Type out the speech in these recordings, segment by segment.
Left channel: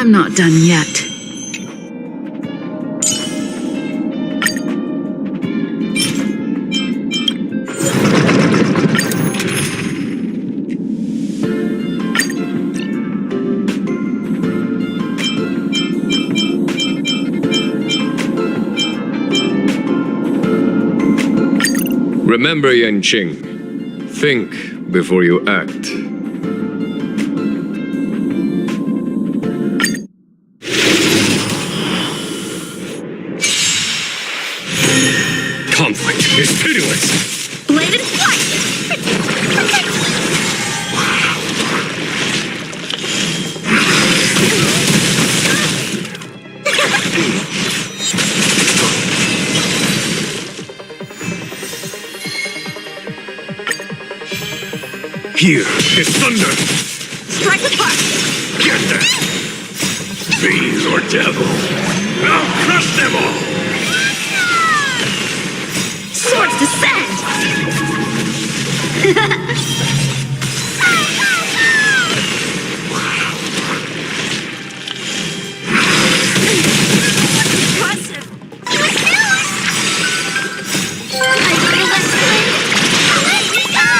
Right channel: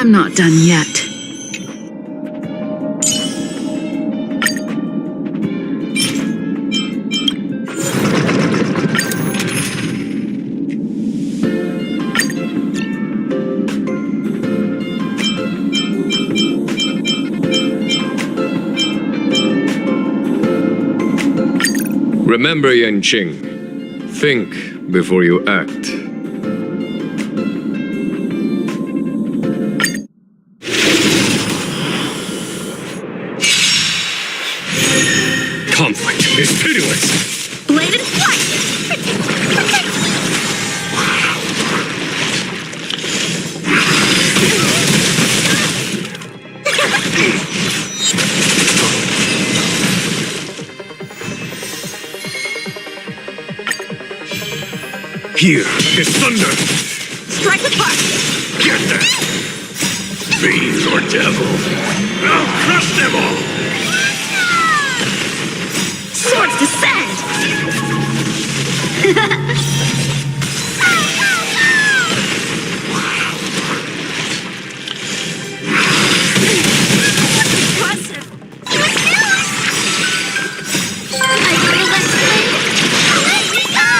I'm not done yet. Remember, Yanqing, think before you act. Conflict is pitiless! Bladed flight! Here is thunder! Strike apart! Get them! Fiend or devil! I'll crush them all! Swords descend! Impressive! I feel that flame! Let me go!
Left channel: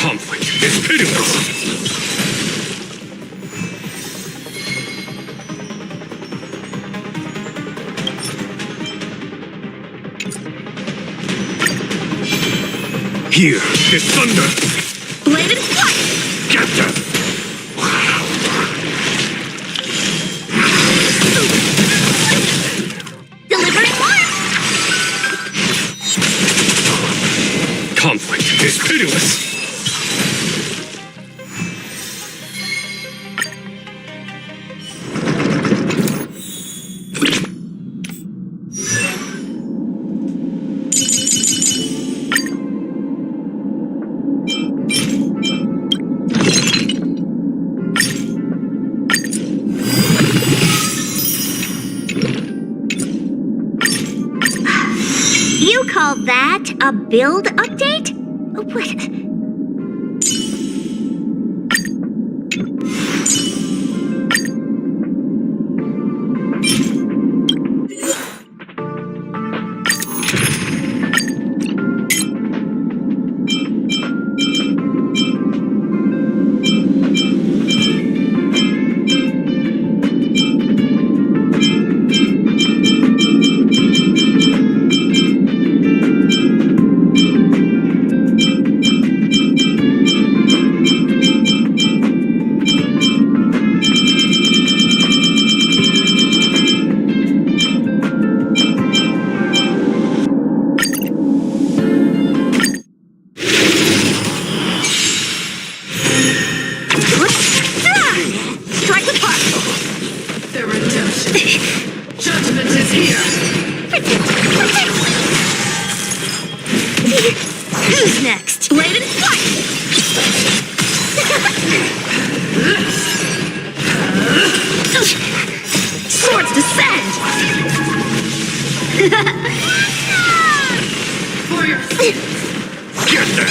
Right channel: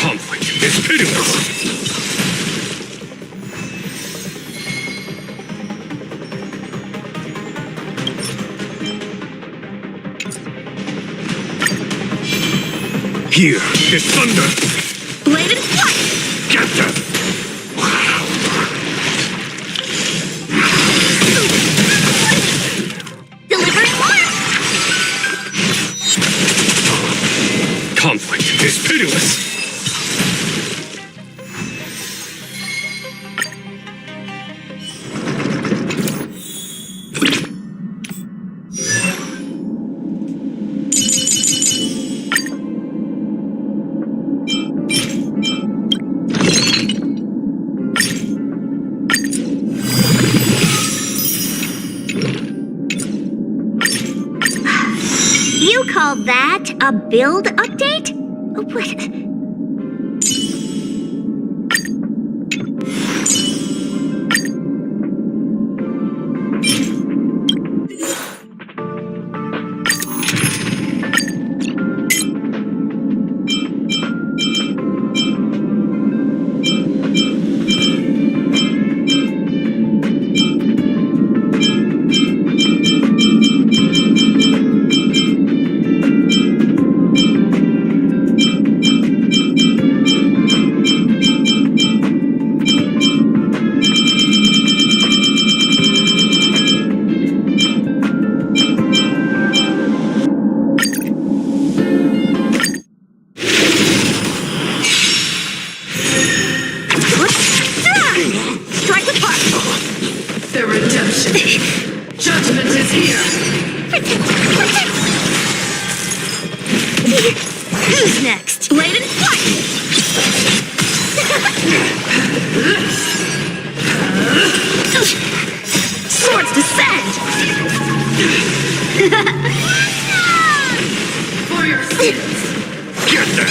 Conflict is pitiless! Here is thunder! Bladed flight! Get them! Delivering more! Conflict is pitiless! You call that a build update? What? Strike apart! The redemption. Judgment is here. Who's next? Bladed flight! Swords descend! For your sins. Get them!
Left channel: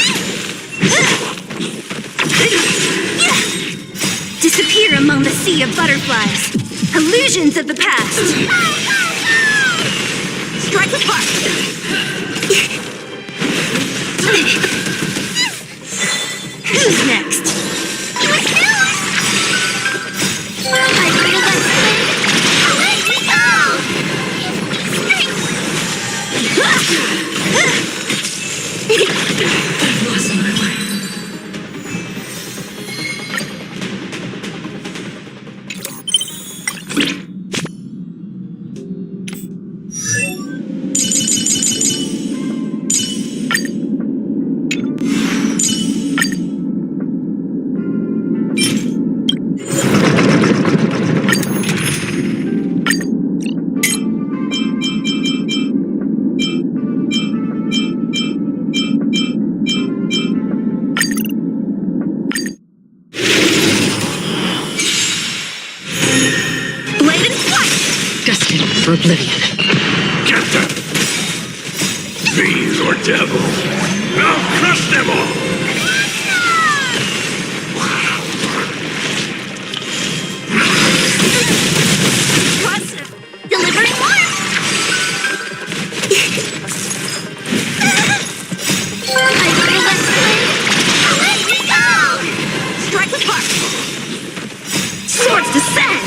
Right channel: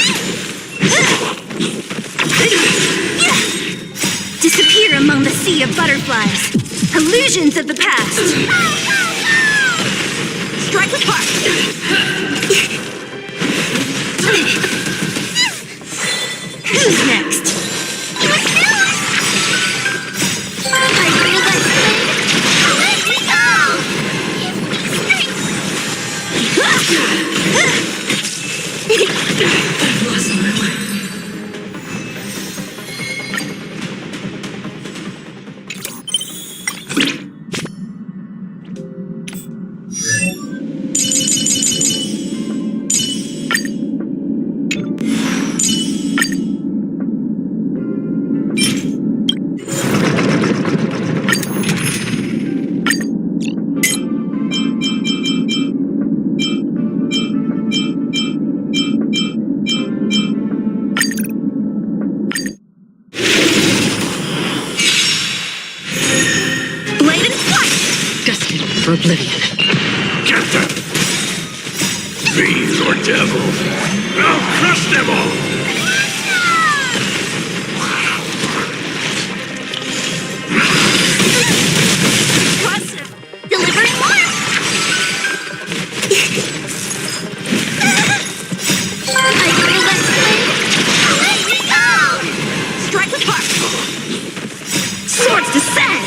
Disappear among the sea of butterflies. Illusions of the past. Strike apart! Who's next? I feel that flame. Let me go! I've lost my way. For oblivion. Get them! Fiend or devil, I'll crush them all! Impressive! Delivering more! I feel that swing! Let me go! Strike with heart! Swords descend!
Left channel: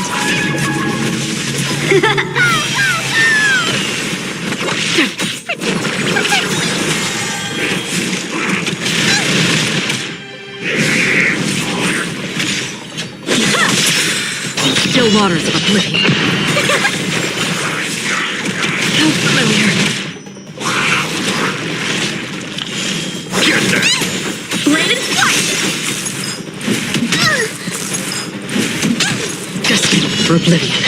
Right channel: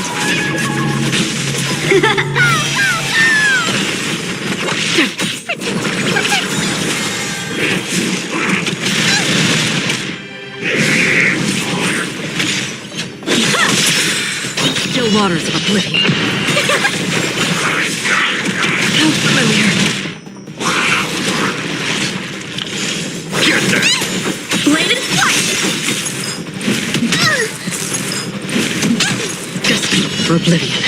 Still waters of oblivion. How familiar. Get them! Bladed flight! Destined for oblivion.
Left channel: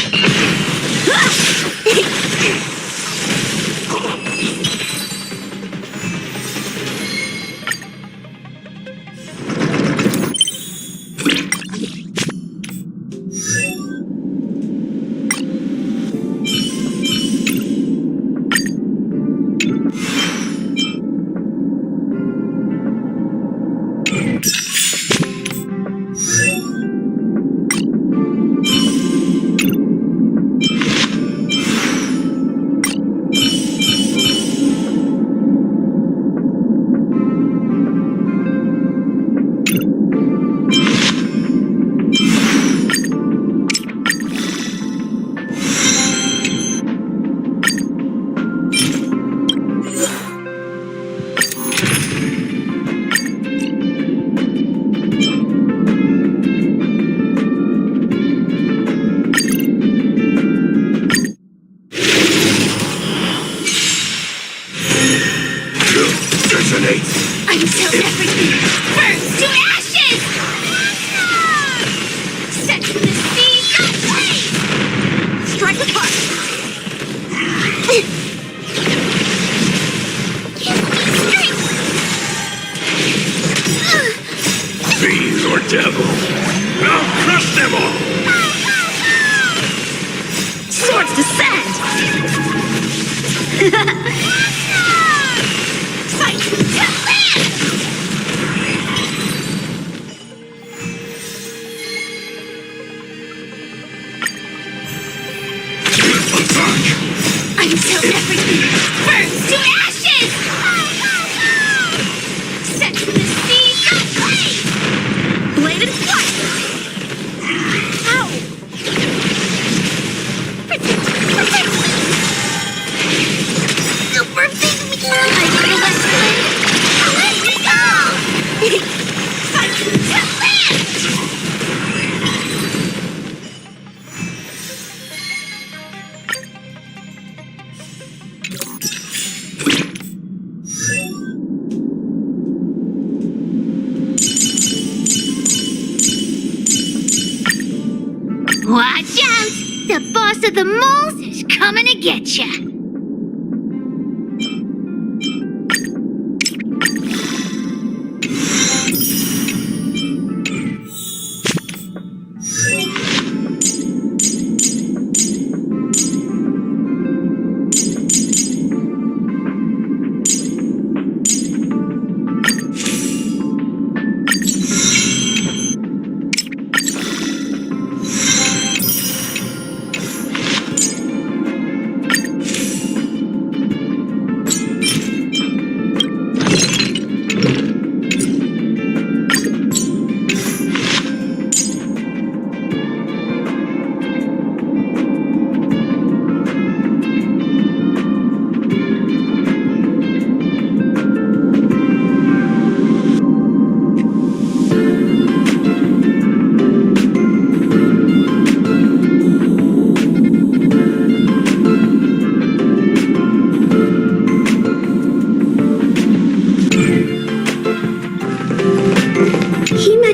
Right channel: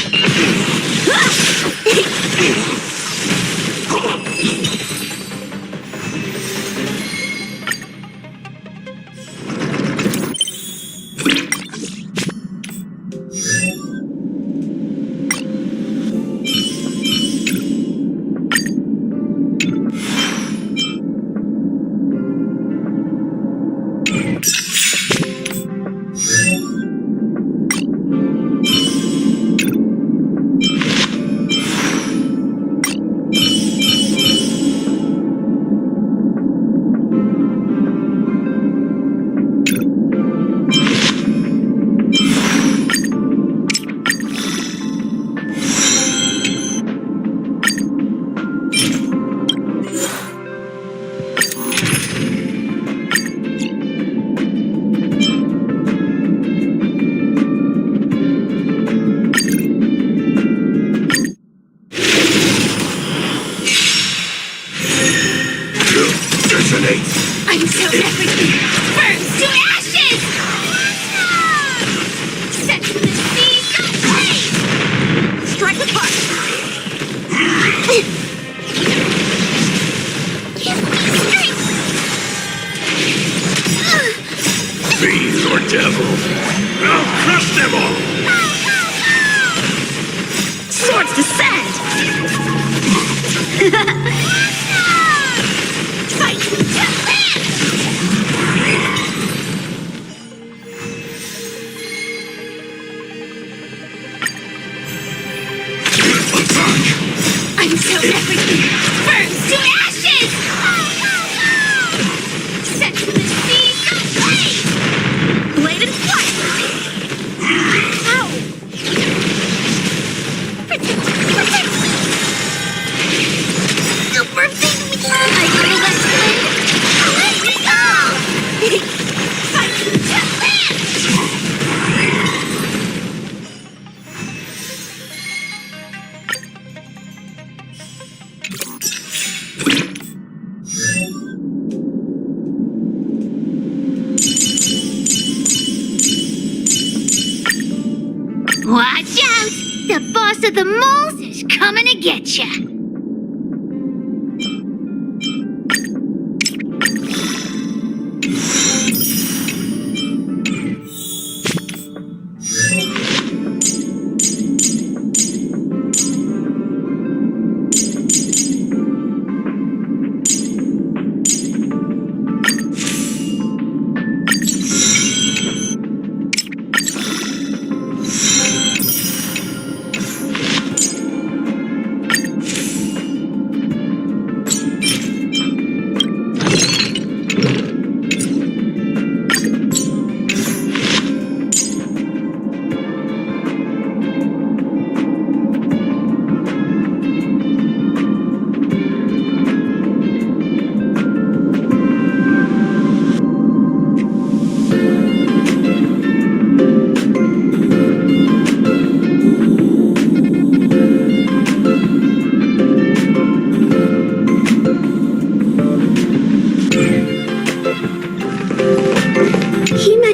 Until everything burns to ashes! Set to the sea, go play! Strike with heart! Give me strength! Fiend or devil, I'll crush them all! Swords descend! Fight to land! Until everything burns to ashes! Set to the sea, go play! Bladed flight! Ow! Protect! Super big me! I feel that swing! Let me go! Fight to land! Watch out! The boss of the moles is coming to get ya!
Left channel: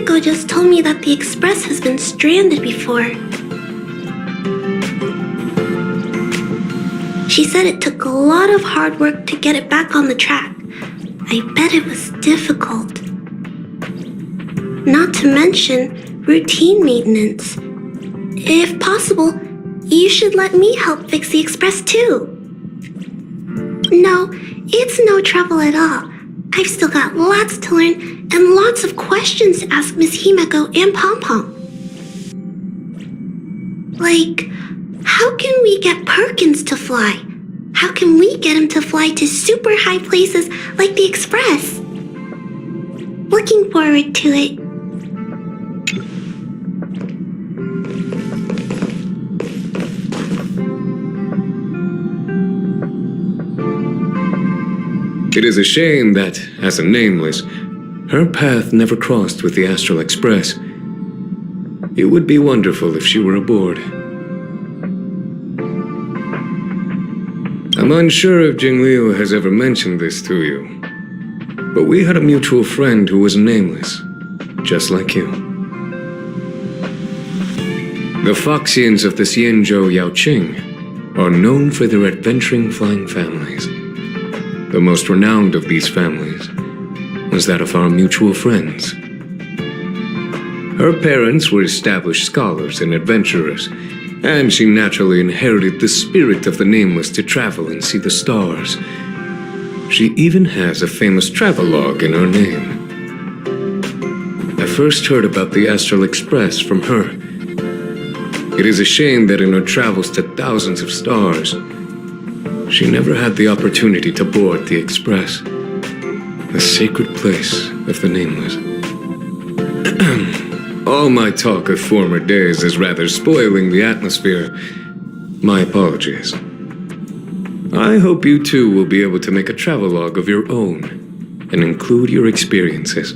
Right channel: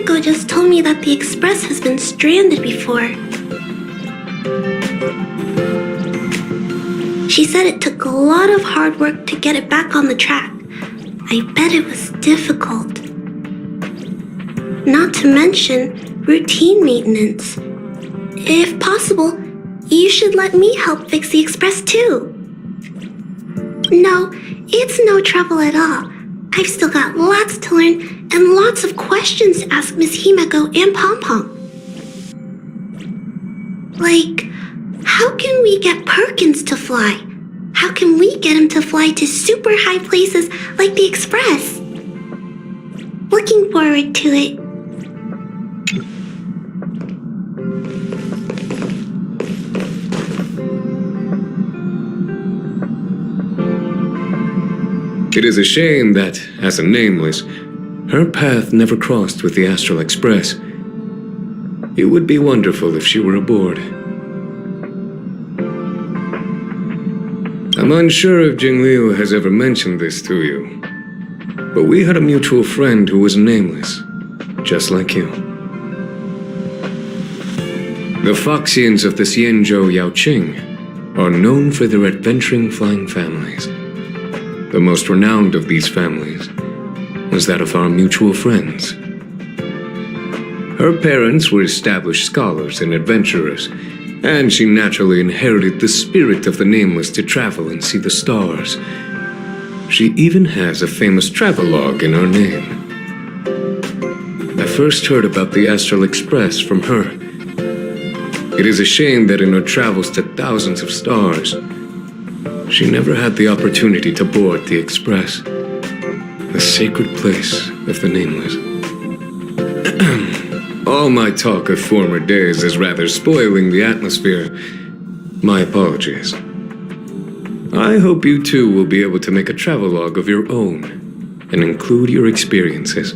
Himeko just told me that the express has been stranded before. She said it took a lot of hard work to get it back on the track. I bet it was difficult. Not to mention routine maintenance. If possible, you should let me help fix the express too. No, it's no trouble at all. I've still got lots to learn and lots of questions to ask Miss Himeko and Pom Pom. Like, how can we get Perkins to fly? How can we get him to fly to super high places like the express? Looking forward to it. It is a shame that, as a nameless, her path never crossed with the Astral Express. It would be wonderful if she were aboard. I'm unsure if Jingliu has ever mentioned this to you, but we had a mutual friend who was nameless, just like you. The Foxians of the Xianzhou Yaoqing are known for their adventuring flying families. The most renowned of these families was that of our mutual friends. Her parents were established scholars and adventurers, and she naturally inherited the spirit of the nameless to travel and see the stars. She even has a famous travelogue in her name. I first heard about the Astral Express from her. It is a shame that in her travels to thousands of stars, she never had the opportunity to board the express, the sacred place of the nameless. All my talk of former days is rather spoiling the atmosphere. My apologies. I hope you too will be able to make a travelogue of your own and include your experiences.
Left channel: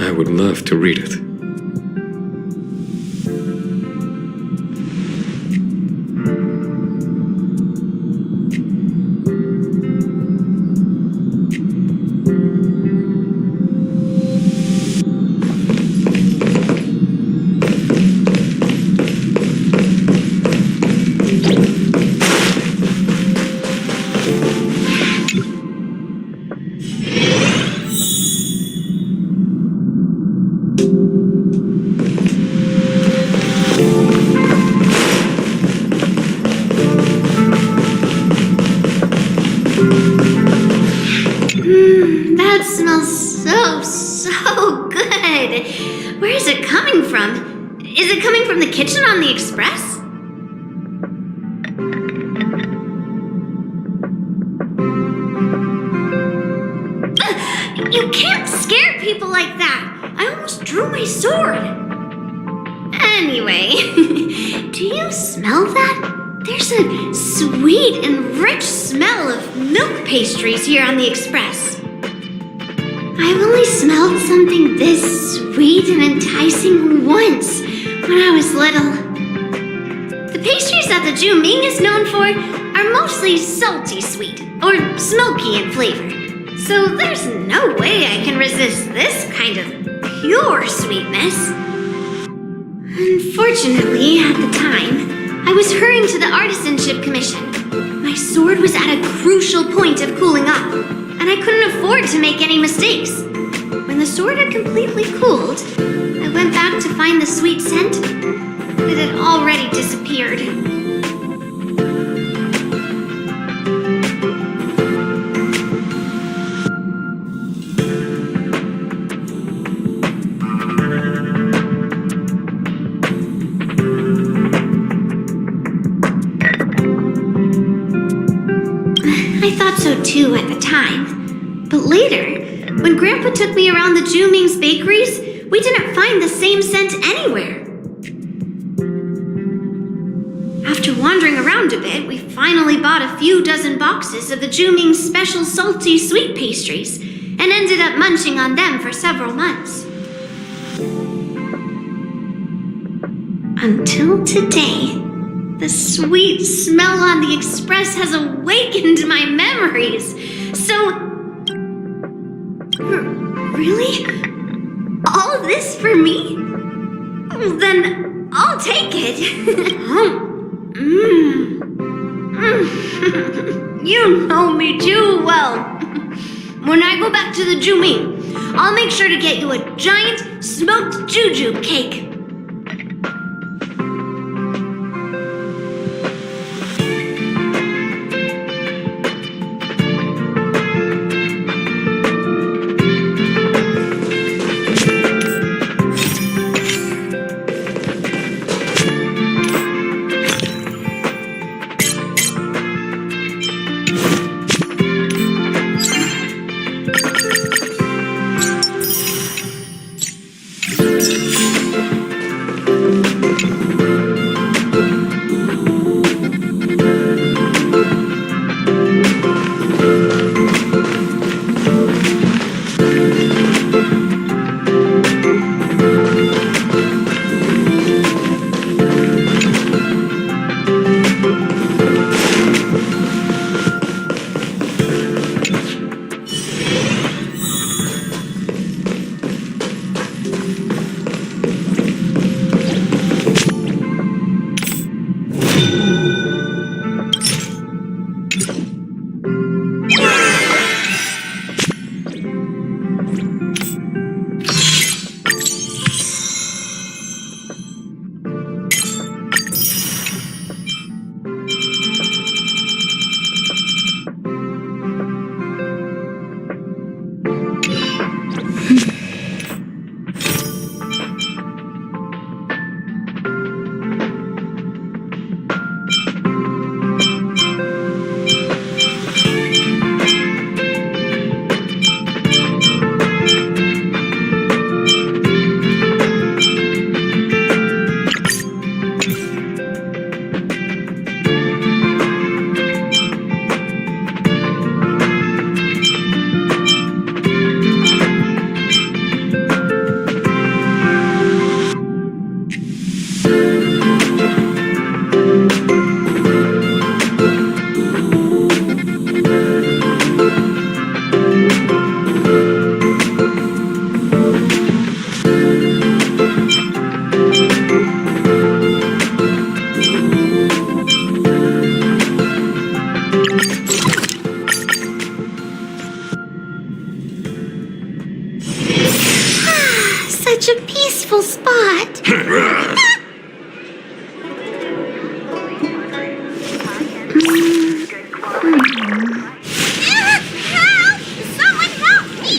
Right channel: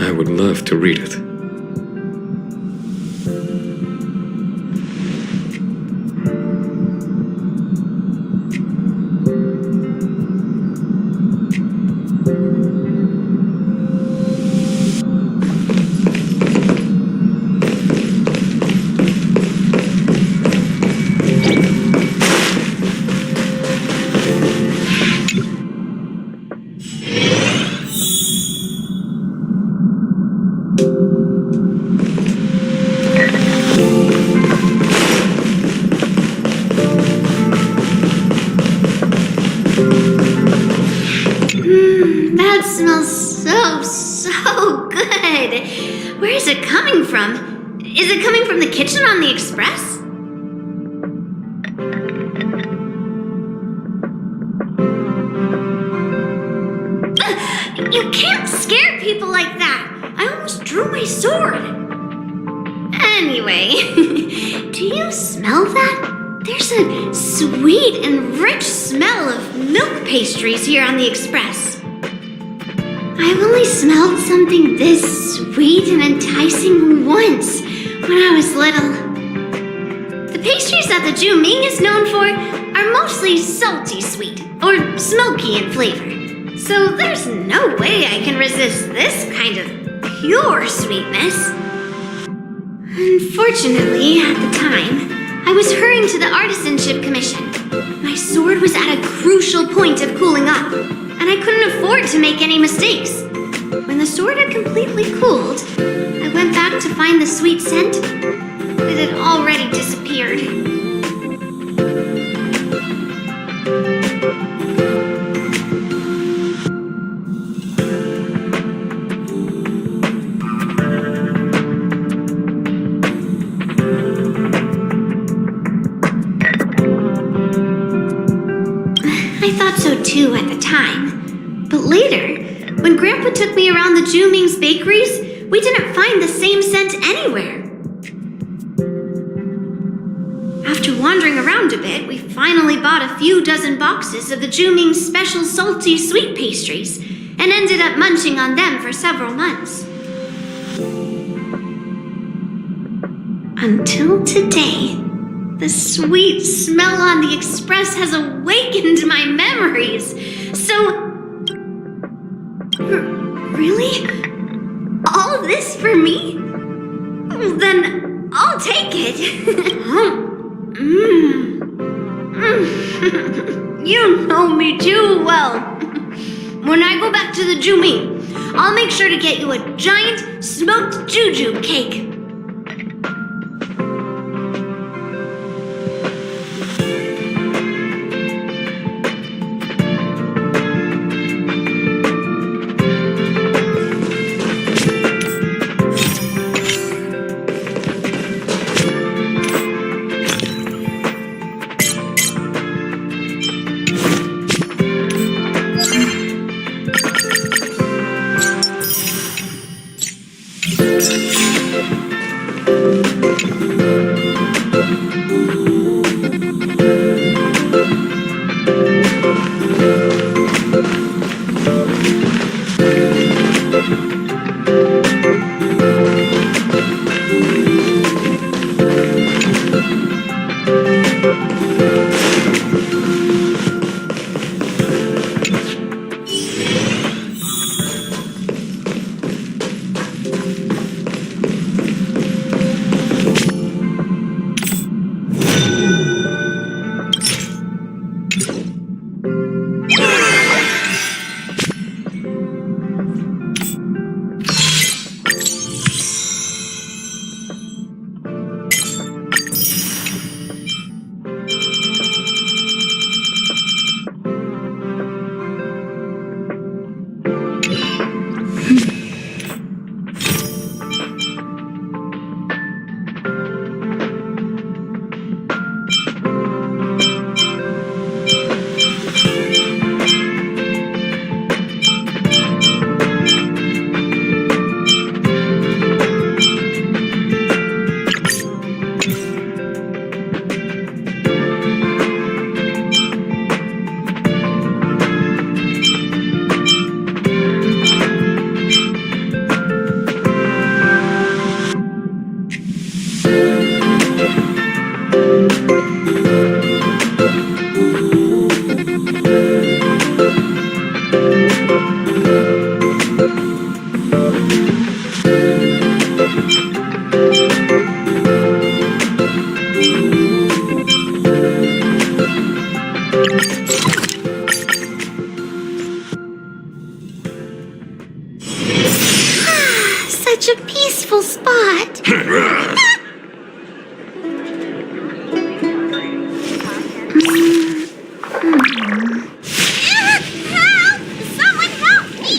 I would love to read it. That smells so good. Where is it coming from? Is it coming from the kitchen on the express? You can't scare people like that. I almost drew my sword. Anyway, do you smell that? There's a sweet and rich smell of milk pastries here on the express. I've only smelled something this sweet and enticing once when I was little. The pastries that the Ju Ming is known for are mostly salty sweet or smoky in flavor. So there's no way I can resist this kind of pure sweetness. Unfortunately, at the time, I was hurrying to the Artisanship Commission. My sword was at a crucial point of cooling off, and I couldn't afford to make any mistakes. When the sword had completely cooled, I went back to find the sweet scent, but it had already disappeared. I thought so too at the time, but later, when Grandpa took me around the Ju Ming's bakeries, we didn't find the same scent anywhere. After wandering around a bit, we finally bought a few dozen boxes of the Ju Ming's special salty sweet pastries and ended up munching on them for several months. Until today, the sweet smell on the express has awakened my memories. So, really? All this for me? Then I'll take it. You know me too well. When I go back to the Juming, I'll make sure to get you a giant smoked juju cake. Such a peaceful spot. Help! Someone help me!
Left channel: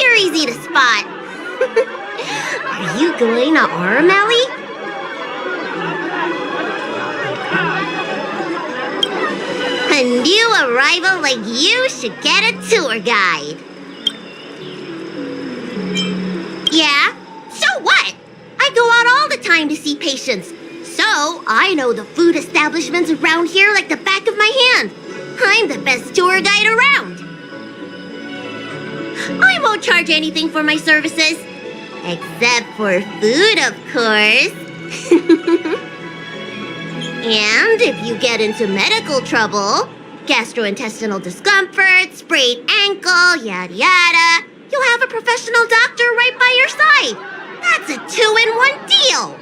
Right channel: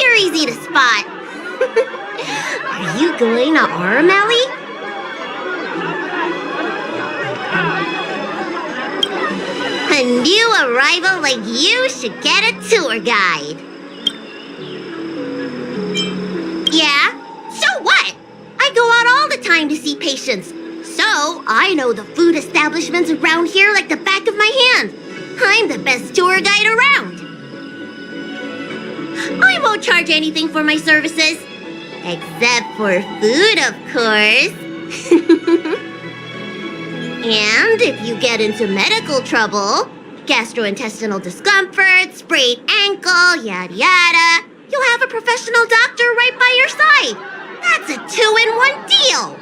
You're easy to spot. Are you going to Aurum, Ellie? A new arrival like you should get a tour guide. Yeah? So what? I go out all the time to see patients. So I know the food establishments around here like the back of my hand. I'm the best tour guide around. I won't charge anything for my services. Except for food, of course. And if you get into medical trouble, gastrointestinal discomfort, sprained ankle, yada yada, you'll have a professional doctor right by your side. That's a 2-in-1 deal.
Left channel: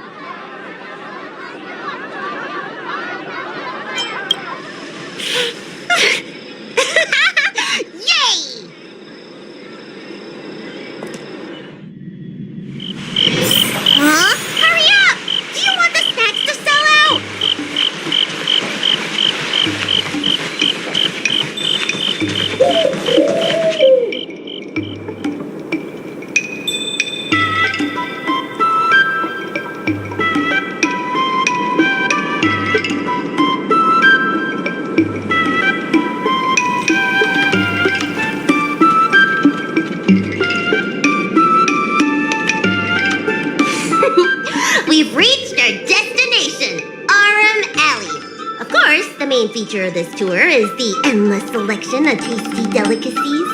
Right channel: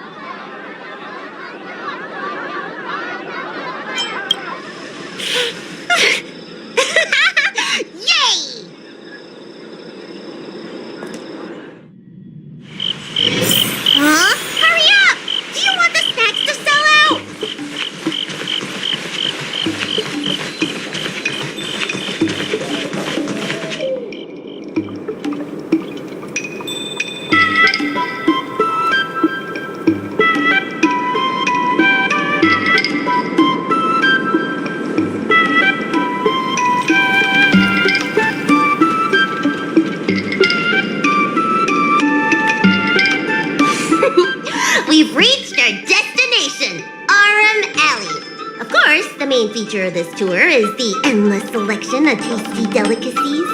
Alley. Of course, the main feature of this tour is the endless selection of tasty delicacies.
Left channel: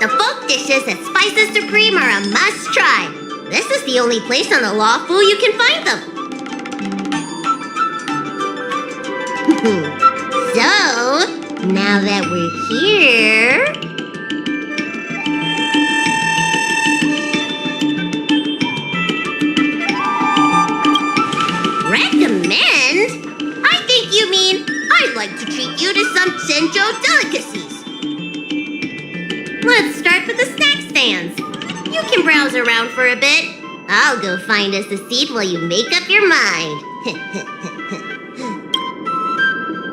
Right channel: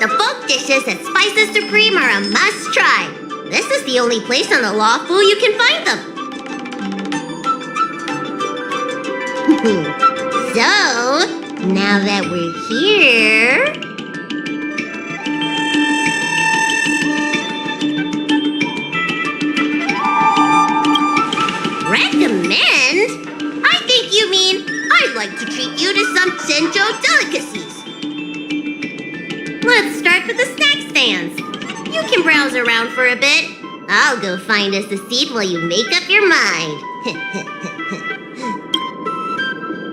The folk dishes at Spices Supreme are a must-try. This is the only place on the Lawful you can find them. So, now that we're here... Recommend? I think you mean I'd like to treat you to some Senjo delicacies. Let's start with the snack stands. You can browse around for a bit. I'll go find us a seat while you make up your mind.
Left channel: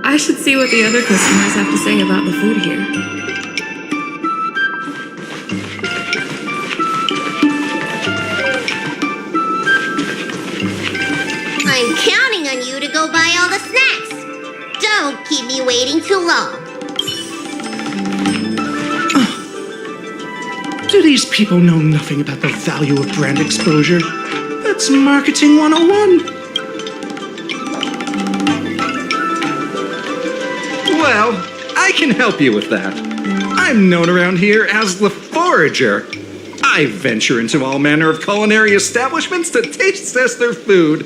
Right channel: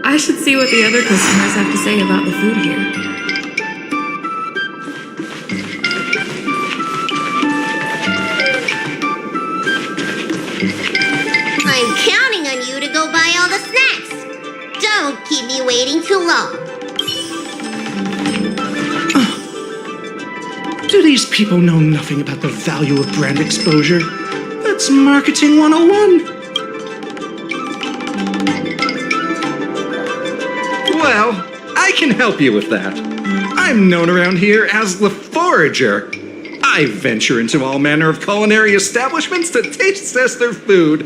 I should see what the other customers have to say about the food here. I'm counting on you to go buy all the snacks. Don't keep me waiting too long. Do these people know nothing about the value of brand exposure? That's marketing 101. Well, I can help you with that. I'm known around here as the Forager. I venture into all manner of culinary establishments to taste test their food.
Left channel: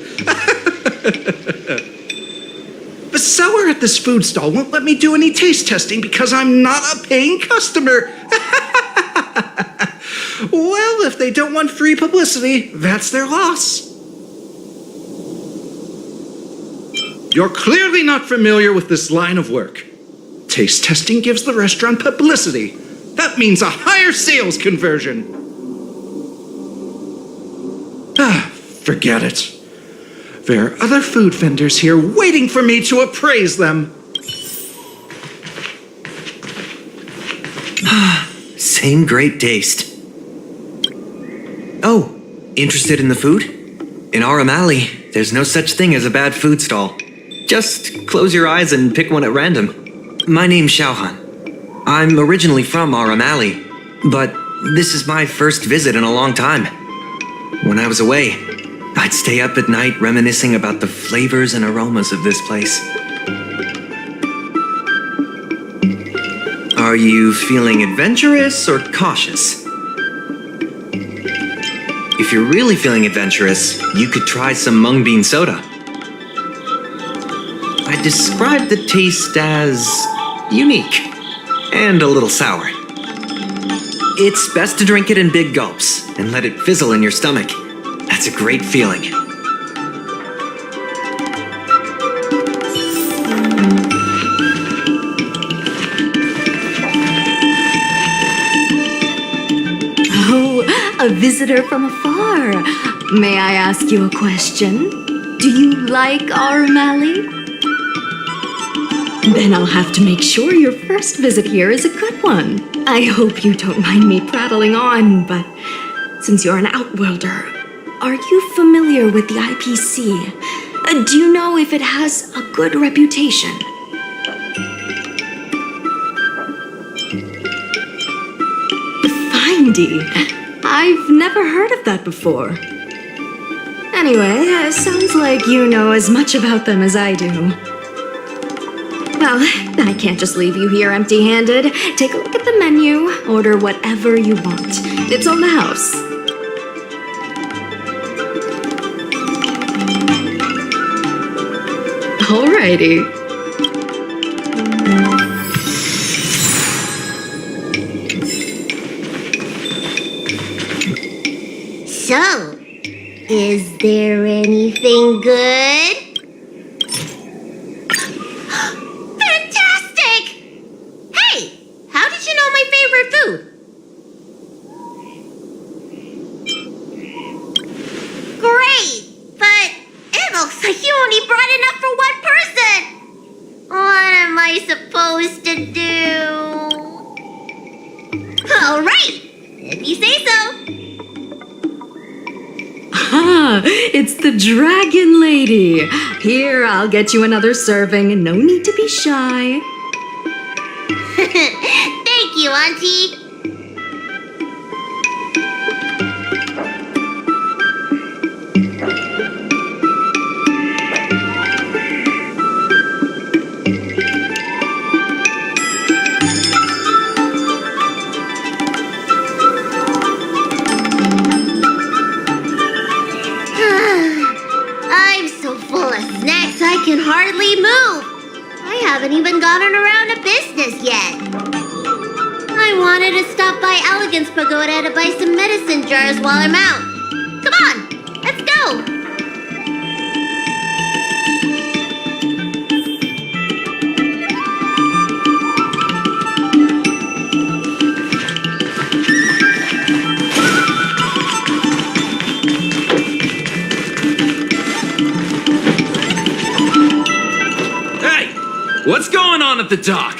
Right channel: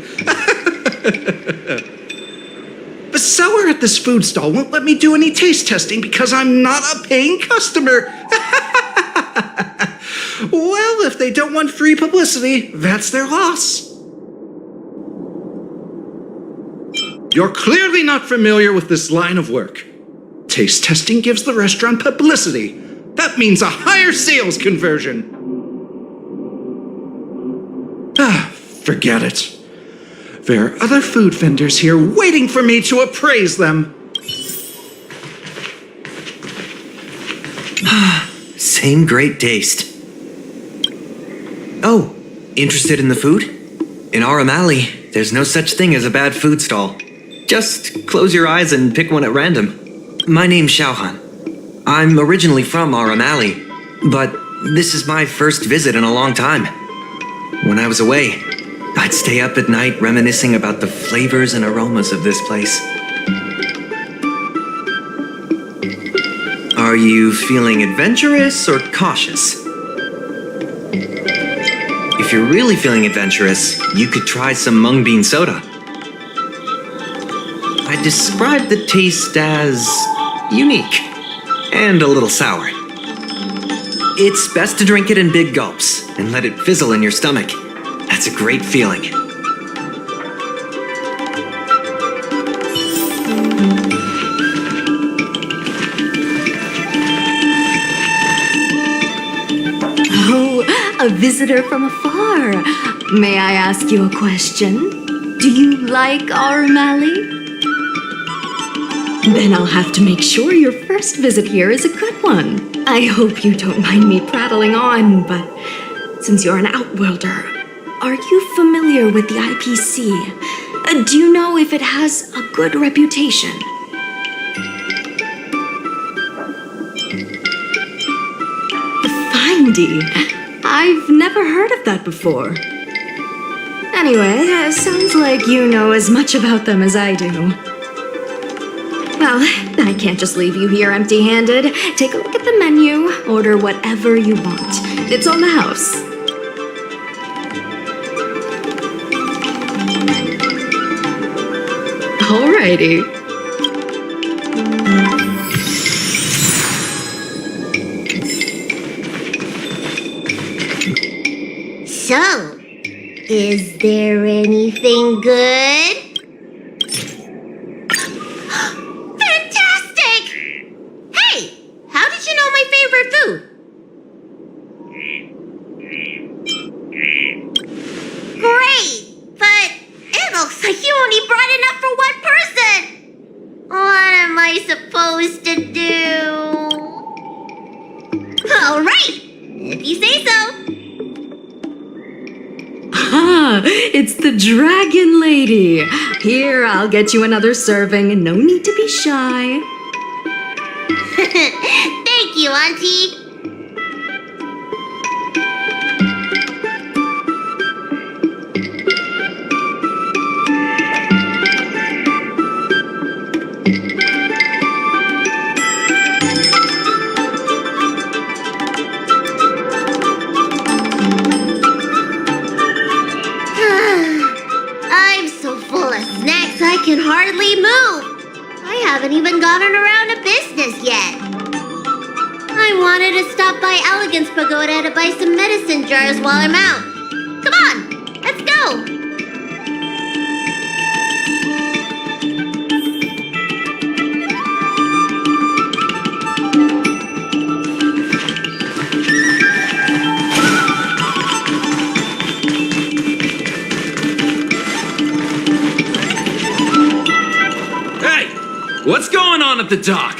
The seller at this food stall won't let me do any taste testing because I'm not a paying customer. Well, if they don't want free publicity, that's their loss. You're clearly not familiar with this line of work. Taste testing gives the restaurant publicity. That means a higher sales conversion. Forget it. There are other food vendors here waiting for me to appraise them. Same great taste. Oh, interested in the food? In Aurum Alley, there's no such thing as a bad food stall. Just close your eyes and pick one at random. My name's Xiaohan. I'm originally from Aurum Alley, but this is my first visit in a long time. When I was away, I'd stay up at night reminiscing about the flavors and aromas of this place. Are you feeling adventurous or cautious? If you're really feeling adventurous, you could try some mung bean soda. I describe the taste as unique and a little sour. It's best to drink it in big gulps and let it fizzle in your stomach. That's a great feeling. Oh, a visitor from afar. May I ask you a question? Do you like Aurum Alley? Then I'll have to make sure your first visit here is a good one. I hope you don't mind me prattling on, but since you're an outworlder, are you familiar with the IPC? Do you know if it has a good reputation? Findy. I've never heard of that before. Anyway, sounds like you know as much about them as I do. Well, I can't just leave you here empty-handed. Take a look at the menu, order whatever you want. It's on the house. Alrighty. So, is there anything good? Fantastic! Hey, how did you know my favorite food? Great, but it looks like you only brought enough for one person. What am I supposed to do? All right, if you say so. Ah, it's the Dragon Lady. Here, I'll get you another serving. No need to be shy. Thank you, Auntie. I can hardly move. I haven't even gotten around to business yet. I wanted to stop by Elegance Pagoda to buy some medicine jars while I'm out. Come on, let's go. What's going on at the dock?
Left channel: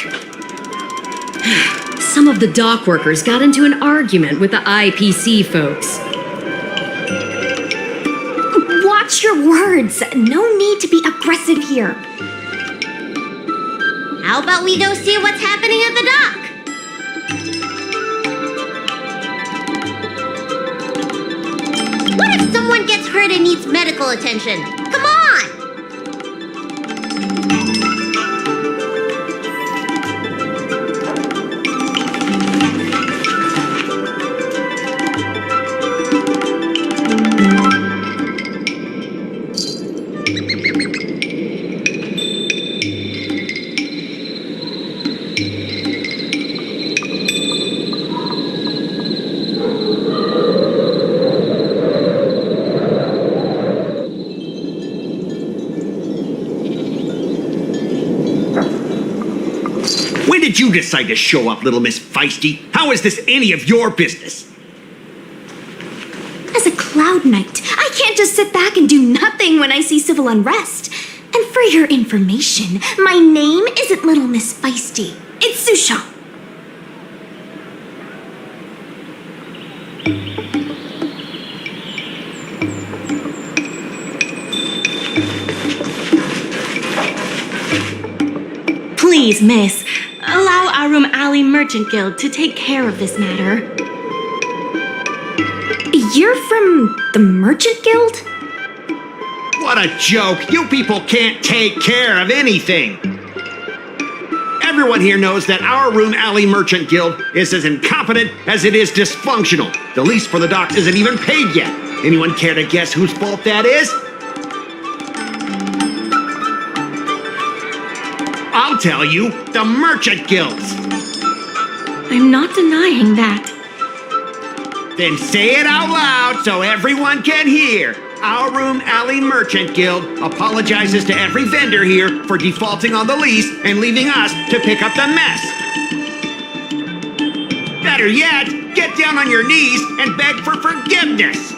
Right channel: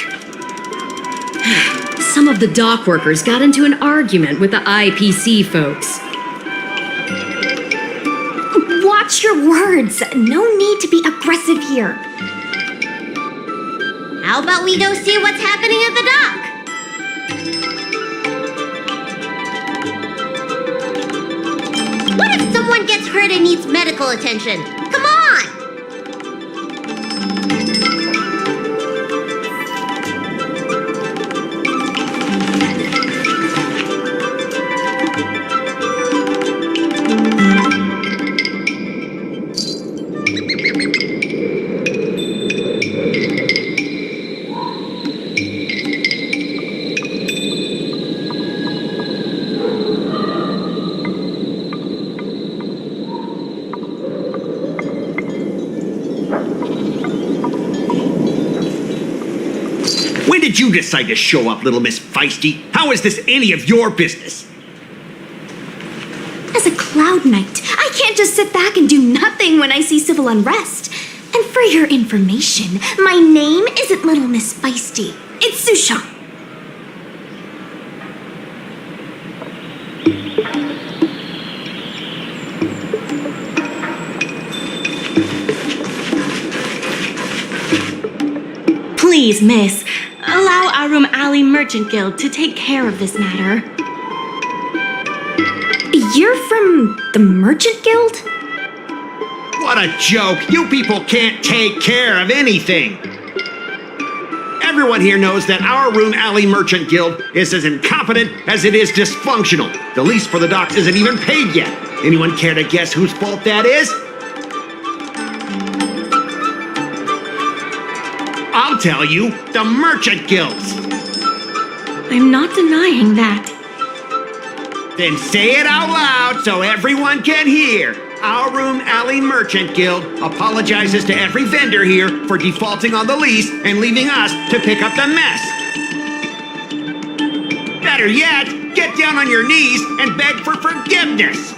Some of the dock workers got into an argument with the IPC folks. Watch your words. No need to be aggressive here. How about we go see what's happening at the dock? What if someone gets hurt and needs medical attention? Come on! When did you decide to show up, little Miss Feisty? How is this any of your business? As a Cloud Knight, I can't just sit back and do nothing when I see civil unrest. And for your information, my name isn't Little Miss Feisty. It's Sushan. Please, miss, allow Aurum Alley Merchant Guild to take care of this matter. You're from the Merchant Guild? What a joke! You people can't take care of anything! Everyone here knows that our Aurum Alley Merchant Guild is as incompetent as it is dysfunctional. The lease for the docks isn't even paid yet. Anyone care to guess whose fault that is? I'll tell you, the Merchant Guild's. I'm not denying that. Then say it out loud so everyone can hear. Our Aurum Alley Merchant Guild apologizes to every vendor here for defaulting on the lease and leaving us to pick up the mess. Better yet, get down on your knees and beg for forgiveness.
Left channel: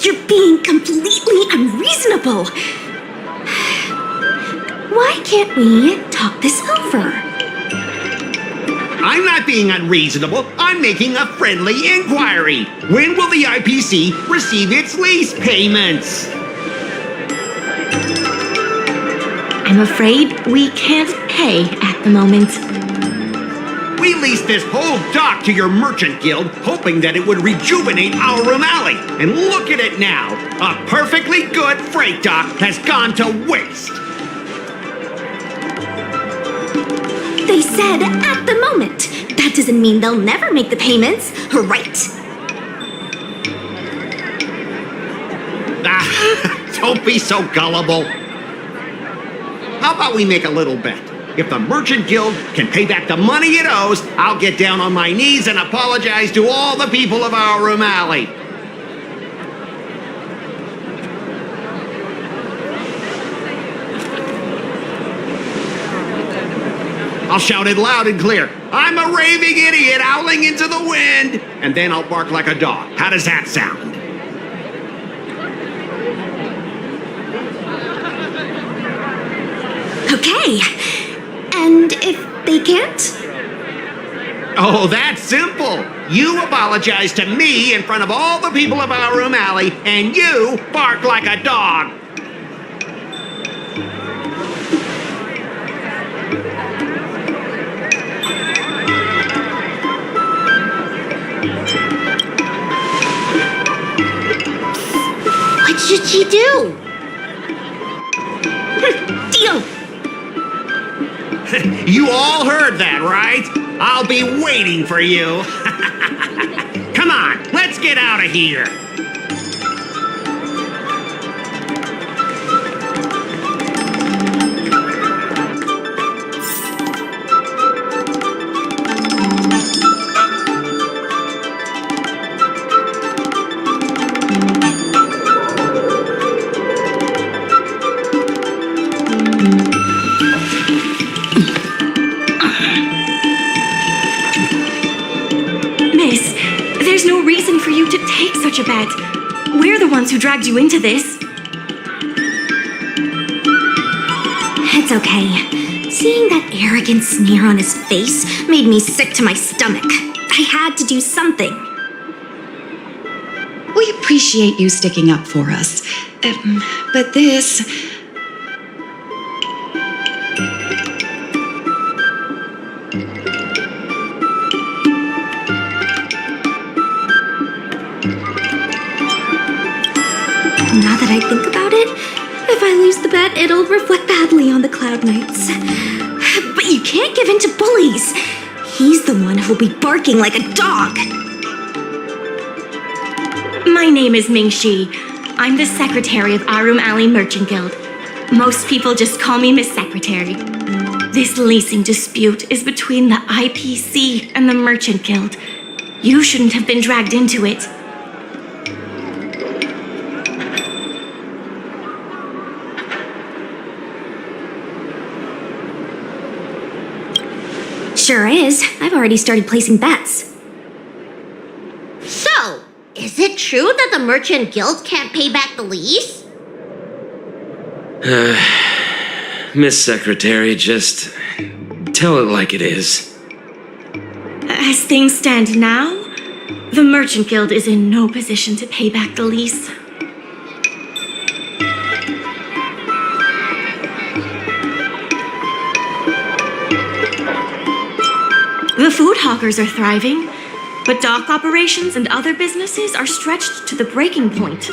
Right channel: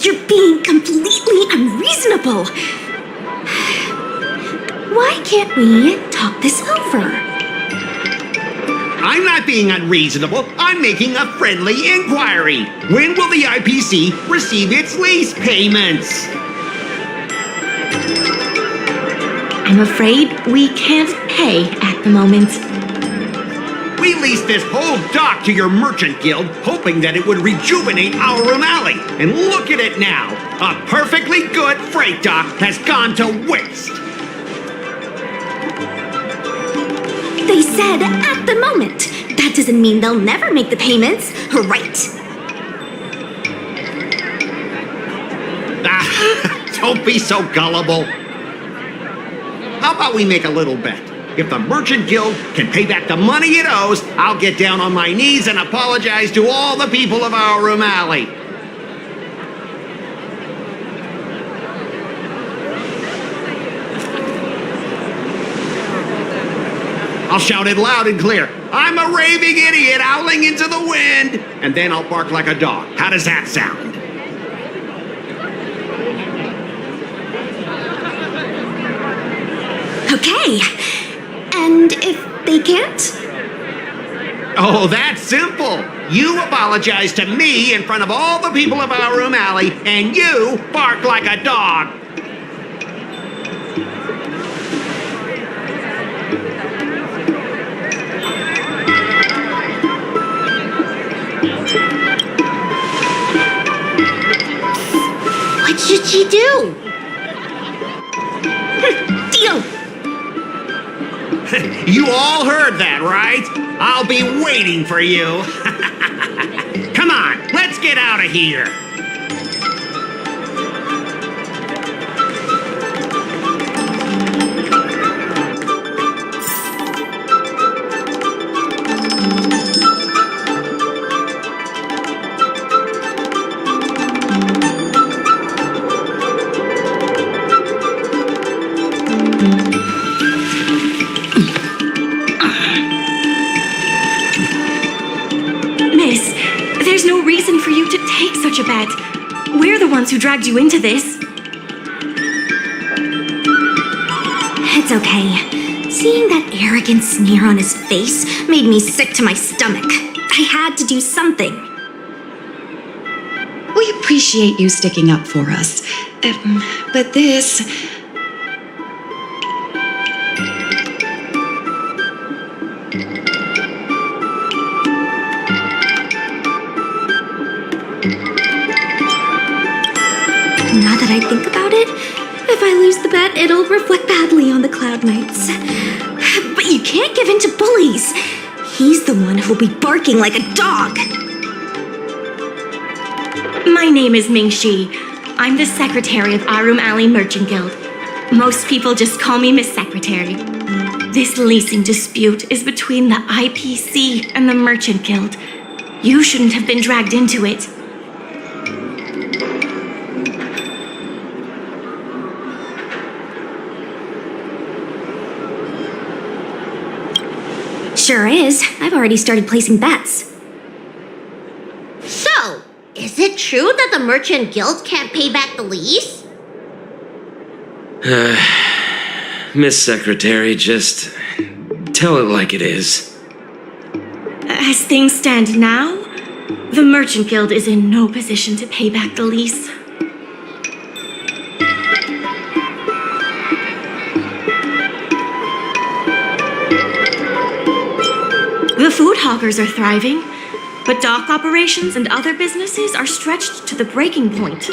You're being completely unreasonable. Why can't we talk this over? I'm not being unreasonable. I'm making a friendly inquiry. When will the IPC receive its lease payments? I'm afraid we can't pay at the moment. We leased this whole dock to your merchant guild, hoping that it would rejuvenate our Aurum Alley. And look at it now. A perfectly good freight dock has gone to waste. They said at the moment. That doesn't mean they'll never make the payments, right? Don't be so gullible. How about we make a little bet? If the Merchant Guild can pay back the money it owes, I'll get down on my knees and apologize to all the people of our Aurum Alley. I'll shout it loud and clear. I'm a raving idiot howling into the wind. And then I'll bark like a dog. How does that sound? Okay. And if they can't? Oh, that's simple. You apologize to me in front of all the people of our Aurum Alley, and you bark like a dog. What should she do? Deal. You all heard that, right? I'll be waiting for you. Come on, let's get out of here. Miss, there's no reason for you to take such a bet. We're the ones who dragged you into this. It's okay. Seeing that arrogant sneer on his face made me sick to my stomach. I had to do something. We appreciate you sticking up for us. But this... Now that I think about it, if I lose the bet, it'll reflect badly on the Cloud Knights. But you can't give in to bullies. He's the one who'll be barking like a dog. My name is Ming Shi. I'm the secretary of Aurum Alley Merchant Guild. Most people just call me Miss Secretary. This leasing dispute is between the IPC and the Merchant Guild. You shouldn't have been dragged into it. Sure is. I've already started placing bets. So, is it true that the Merchant Guild can't pay back the lease? Miss Secretary, just tell it like it is. As things stand now, the Merchant Guild is in no position to pay back the lease. The food hawkers are thriving, but dock operations and other businesses are stretched to the breaking point.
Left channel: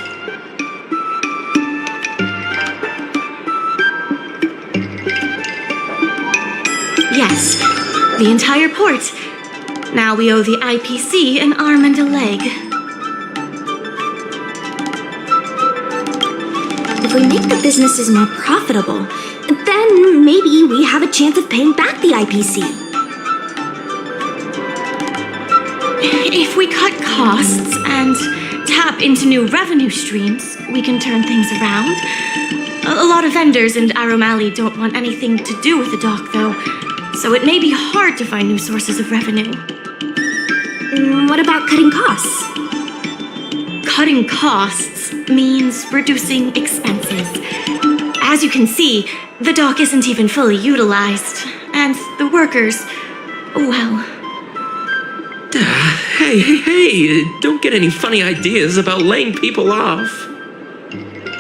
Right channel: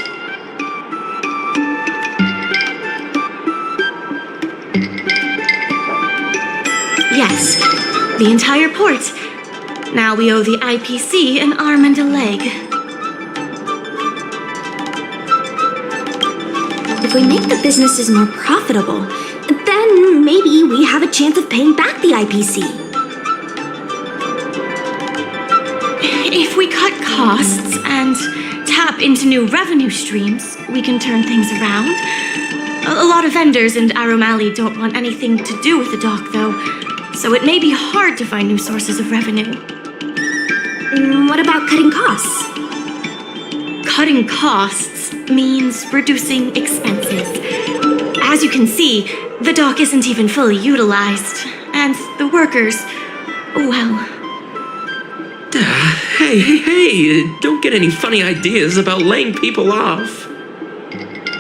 Yes, the entire port. Now we owe the IPC an arm and a leg. If we make the businesses more profitable, then maybe we have a chance of paying back the IPC. If we cut costs and tap into new revenue streams, we can turn things around. A lot of vendors in Aurum Alley don't want anything to do with the dock, though, so it may be hard to find new sources of revenue. What about cutting costs? Cutting costs means reducing expenses. As you can see, the dock isn't even fully utilized, and the workers, well... Hey, don't get any funny ideas about laying people off.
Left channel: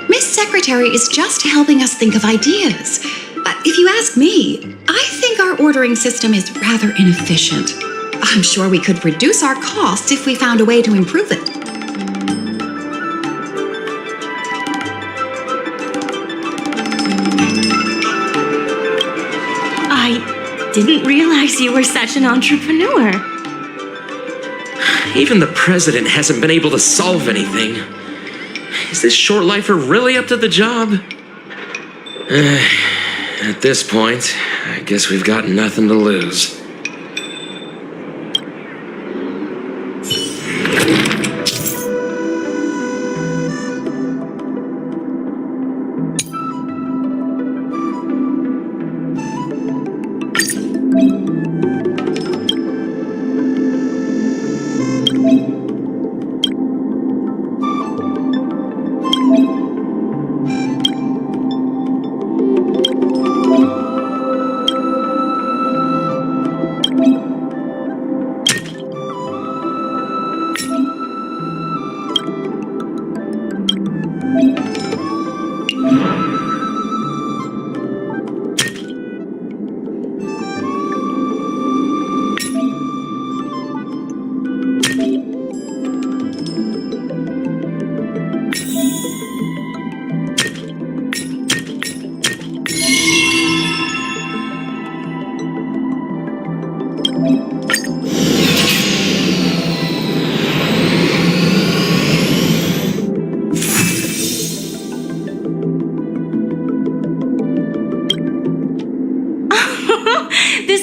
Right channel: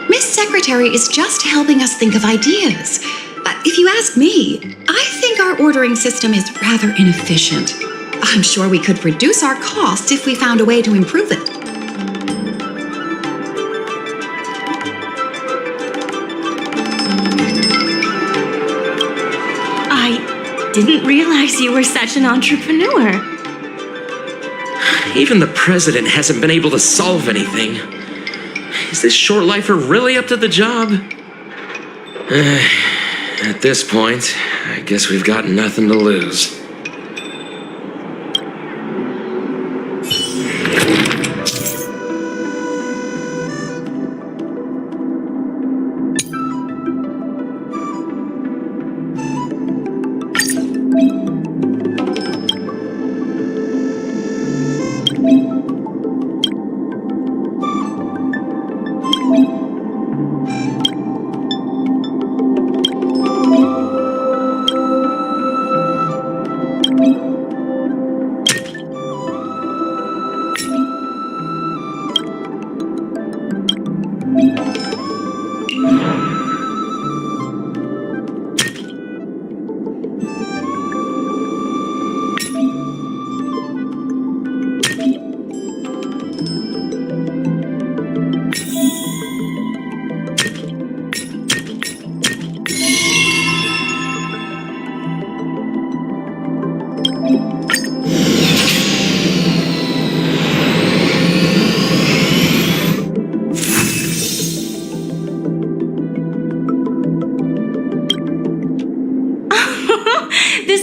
Miss Secretary is just helping us think of ideas. If you ask me, I think our ordering system is rather inefficient. I'm sure we could reduce our costs if we found a way to improve it. I didn't realize you were such an entrepreneur. Even the president hasn't been able to solve anything. Is this short lifer really up to the job? At this point, I guess we've got nothing to lose. This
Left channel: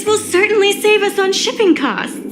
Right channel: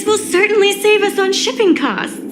will certainly save us on shipping costs.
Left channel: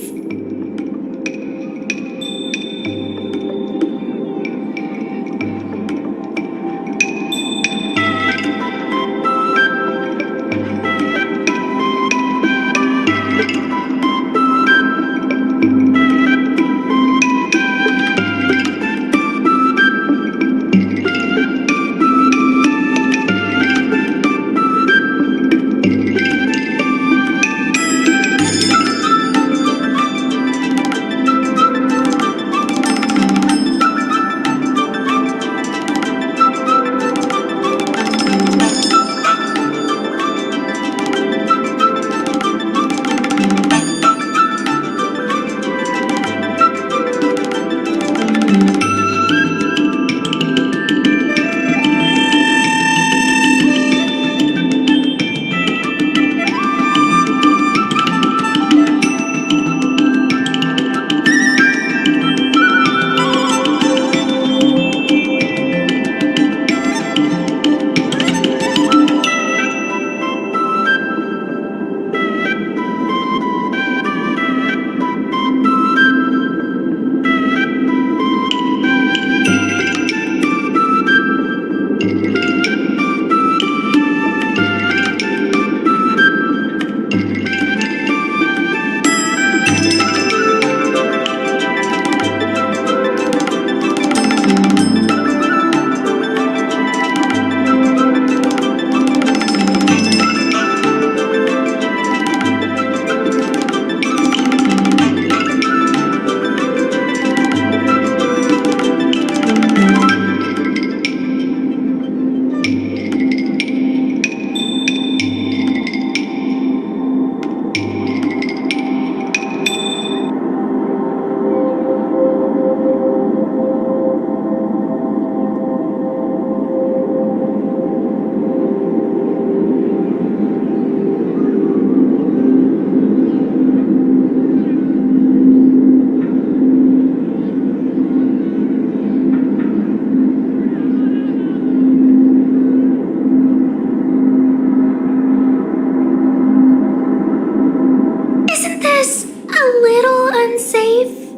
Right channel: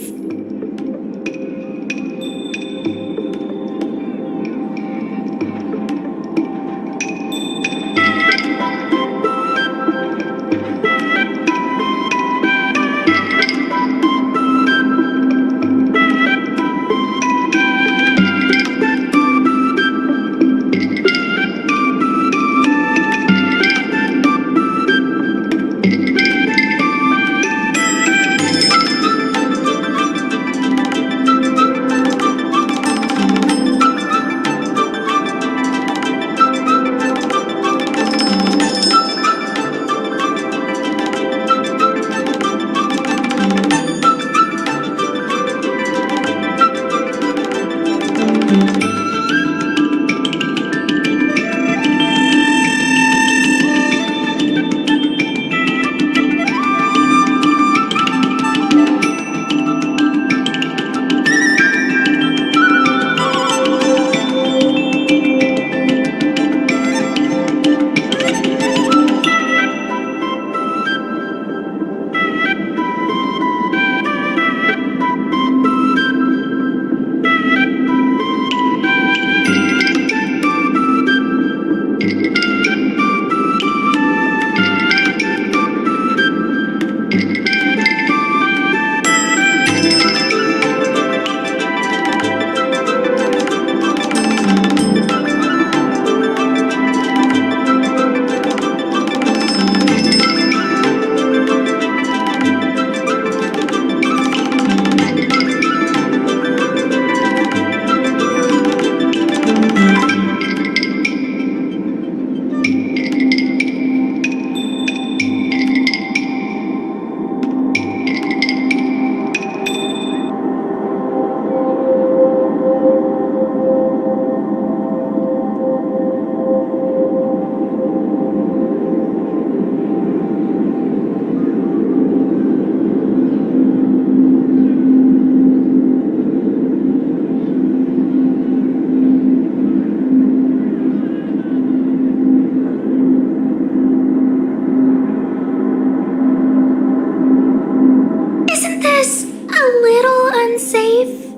unsafe?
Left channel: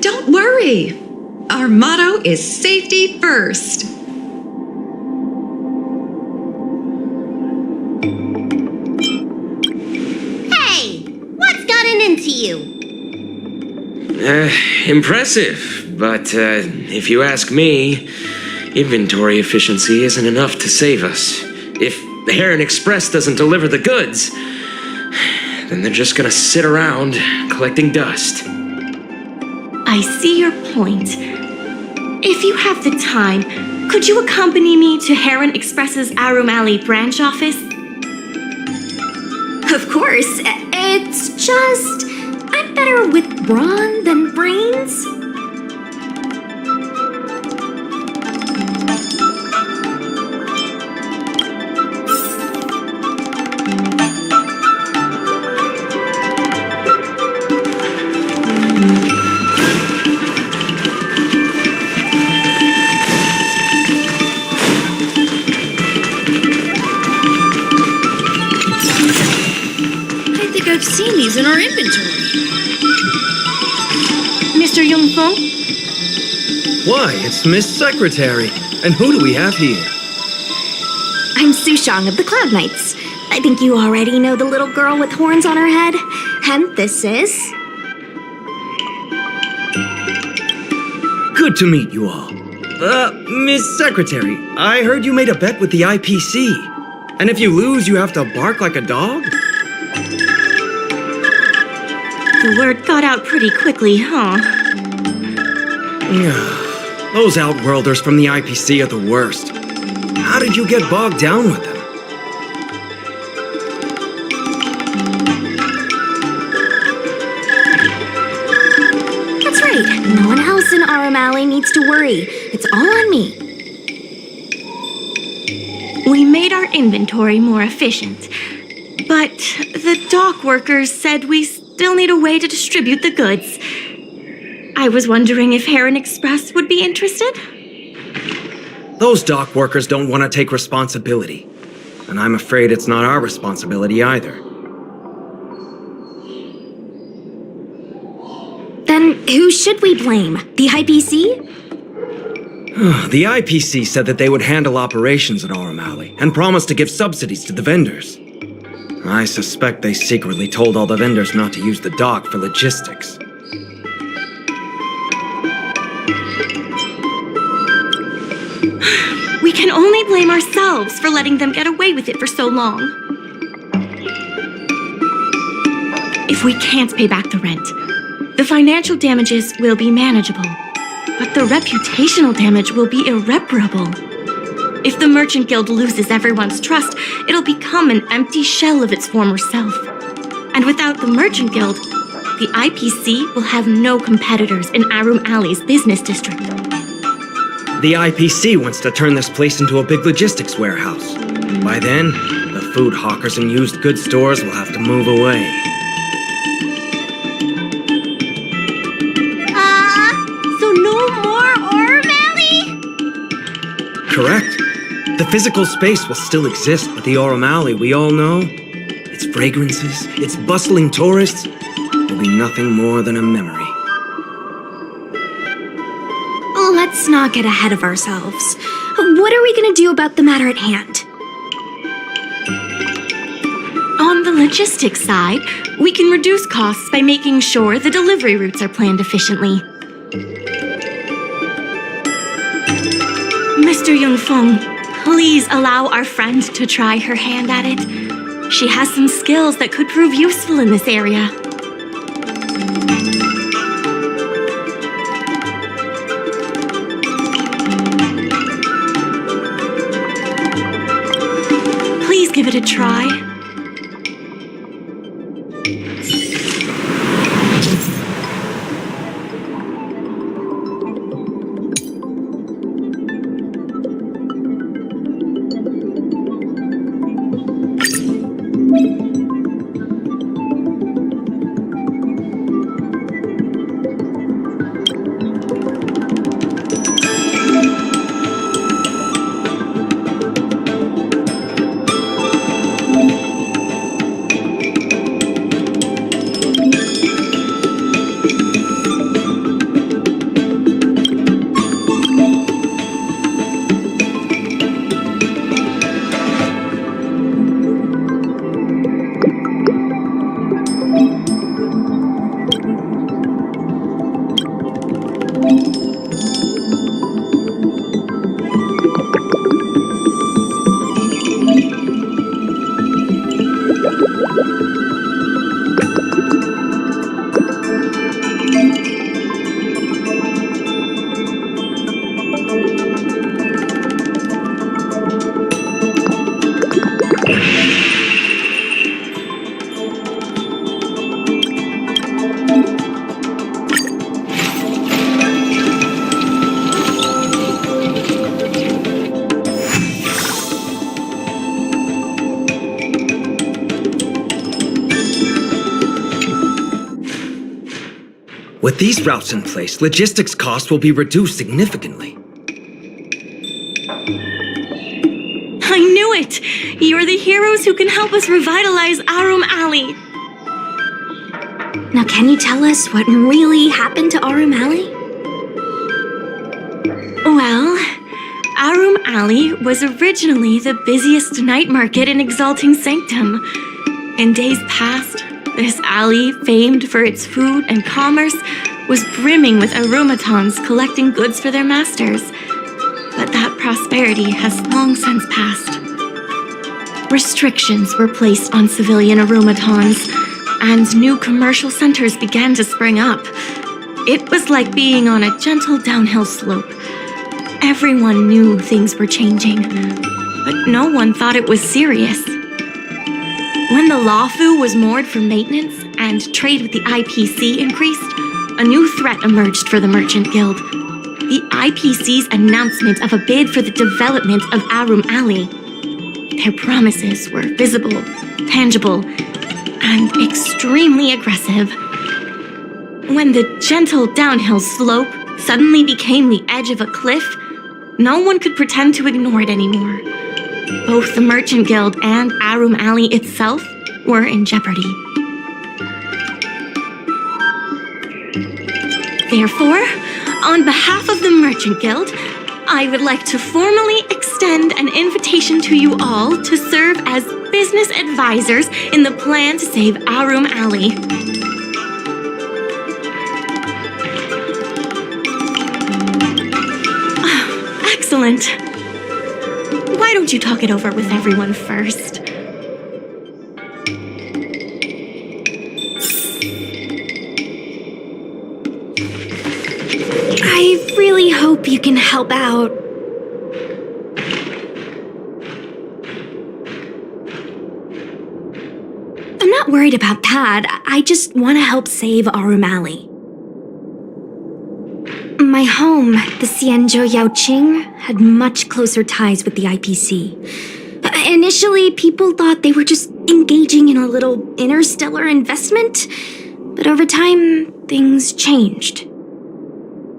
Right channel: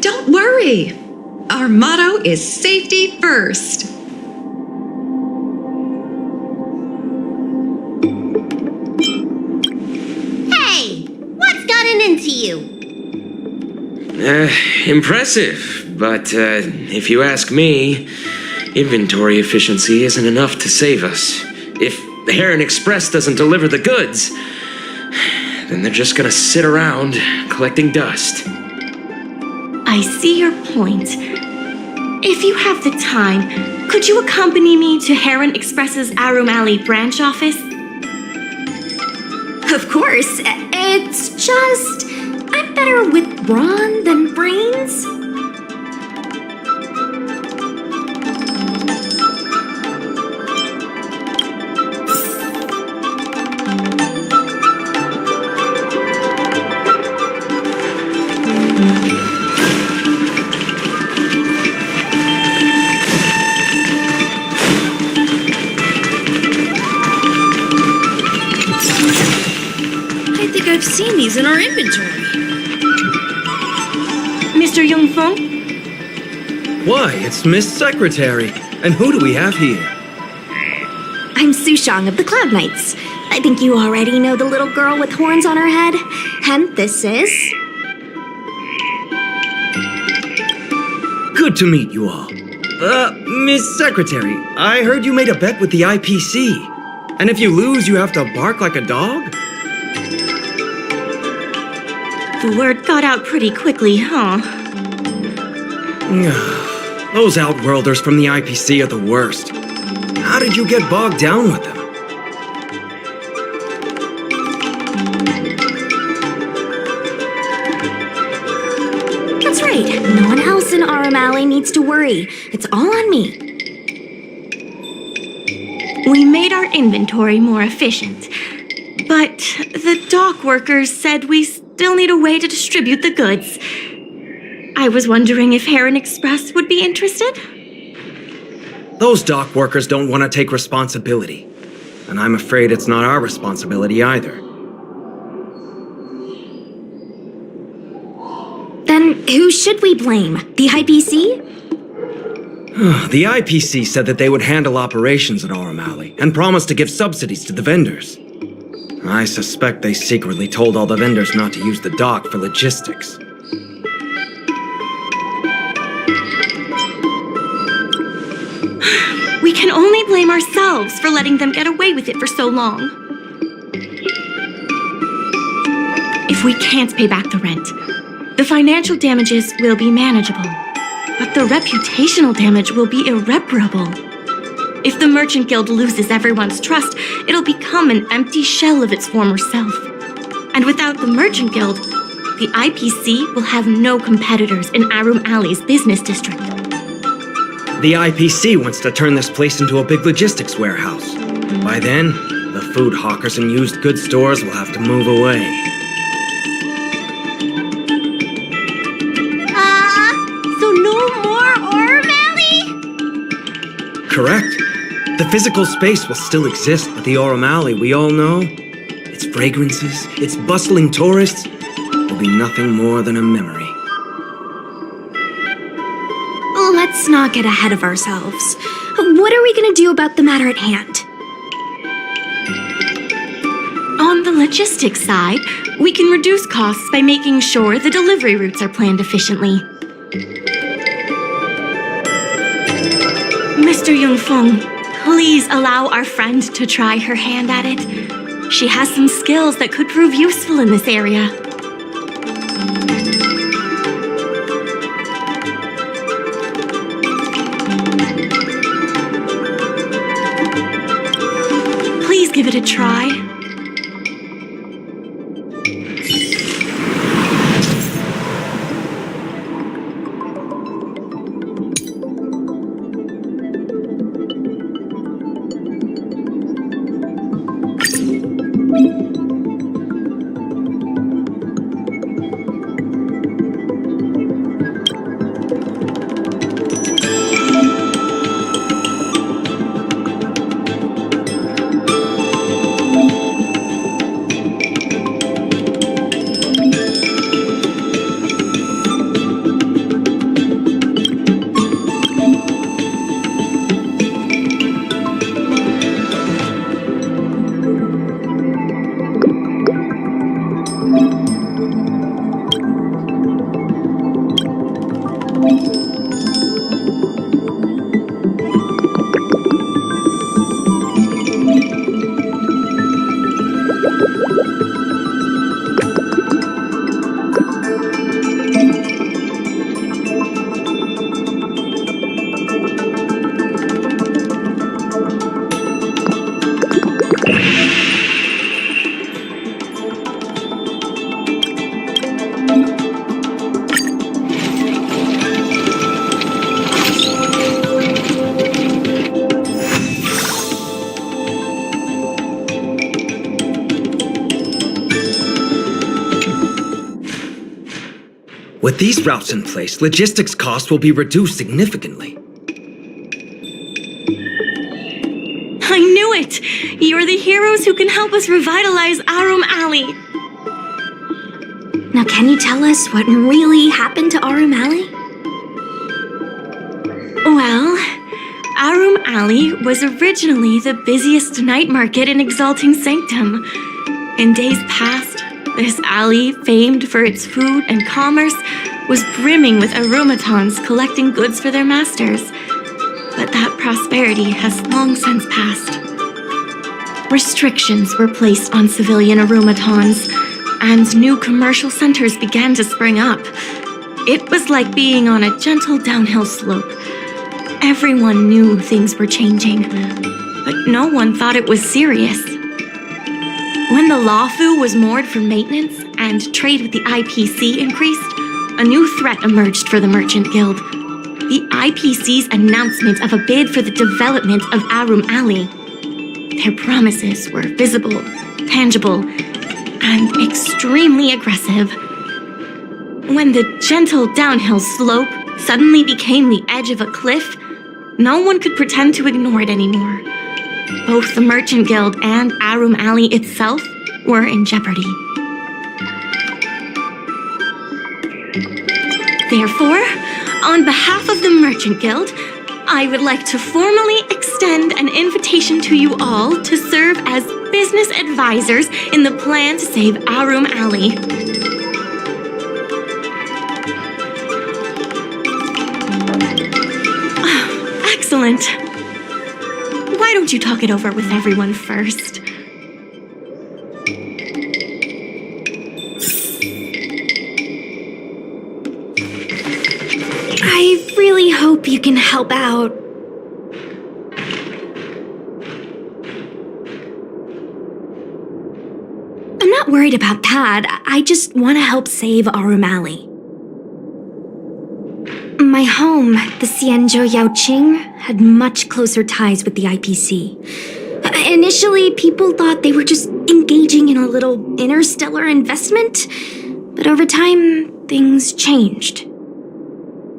Don't worry. Our motto is safety first. Hey, what's gotten into you? Impressive, but if you ask me, inventory efficiency isn't enough to save us. If the Heron Express doesn't deliver the goods, then they're just gonna sit around collecting dust. I see your point. If you have the time, could you accompany me to Heron Express's Aurum Alley branch office? Of course. It's just, I'm better with brawn than brains. I've seen these in our inventory. Mr. Yongfeng? Why, it's Miss Secretary. And who do we have here? I'm Sushang of the Cloud Knights. I think you already know the little girl with horns on her head. And this is... Good to meet you all. Miss Secretary, I heard you made a bet with the IPC. And if you lose, you have to bark like a dog? The word got out pretty quickly, huh? Those Outworlders from the IPC are the worst. How did you get bogged down with them? That's right. No one else in Aurum Alley needs to worry. It's all on me. We made our inventory more efficient, but the dock workers said we still need a way to distribute the goods. I was wondering if Heron Express would be interested? Those dock workers don't want to take responsibility. And I'm afraid it's not our responsibility either. Then who should we blame? The IPC? The IPC said that they would handle operations at Aurum Alley and promised to give subsidies to the vendors. I suspect they secretly told all the vendors not to use the dock for logistics. We can only blame ourselves for letting them get away with it for so long. If we can't pay back the rent, the financial damages will be manageable, but the reputational damage will be irreparable. If the Merchant Guild loses everyone's trust, it'll become an empty shell of its former self. And without the Merchant Guild, the IPC will have no competitors in Aurum Alley's business district. The IPC wants to turn this place into a big logistics warehouse. By then, the food hawkers and used goods stores will have to move away. So no more Aurum Alley? Correct. The physical space will still exist, but the Aurum Alley we all know, its fragrances, its bustling tourists, will be nothing more than a memory. Let's not get ahead of ourselves. What are we gonna do about the matter at hand? On the logistics side, we can reduce costs by making sure the delivery routes are planned efficiently. Mr. Yunfeng, please allow our friend to try her hand at it. She has some skills that could prove useful in this area. Please give it a try. With these routes in place, logistics costs will be reduced significantly. I knew it! You're the heroes who can help us revitalize Aurum Alley. Now, can you tell us what really happened to Aurum Alley? Well, Aurum Alley was originally the busiest night market in Exalting Sanctum. In days past, this alley, famed for its food and commerce, was brimming with aromatons collecting goods for their masters. But that prosperity has long since passed. Restrictions were placed on civilian aromatons, and new commercial centers began to spring up. It was like being on a gentle downhill slope. Everyone knew things were changing, but no one thought it was serious. When the Lawfu was moored for maintenance and trade with the IPC increased, a new threat emerged for the Merchant Guild. The IPC's announcement of a bid for the development of Aurum Alley. Their promises were visible, tangible, and extremely aggressive. When the gentle downhill slope suddenly became the edge of a cliff, no one could pretend to ignore it anymore. Both the Merchant Guild and Aurum Alley itself were in jeopardy. Therefore, on behalf of the Merchant Guild, I would like to formally extend an invitation to you all to serve as business advisors in the plan to save Aurum Alley. Excellent. Why don't you talk it over with everyone first? I really hope you can help out. I'm not worried about that. I just want to help save Aurum Alley. My home, the Xianzhou Yaoqing, had much closer ties with the IPC. Initially, people thought they were just engaging in a little interstellar investment, but over time, things changed.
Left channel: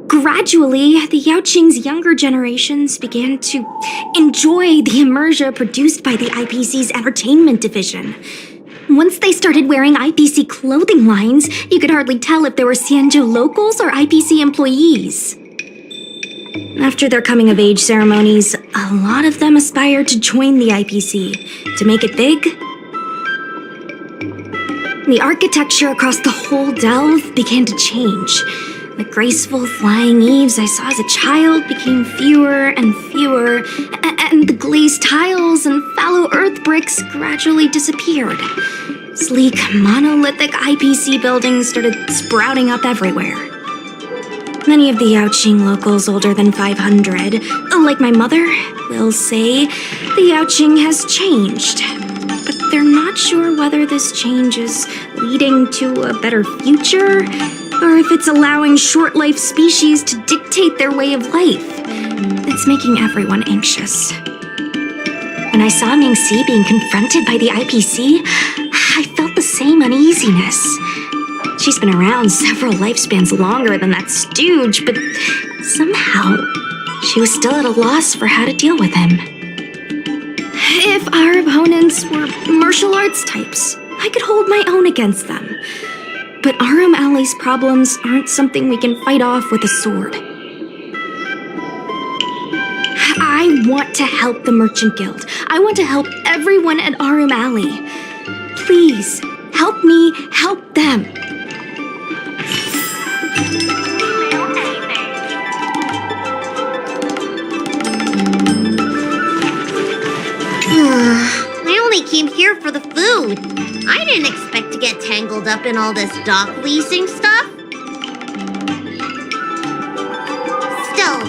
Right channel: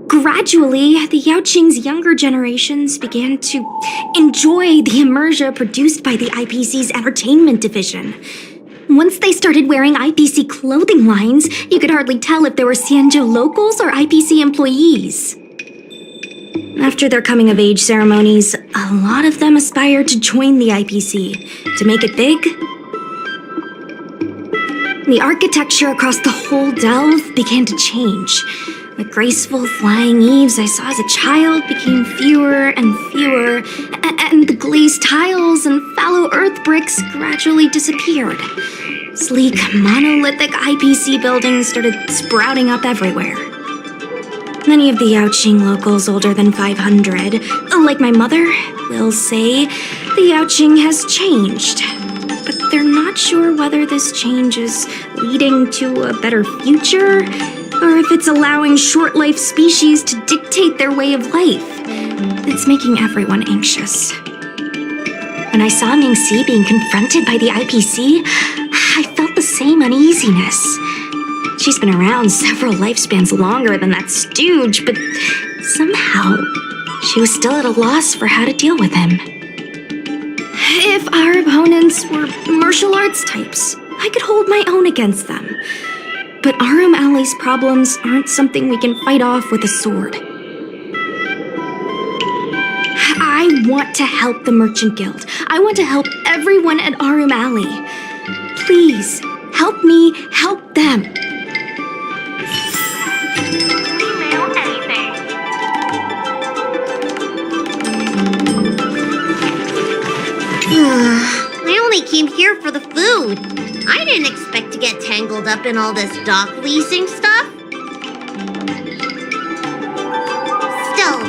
Gradually, the Yaoqing's younger generations began to enjoy the immersia produced by the IPC's entertainment division. Once they started wearing IPC clothing lines, you could hardly tell if they were Xianzhou locals or IPC employees. After their coming-of-age ceremonies, a lot of them aspired to join the IPC, to make it big. The architecture across the whole delve began to change. The graceful flying eaves I saw as a child became fewer and fewer, and the glazed tiles and fallow earth bricks gradually disappeared. Sleek, monolithic IPC buildings started sprouting up everywhere. Many of the Yaoqing locals older than 500, like my mother, will say the Yaoqing has changed. But they're not sure whether this change is leading to a better future, or if it's allowing short-life species to dictate their way of life. It's making everyone anxious. When I saw Mingxi being confronted by the IPC, I felt the same uneasiness. She's been around several lifespans longer than that stooge, but somehow she was still at a loss for how to deal with him. If our opponents were martial arts types, I could hold my own against them. But Aurum Alley's problems aren't something we can fight off with a sword. I want to help the Merchant Guild. I want to help everyone at Aurum Alley. Please, help me help them. I only came here for the food. I didn't expect to get tangled up in all this dock leasing stuff. Still,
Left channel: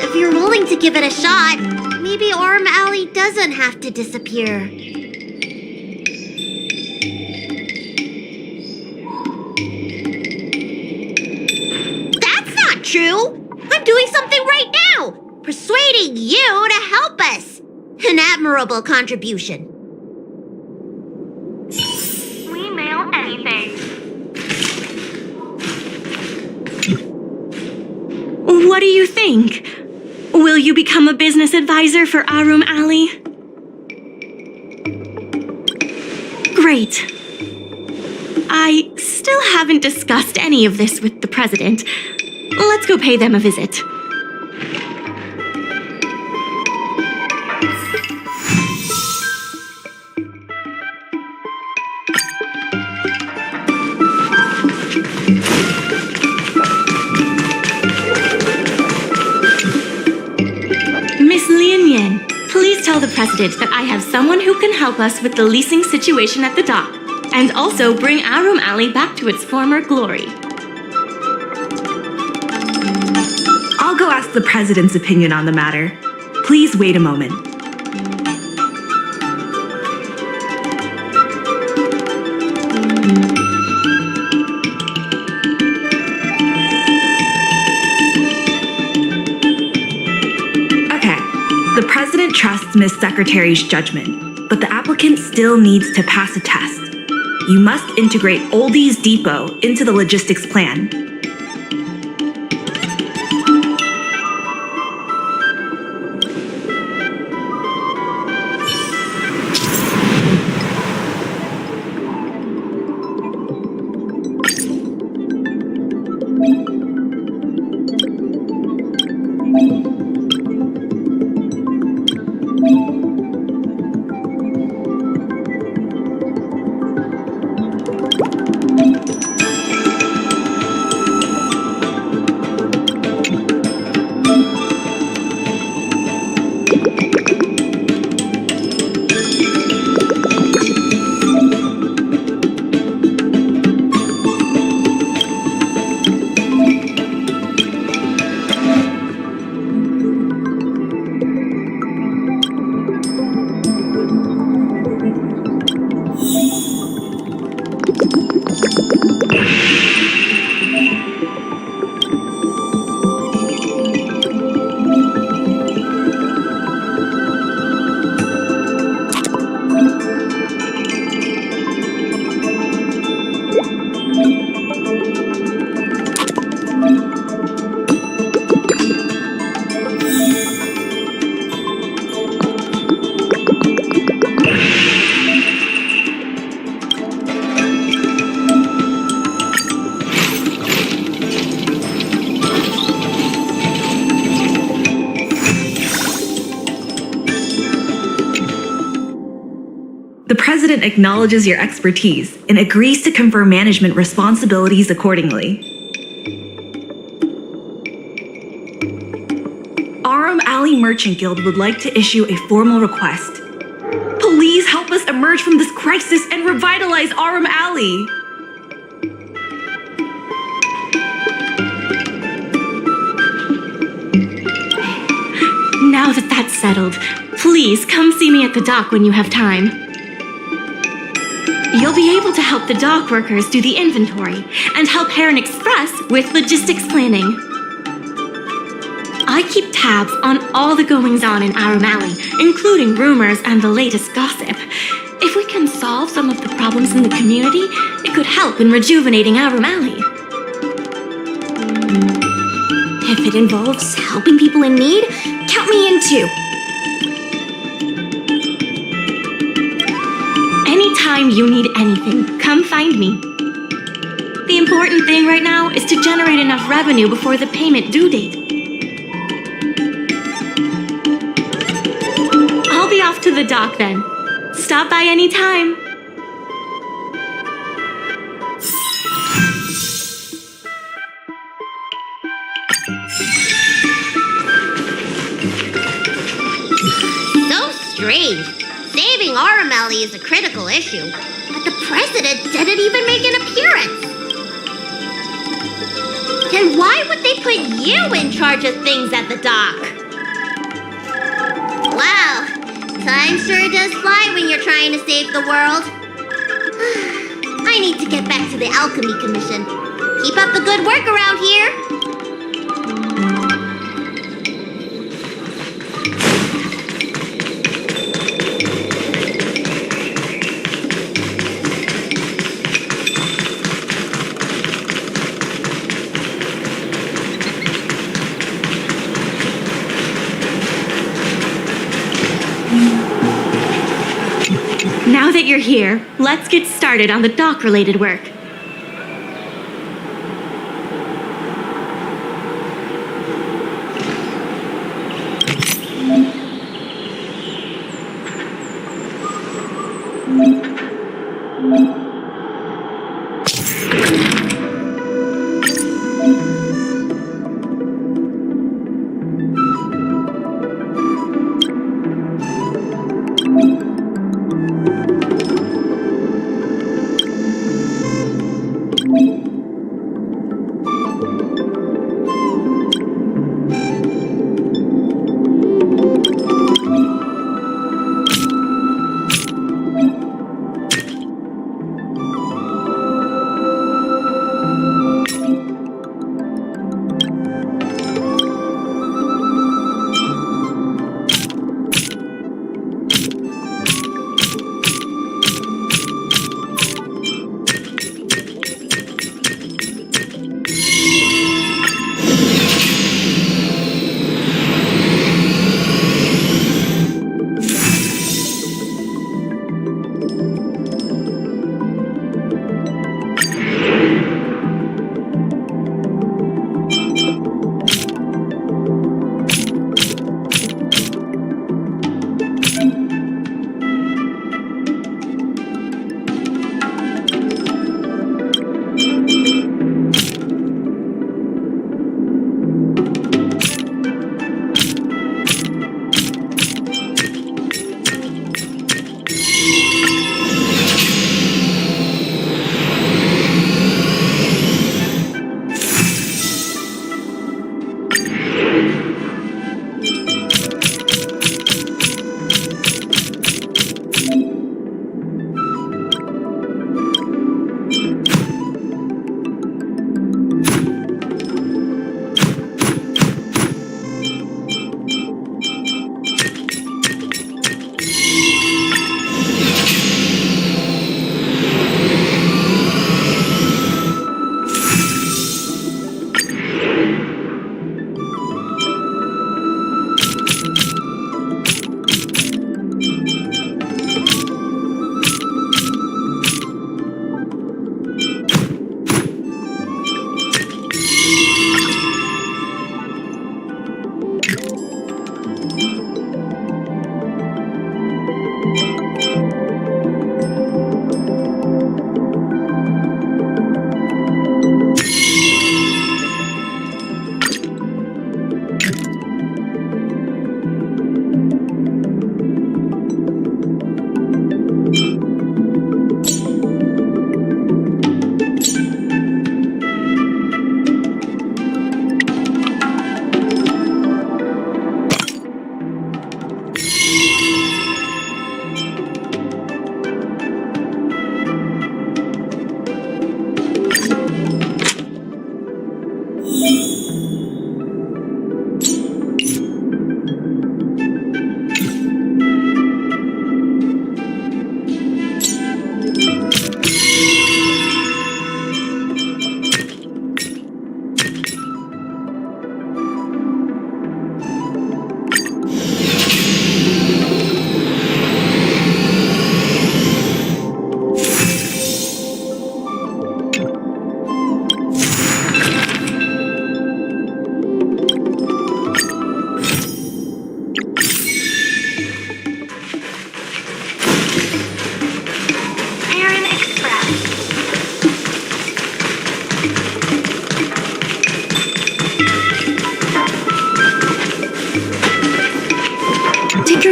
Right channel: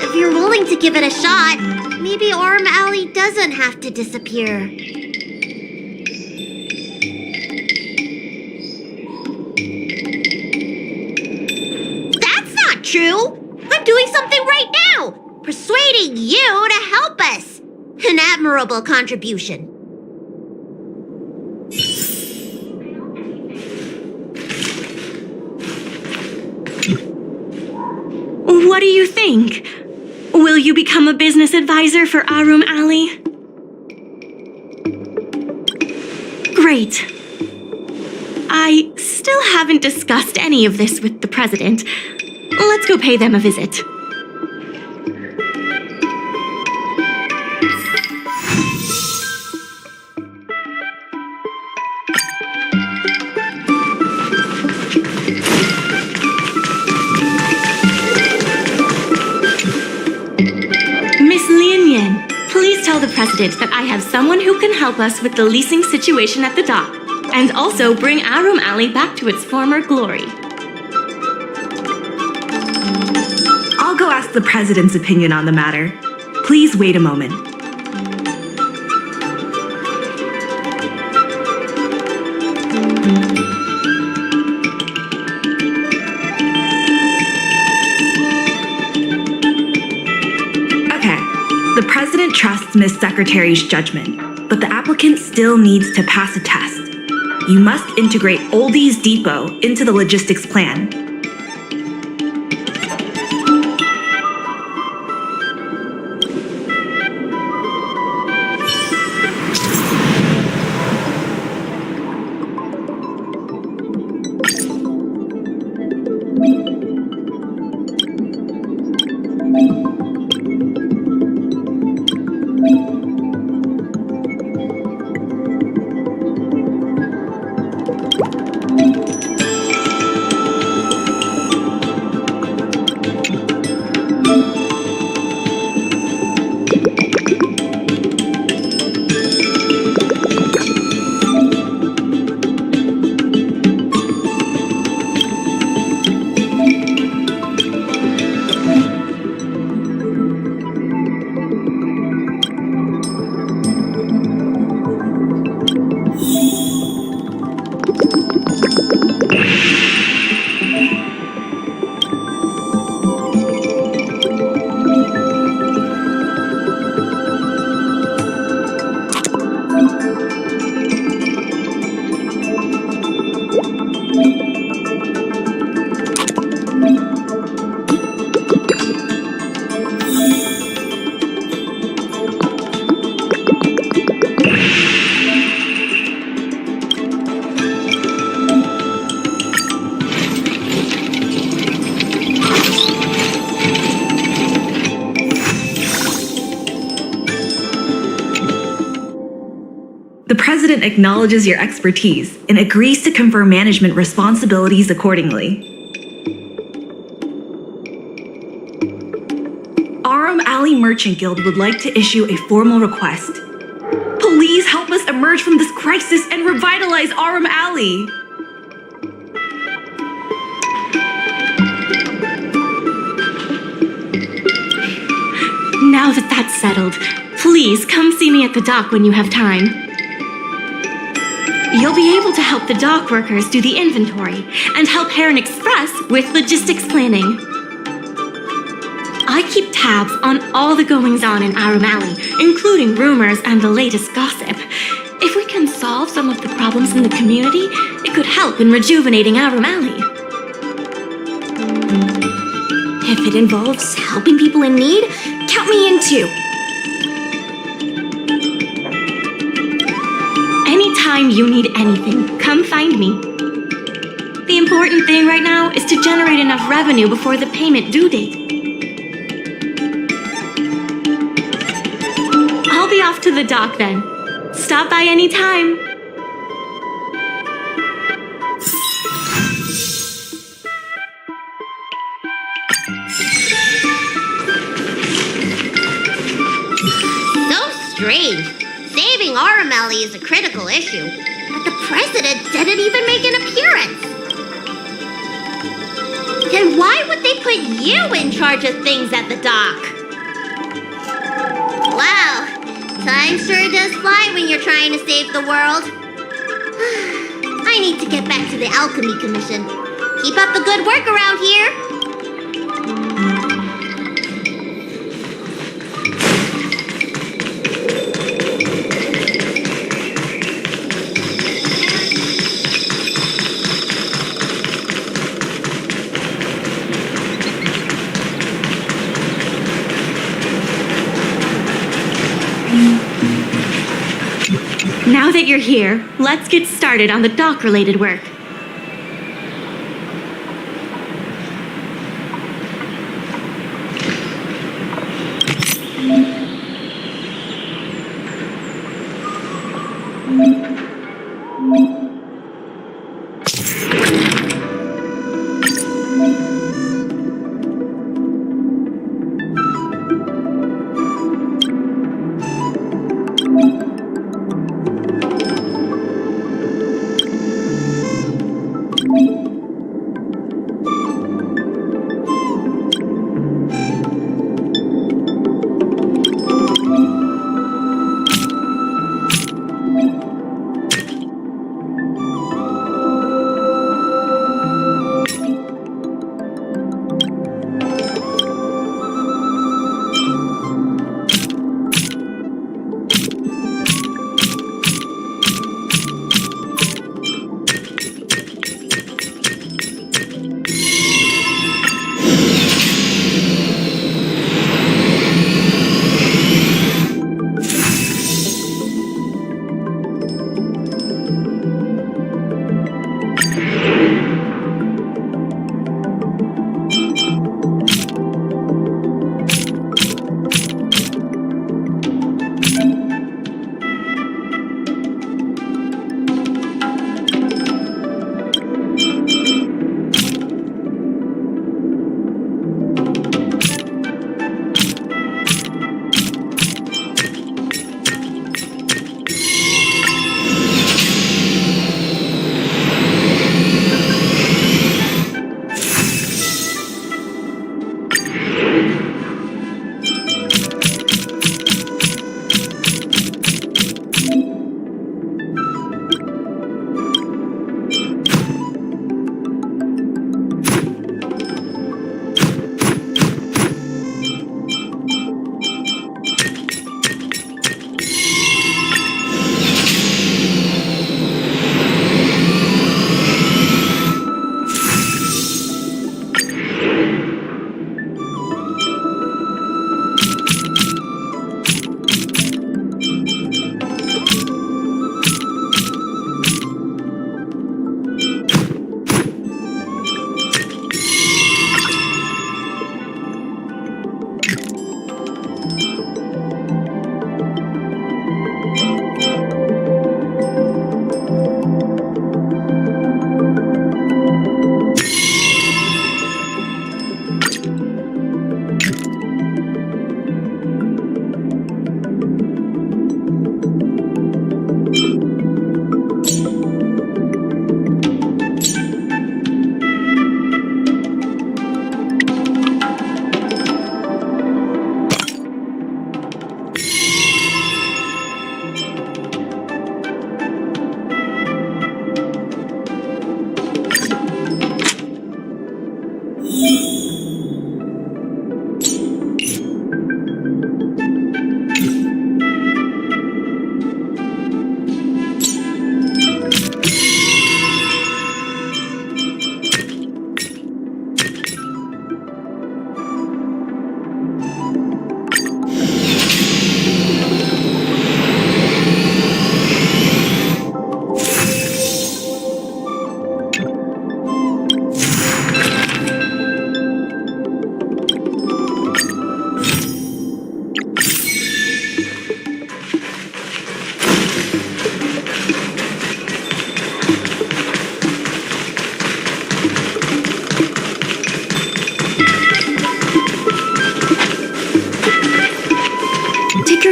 if you're willing to give it a shot, maybe Aurum Alley doesn't have to disappear. That's not true! I'm doing something right now! Persuading you to help us! An admirable contribution. What do you think? Will you become a business advisor for Aurum Alley? Great. I still haven't discussed any of this with the president. Let's go pay them a visit. Miss Lian, please tell the president that I have someone who can help us with the leasing situation at the dock, and also bring Aurum Alley back to its former glory. I'll go ask the president's opinion on the matter. Please wait a moment. The president trusts Miss Secretary's judgment, but the applicant still needs to pass a test. You must integrate Oldie's Depot into the logistics plan. The President acknowledges your expertise and agrees to confer management responsibilities accordingly. Aurum Alley Merchant Guild would like to issue a formal request. Please help us emerge from this crisis and revitalize Aurum Alley. Now that that's settled, please come see me at the dock when you have time. You'll be able to help the dock workers do the inventory and help Heron Express with logistics planning. I keep tabs on all the goings-on in Aurum Alley, including rumors and the latest gossip. If we can solve some of the problems in the community, it could help in rejuvenating Aurum Alley. If it involves helping people in need, count me in too. Anytime you need anything, come find me. The important thing right now is to generate enough revenue before the payment due date. I'll be off to the dock then. Stop by anytime. So strange. Saving Aurum Alley is a critical issue, but the president didn't even make an appearance. Then why would they put you in charge of things at the dock? Wow, time sure does fly when you're trying to save the world. I need to get back to the Alchemy Commission. Keep up the good work around here. Now that you're here, let's get started on the dock-related work.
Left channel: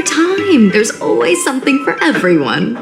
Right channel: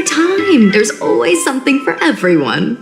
your time. There's always something for everyone.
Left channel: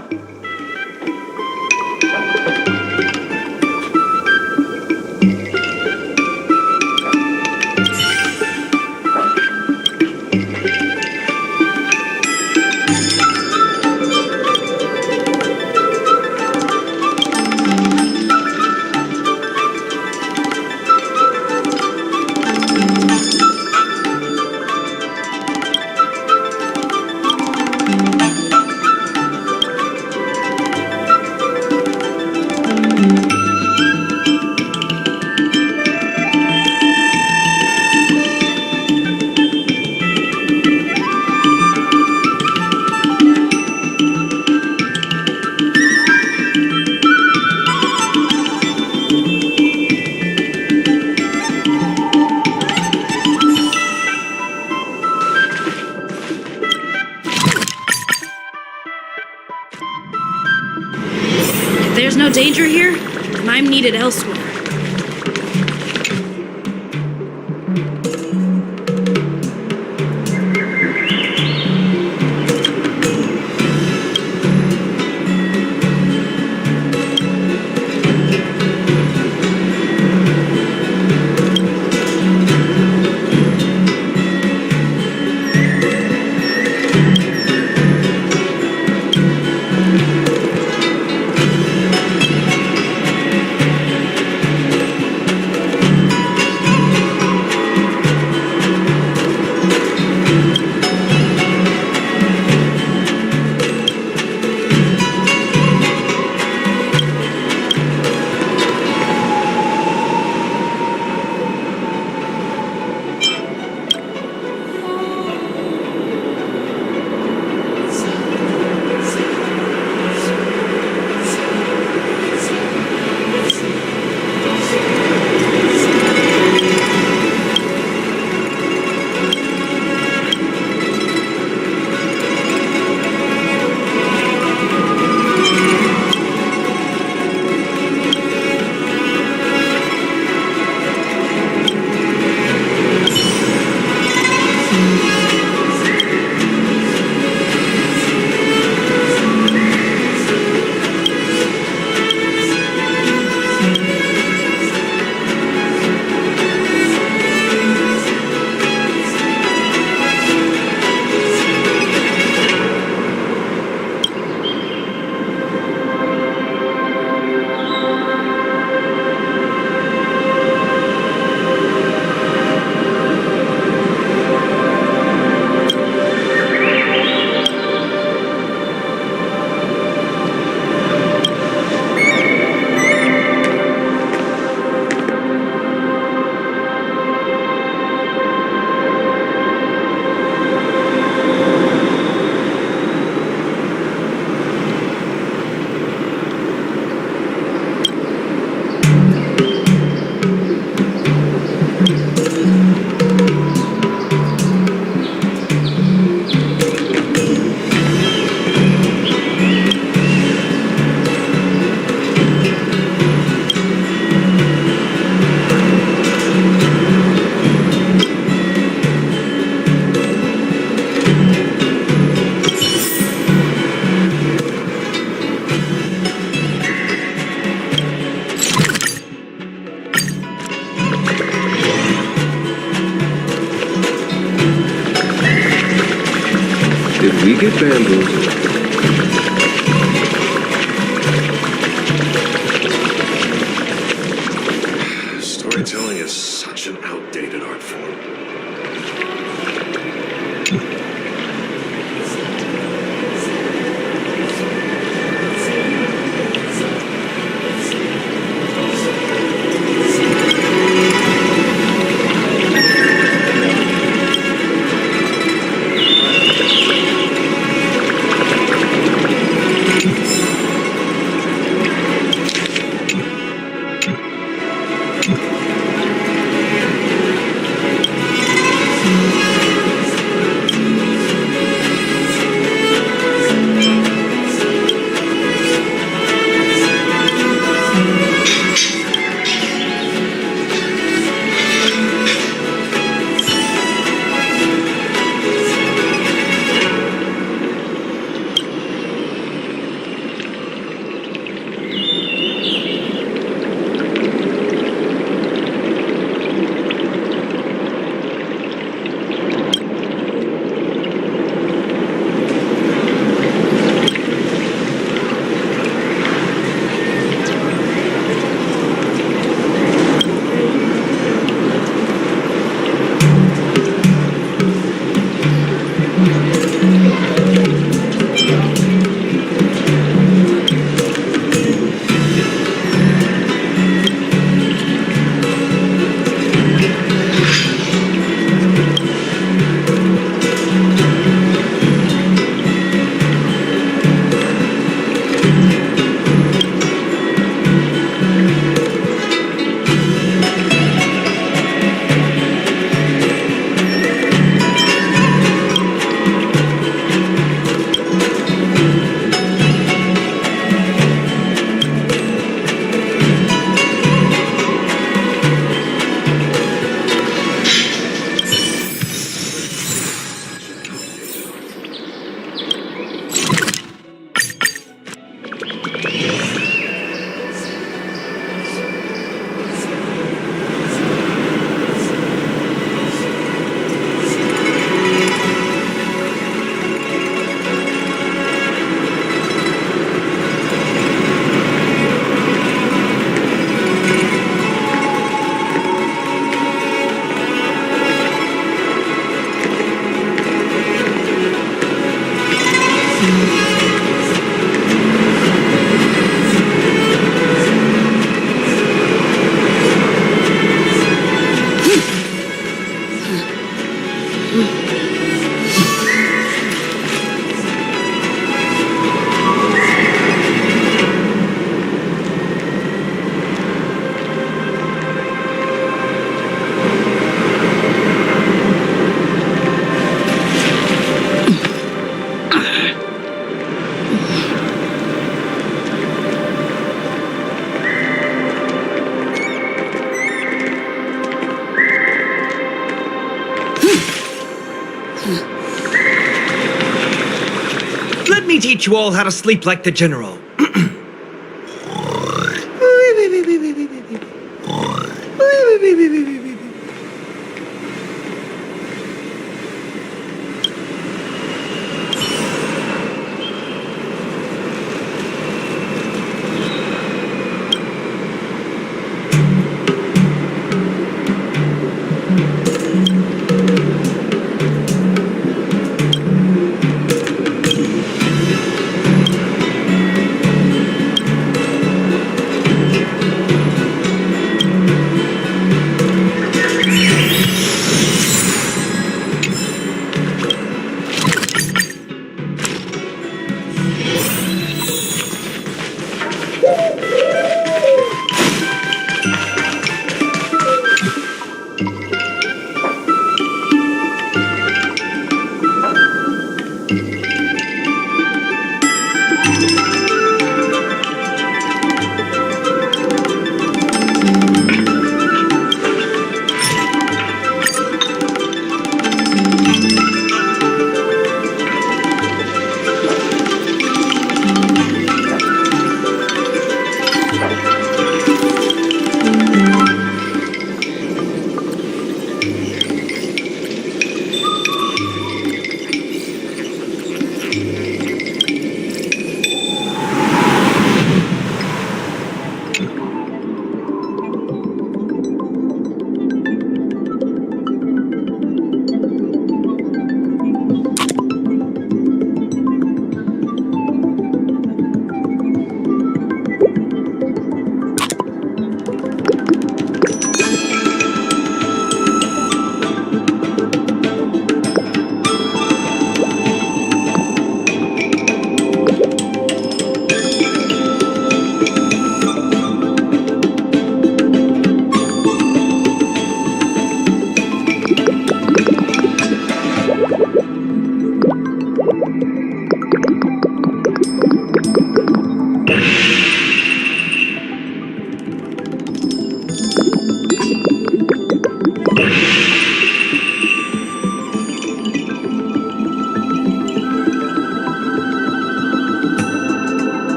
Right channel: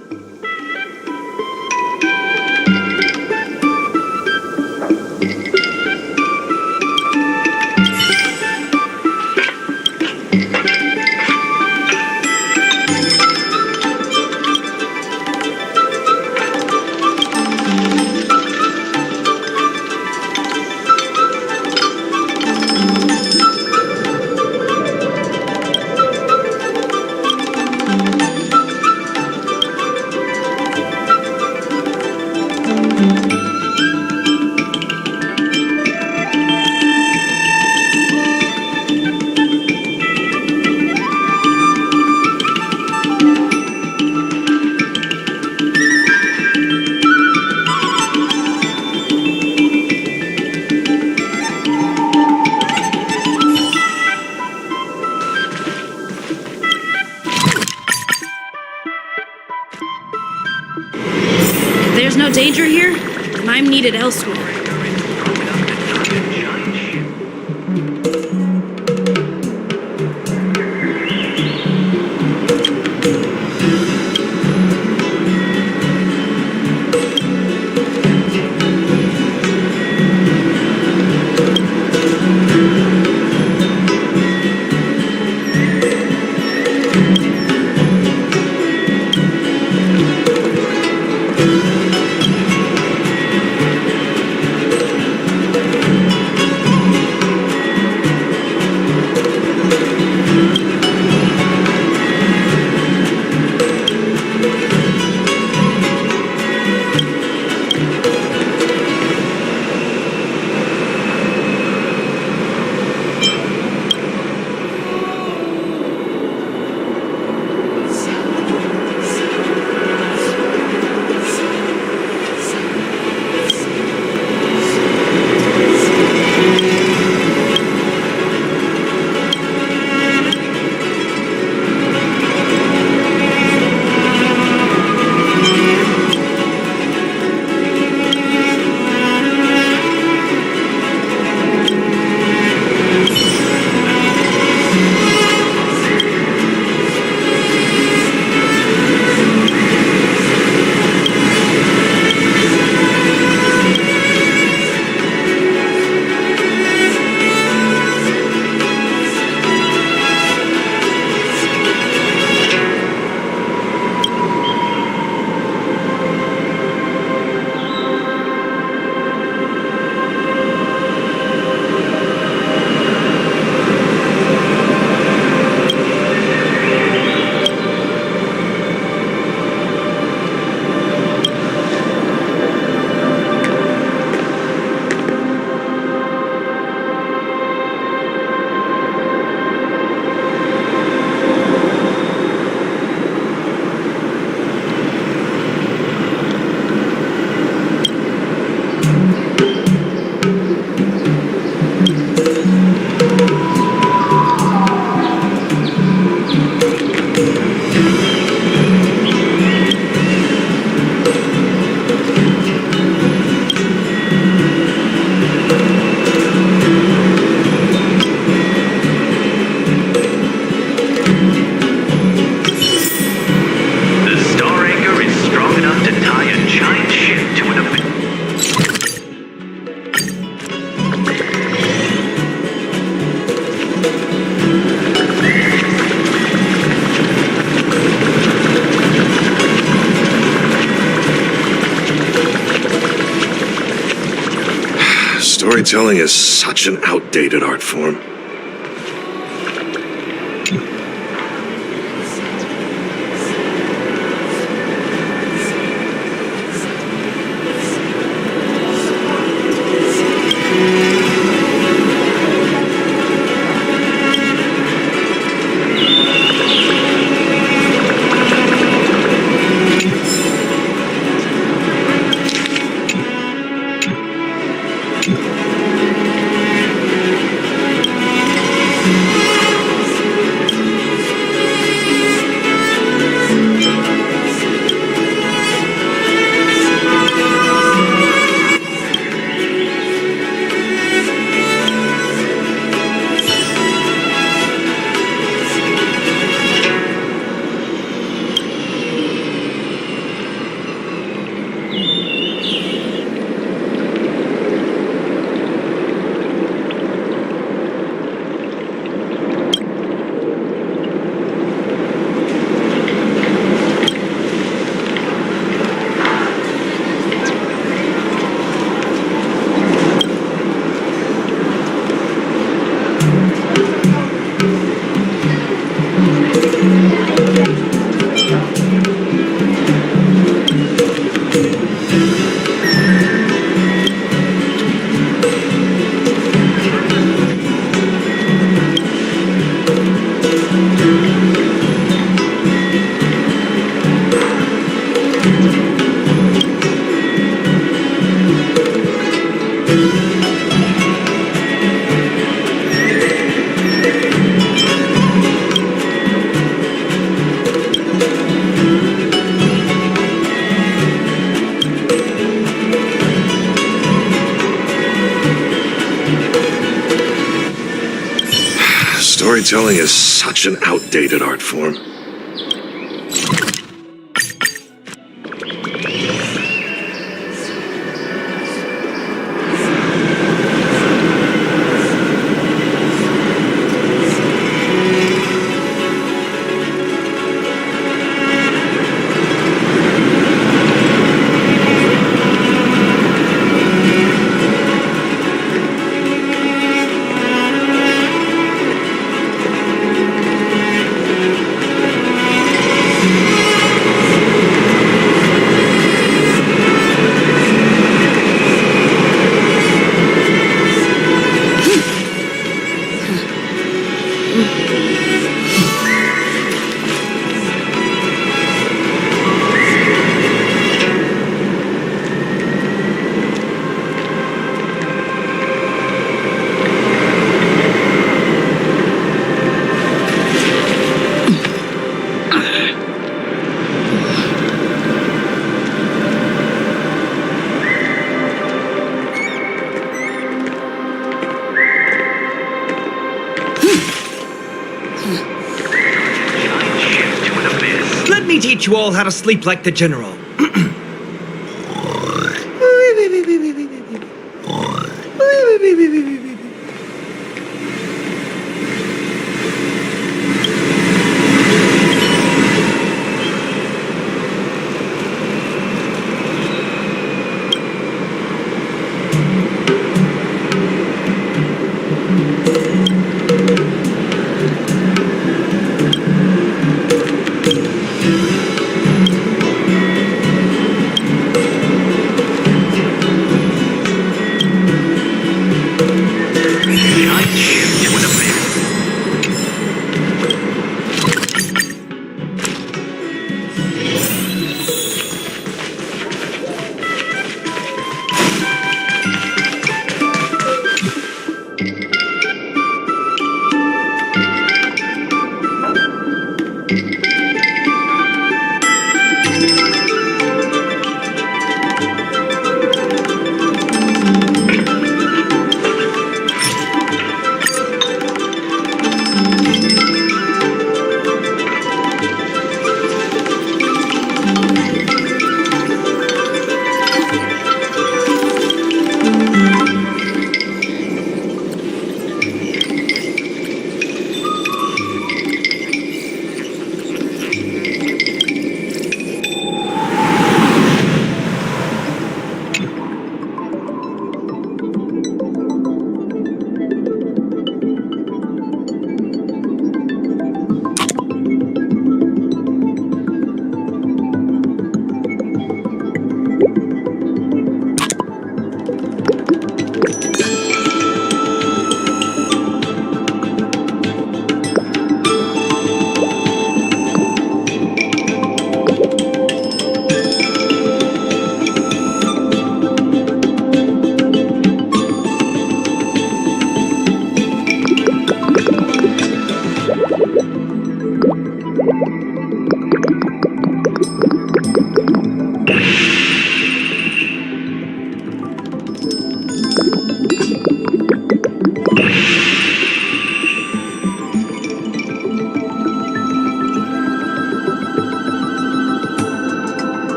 If there's no danger here, then I'm needed elsewhere. Storytelling is such an outdated art form. storytelling is such an outdated art form. Let me teach you all how to sleep like the general.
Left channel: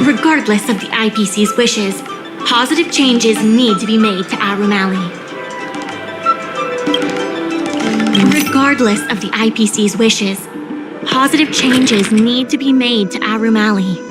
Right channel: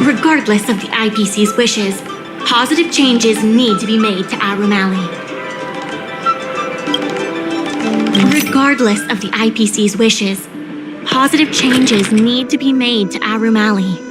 Regardless of the IPC's wishes, positive changes need to be made to Aurum Alley. Regardless of the IPC's wishes, positive changes need to be made to Aurum Alley.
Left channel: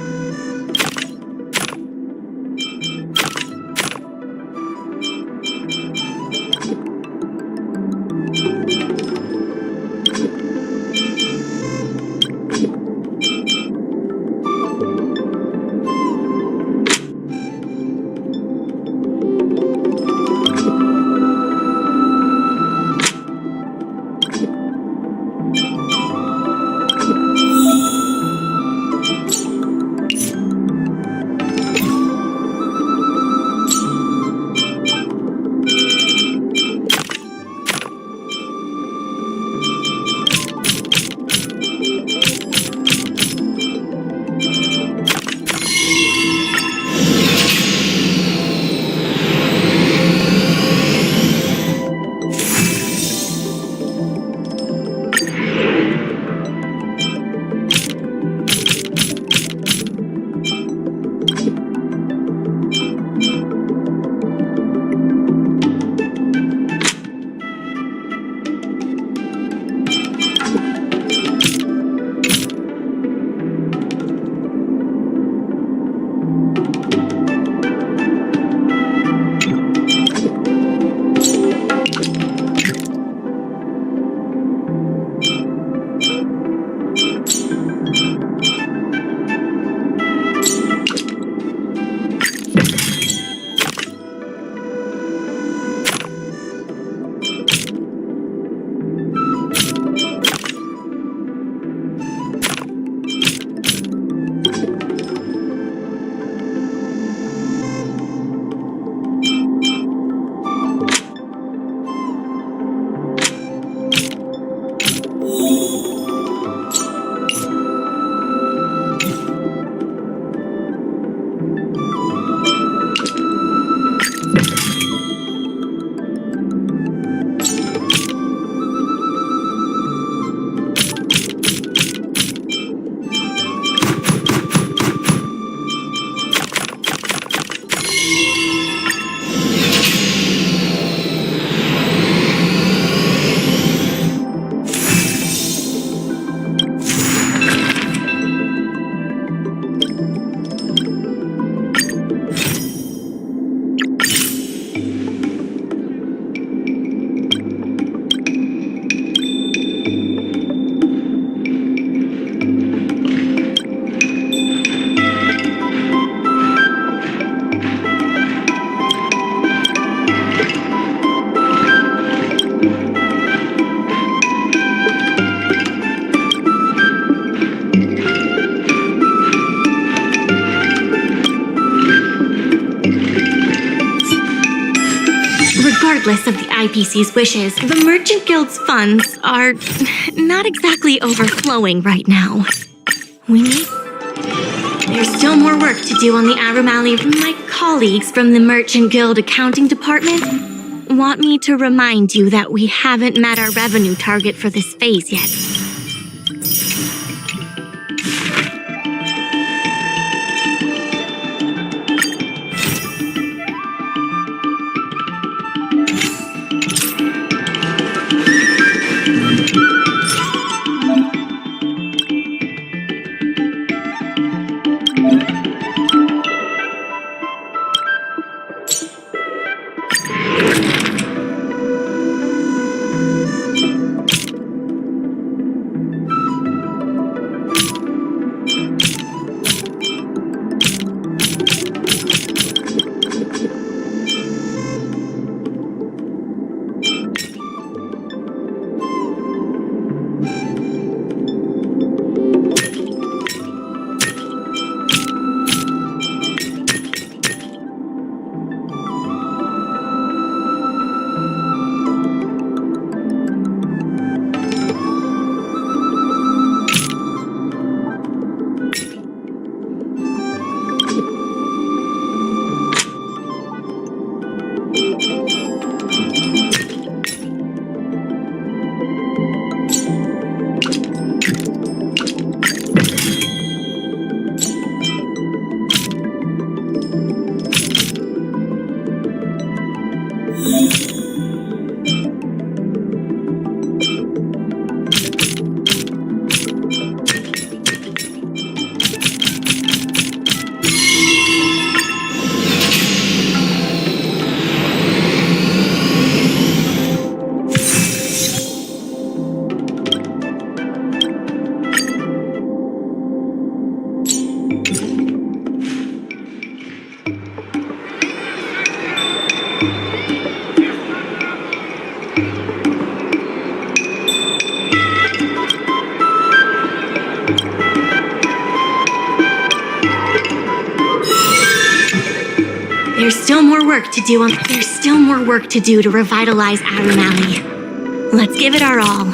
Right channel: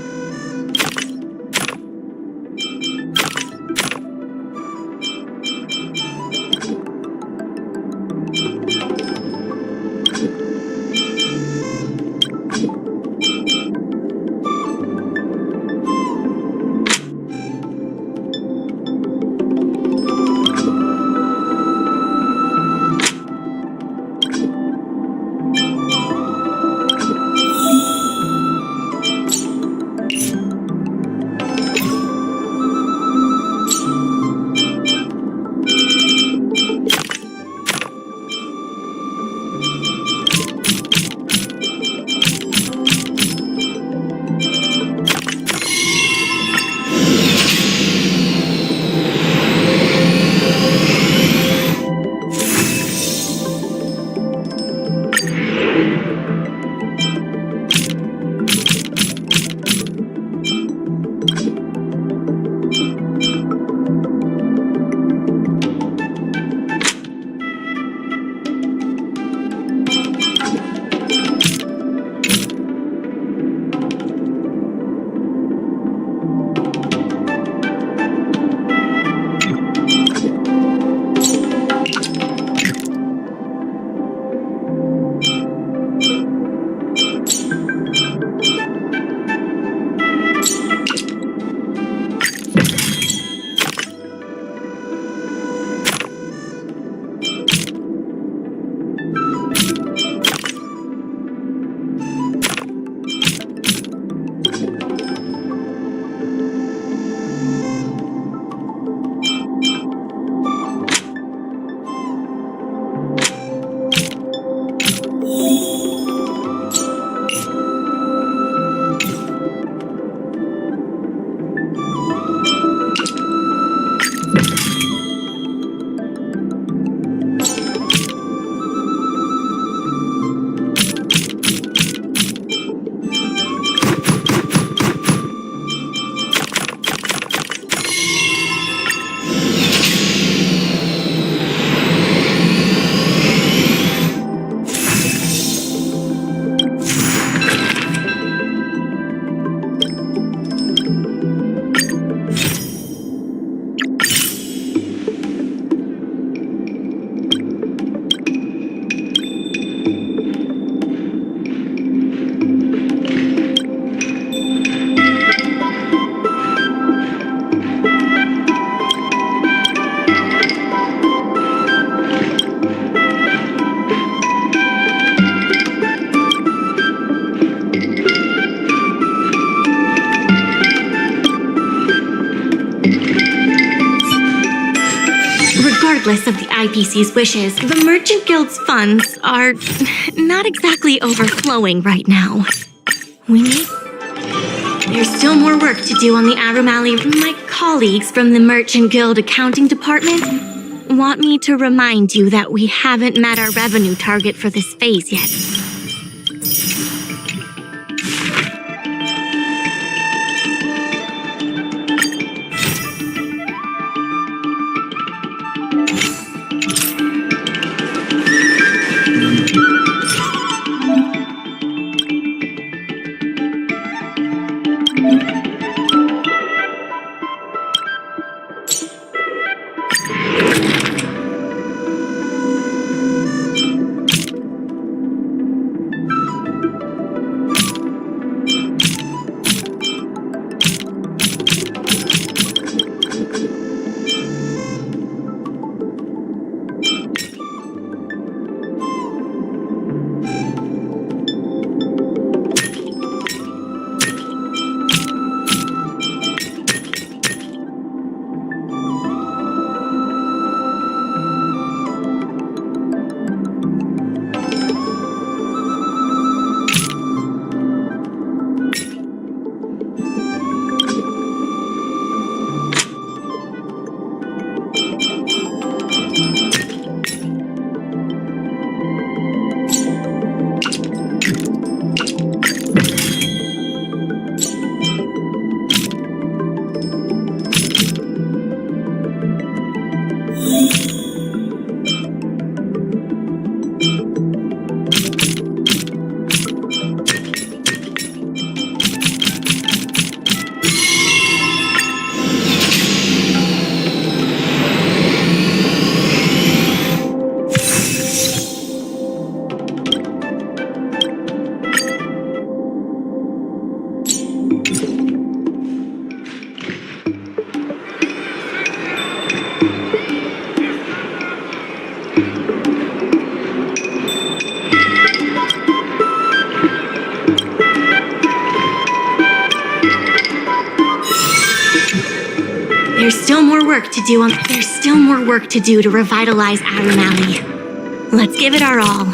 Regardless of the IPC's wishes, the Merchant Guild's funds are not exactly overflowing right now. There's still more work to do on the Aurum Alley. My colleagues from the Merchant Guild accounting department want me to remind you that we haven't met our revenue target for this phase yet. There's still more work to do to revitalize Aurum Alley. Let's give it our all.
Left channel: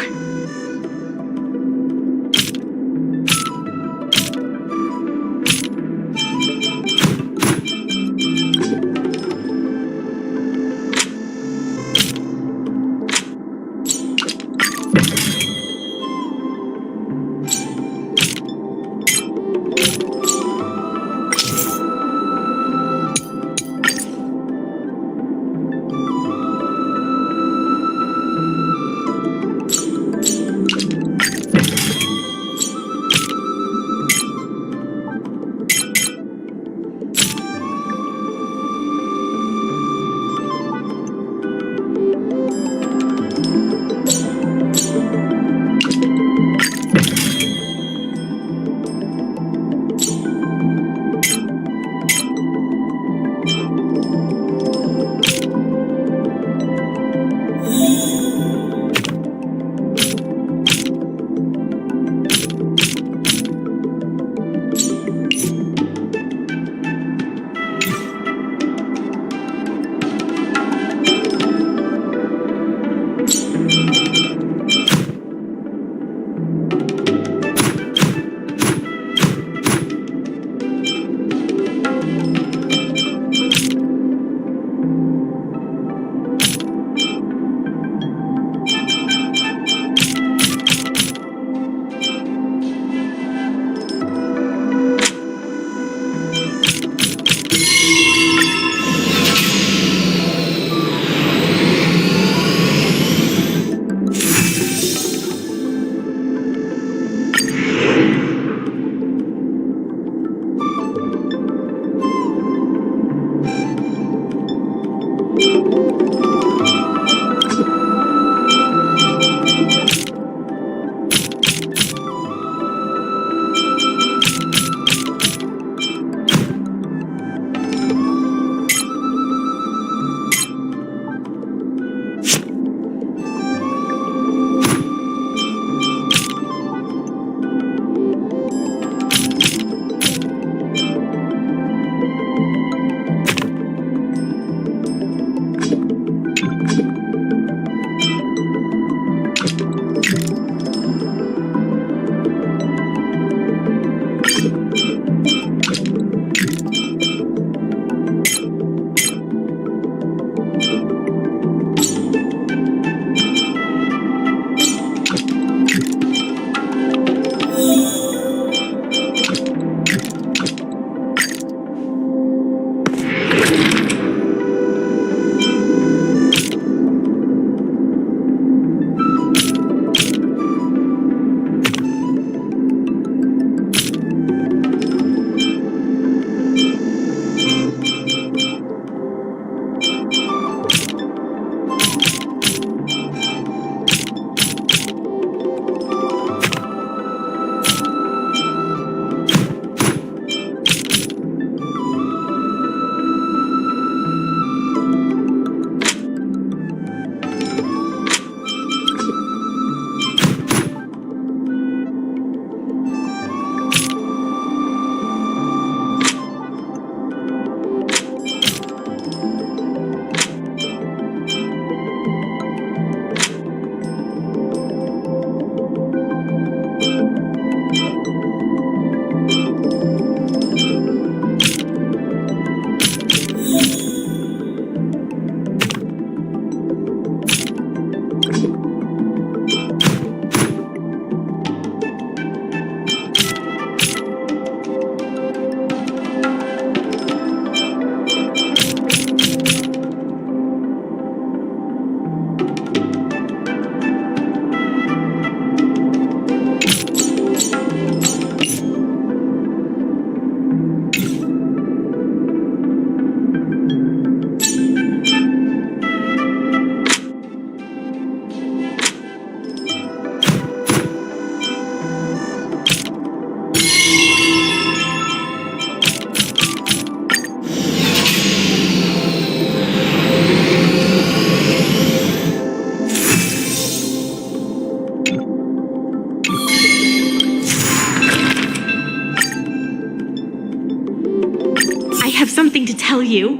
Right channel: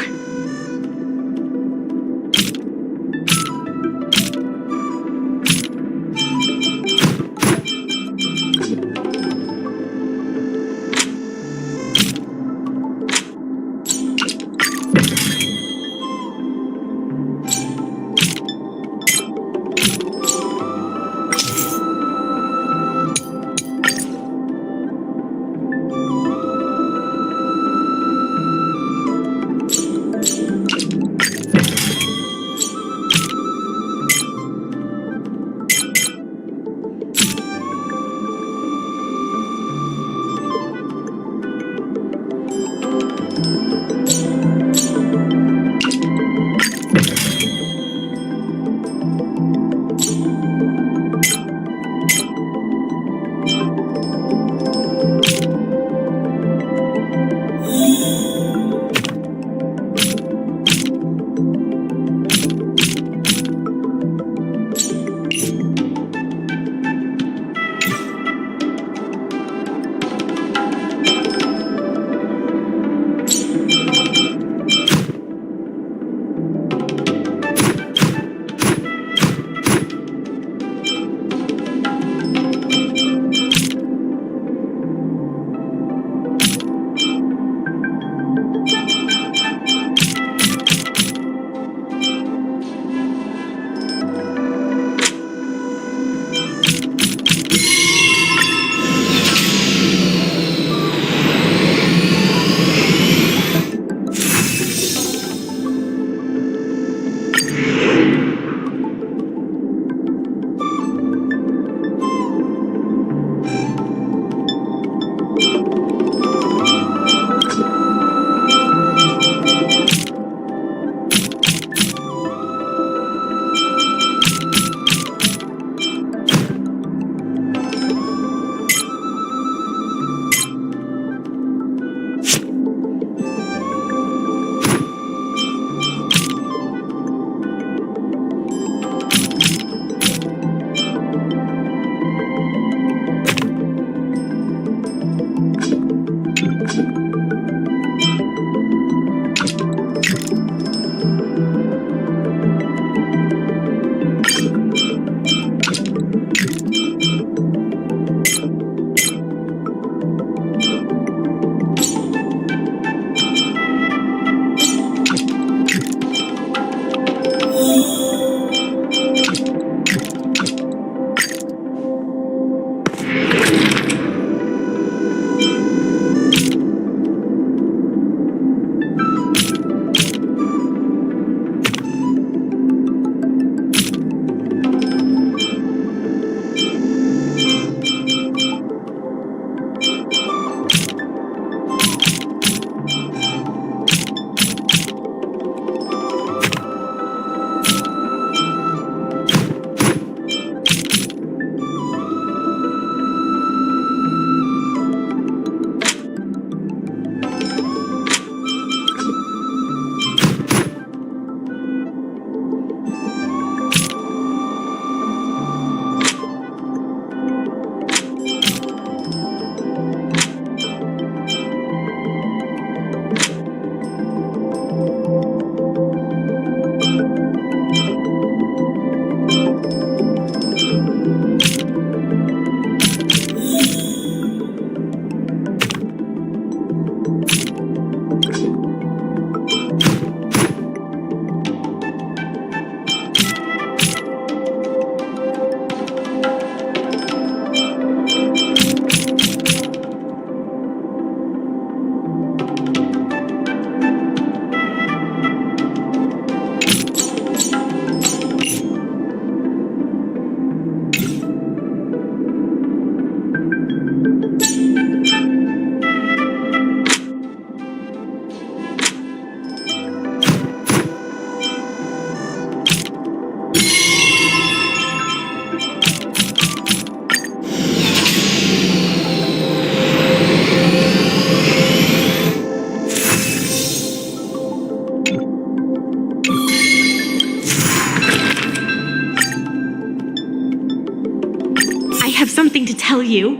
I have something to tell you.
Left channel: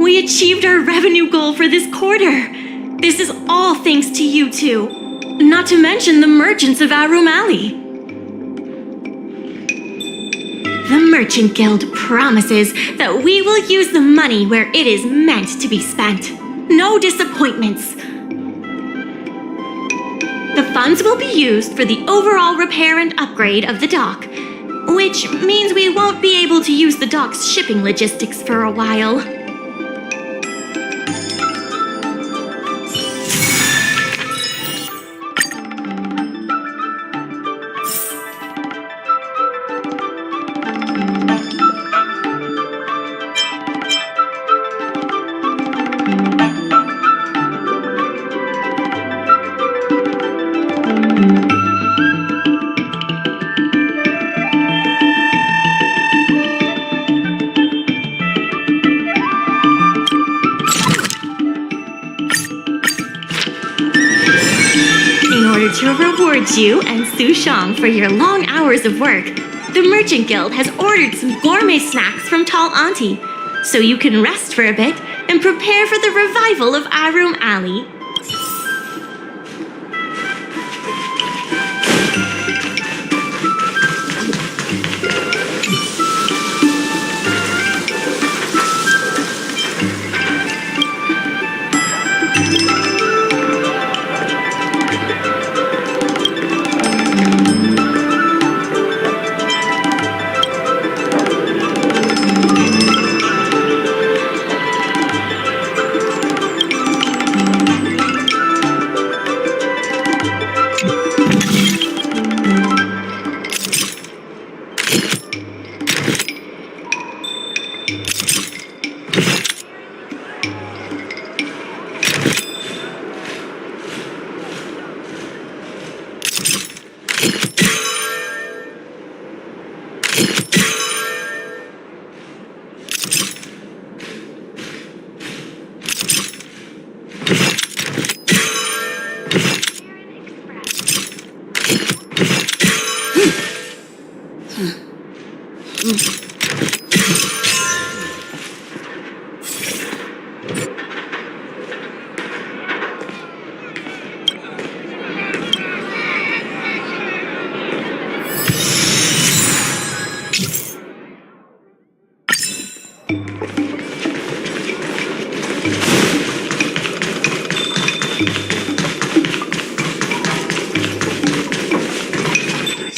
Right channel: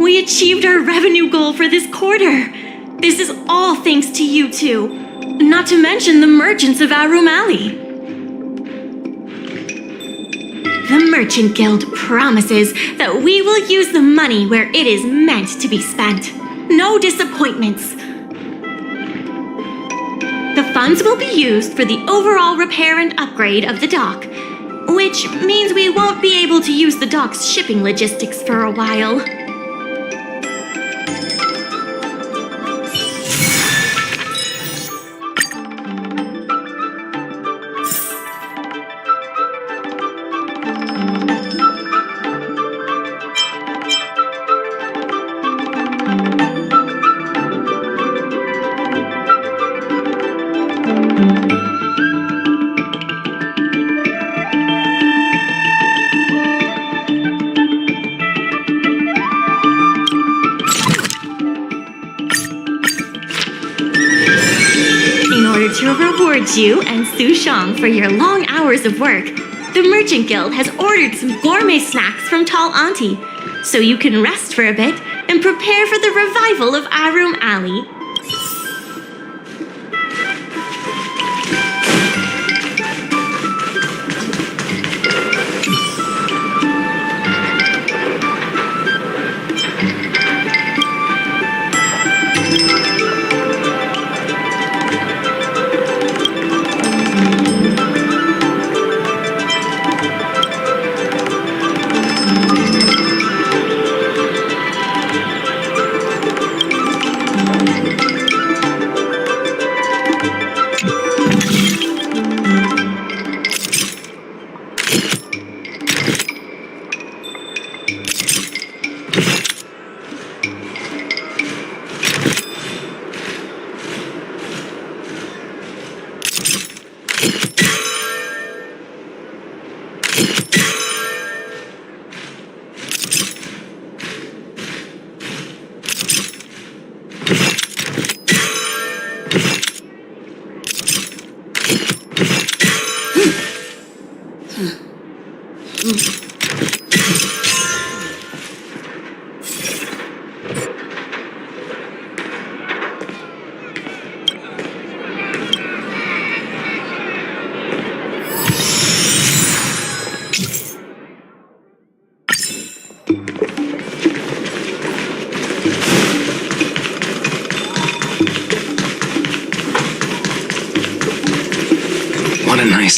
We achieved our revenue goal for this quarter. This is all thanks to you two. Not to mention the merchants of Aurum Alley. The Merchant Guild promises that we will use the money where it is meant to be spent. No disappointments. The funds will be used for the overall repair and upgrade of the dock, which means we won't be able to use the dock's shipping logistics for a while. To reward you and Su Shang for your long hours of work, the Merchant Guild has ordered some gourmet snacks from Tall Auntie, so you can rest for a bit and prepare for the revival of Aurum Alley.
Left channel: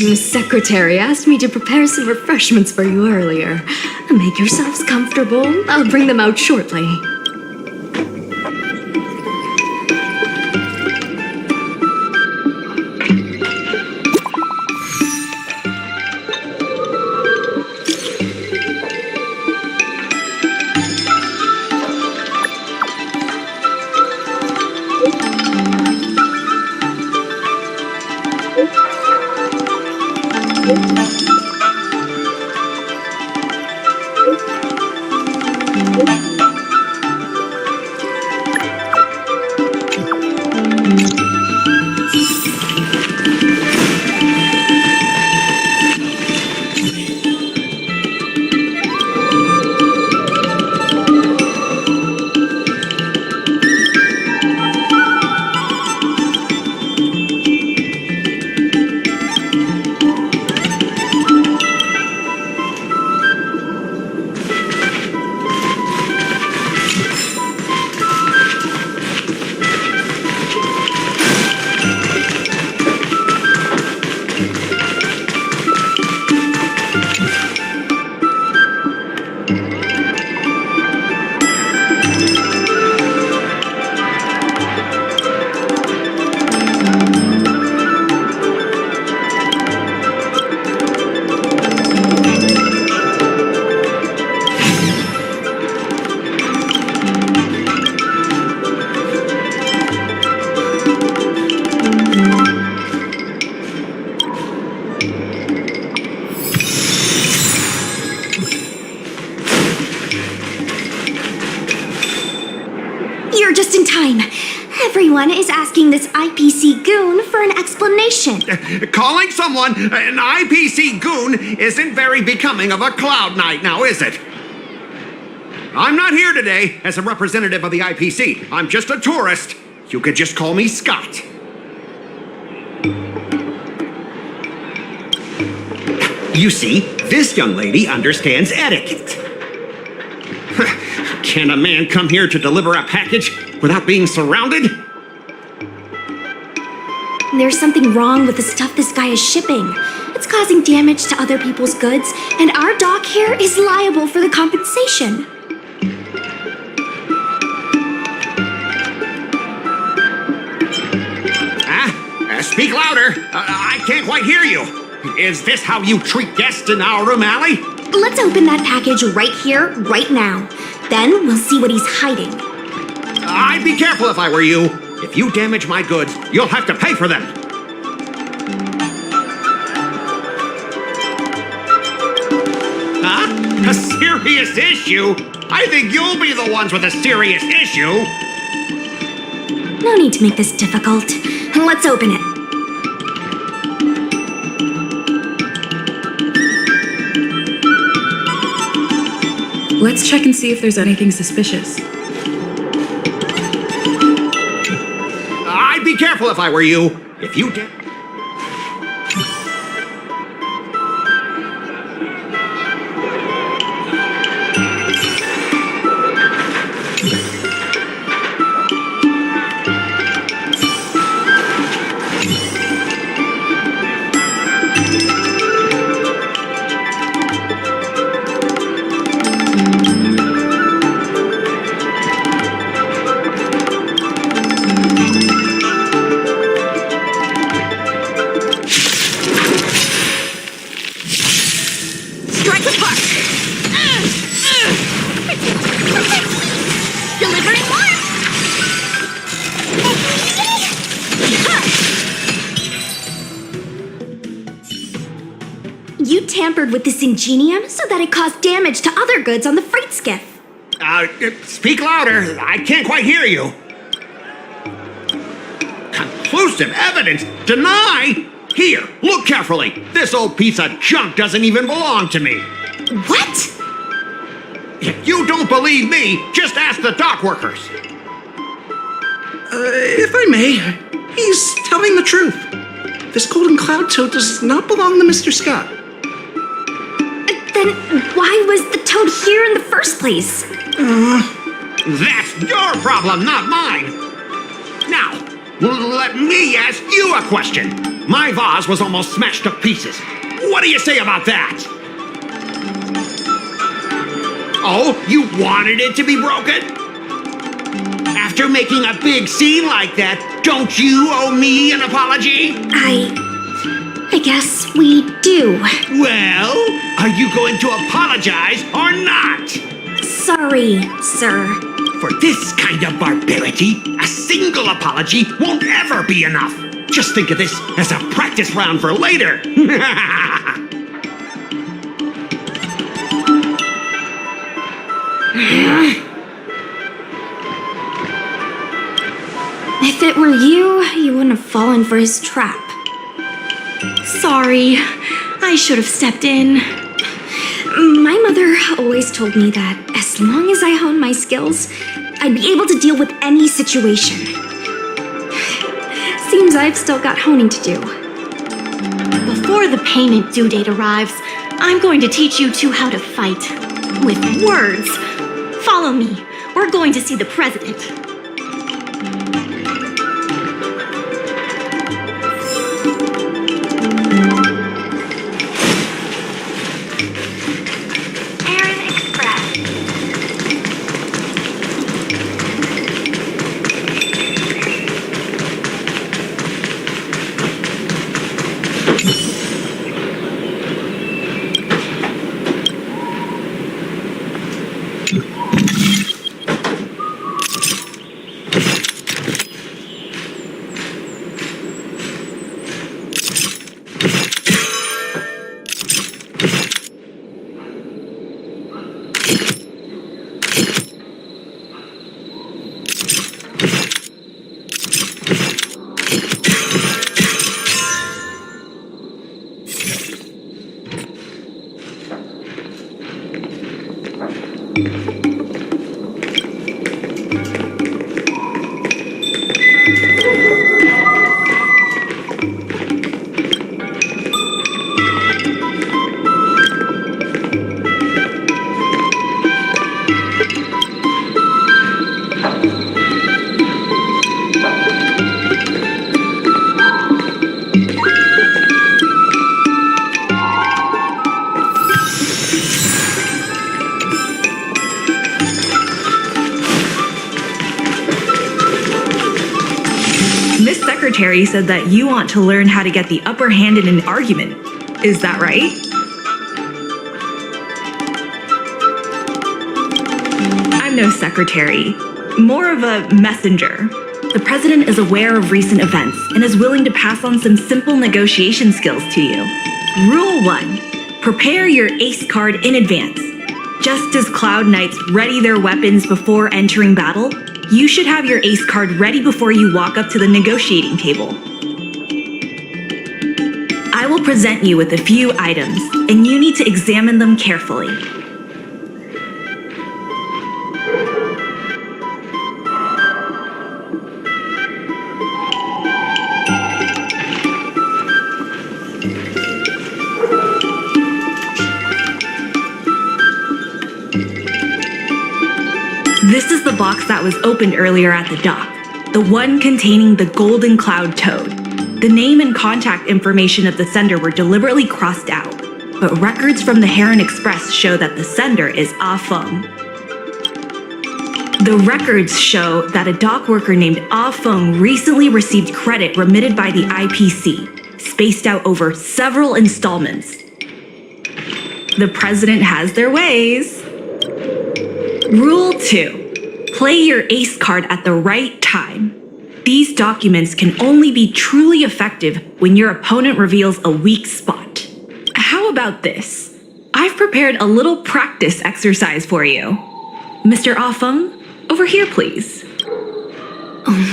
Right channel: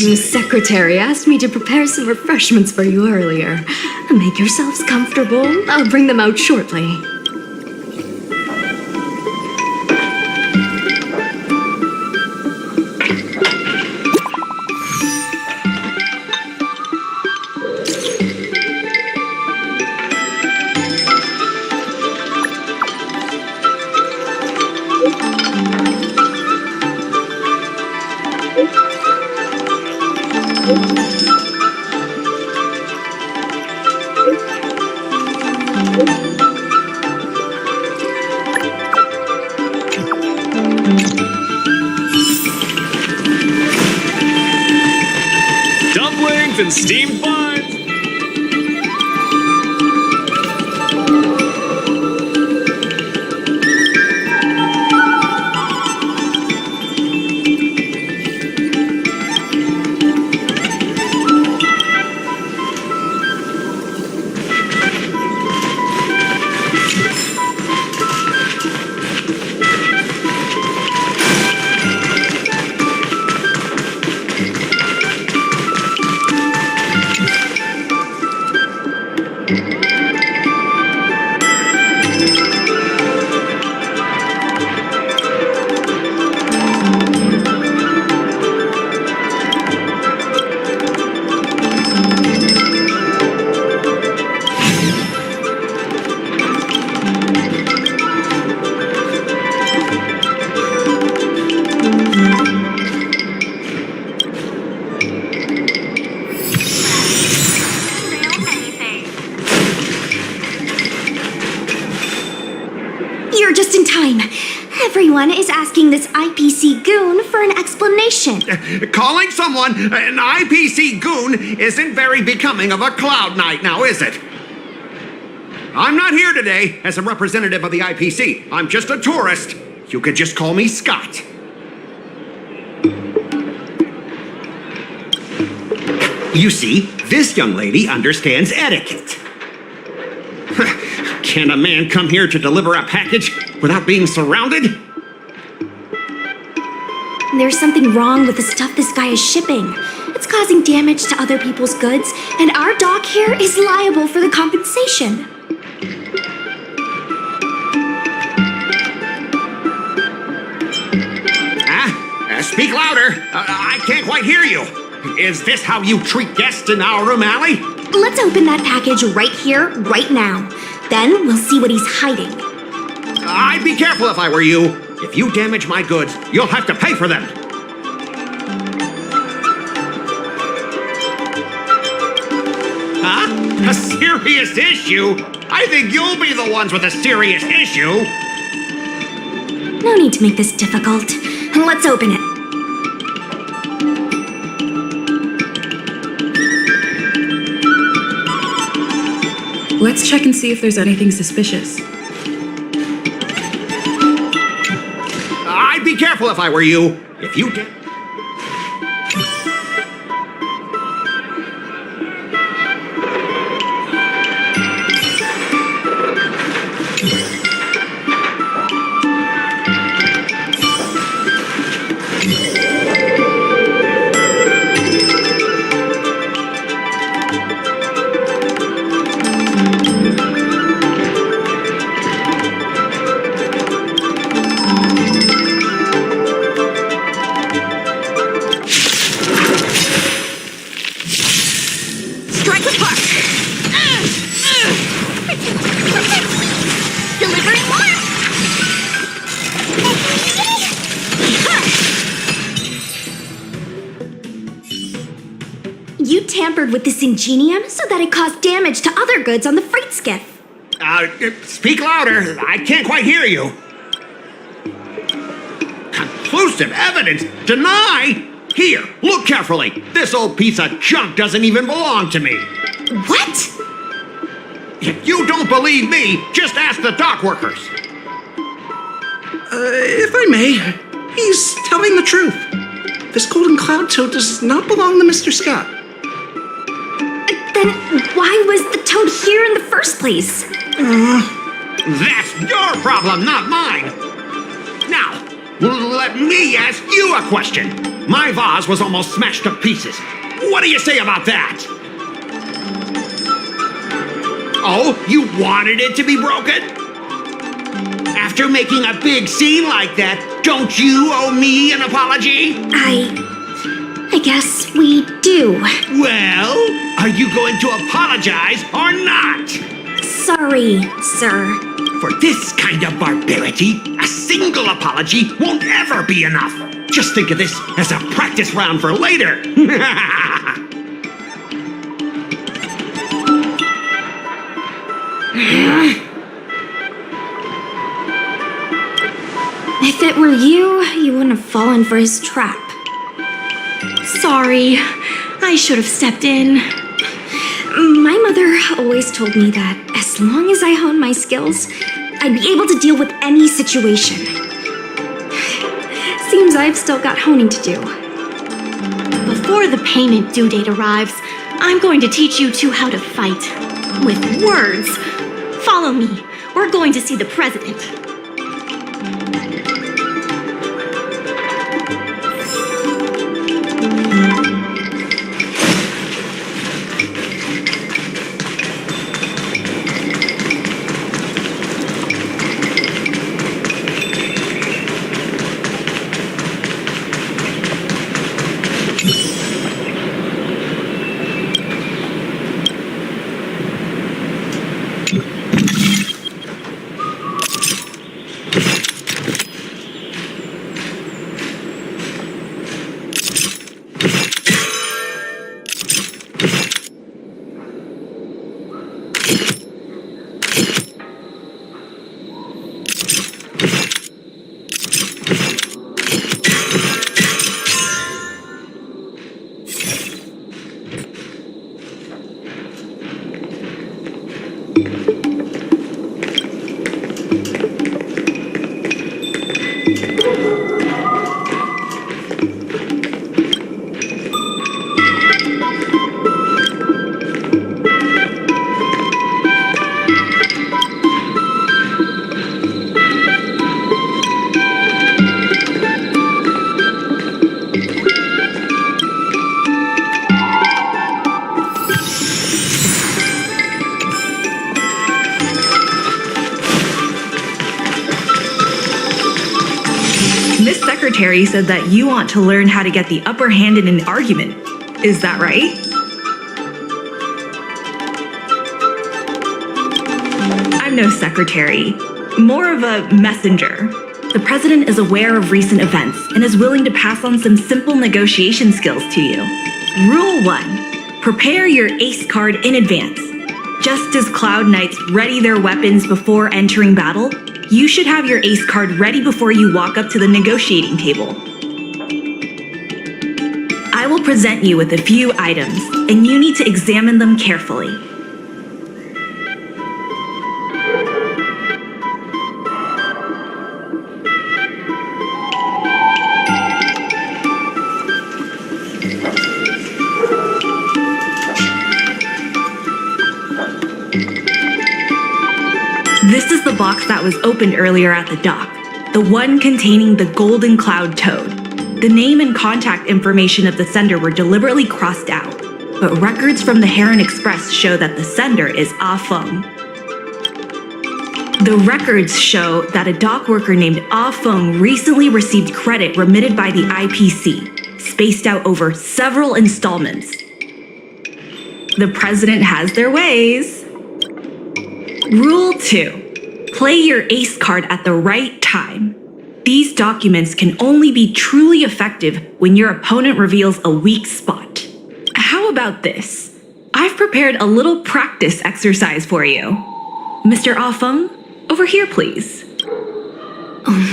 Miss Secretary asked me to prepare some refreshments for you earlier. Make yourselves comfortable. I'll bring them out shortly. Dumplings and steamed buns. You're just in time. Everyone is asking this IPC goon for an explanation. Calling someone an IPC goon isn't very becoming of a Cloud Knight now, is it? I'm not here today as a representative of the IPC. I'm just a tourist. You could just call me Scott. You see, this young lady understands etiquette. Can a man come here to deliver a package without being surrounded? There's something wrong with the stuff this guy is shipping. It's causing damage to other people's goods, and our dock here is liable for the compensation. Speak louder. I can't quite hear you. Is this how you treat guests in Aurum Alley? Let's open that package right here, right now. Then we'll see what he's hiding. I'd be careful if I were you. If you damage my goods, you'll have to pay for them. Huh? A serious issue? I think you'll be the ones with a serious issue. No need to make this difficult. Let's open it. Let's check and see if there's anything suspicious. I'd be careful if I were you. If you get... You tampered with this ingenium so that it caused damage to other goods on the freight skiff. Speak louder. I can't quite hear you. Conclusive evidence? Deny? Here, look carefully. This old piece of junk doesn't even belong to me. What? If you don't believe me, just ask the dock workers. If I may, he's telling the truth. This golden cloud toad does not belong to Mr. Scott. Then why was the toad here in the first place? That's your problem, not mine. Now, let me ask you a question. My vase was almost smashed to pieces. What do you say about that? Oh, you wanted it to be broken? After making a big scene like that, don't you owe me an apology? I guess we do. Well, are you going to apologize or not? Sorry, sir. For this kind of barbarity, a single apology won't ever be enough. Just think of this as a practice round for later. If it were you, you wouldn't have fallen for his trap. Sorry, I should have stepped in. My mother always told me that as long as I honed my skills, I'd be able to deal with any situation. Seems I've still got honing to do. Before the payment due date arrives, I'm going to teach you two how to fight. With words. Follow me. We're going to see the president. Secretary said that you want to learn how to get the upper hand in an argument. Is that right? I'm no secretary, more of a messenger. The president is aware of recent events and is willing to pass on some simple negotiation skills to you. Rule 1. Prepare your ace card in advance. Just as Cloud Knights ready their weapons before entering battle, you should have your ace card ready before you walk up to the negotiating table. I will present you with a few items, and you need to examine them carefully. This is the box that was opened earlier at the dock, the one containing the Golden Cloud Toad. The name and contact information of the sender were deliberately crossed out, but records from the Heron Express show that the sender is Ah Feng. The records show that a dock worker named Ah Feng recently received credit remitted by the IPC, spaced out over several installments. The president has their ways. Rule 2. Play your ace card at the right time. These documents can only be truly effective when your opponent reveals a weak spot. How about this? I've prepared a little practice exercise for you. Mr. Ah Feng, over here, please.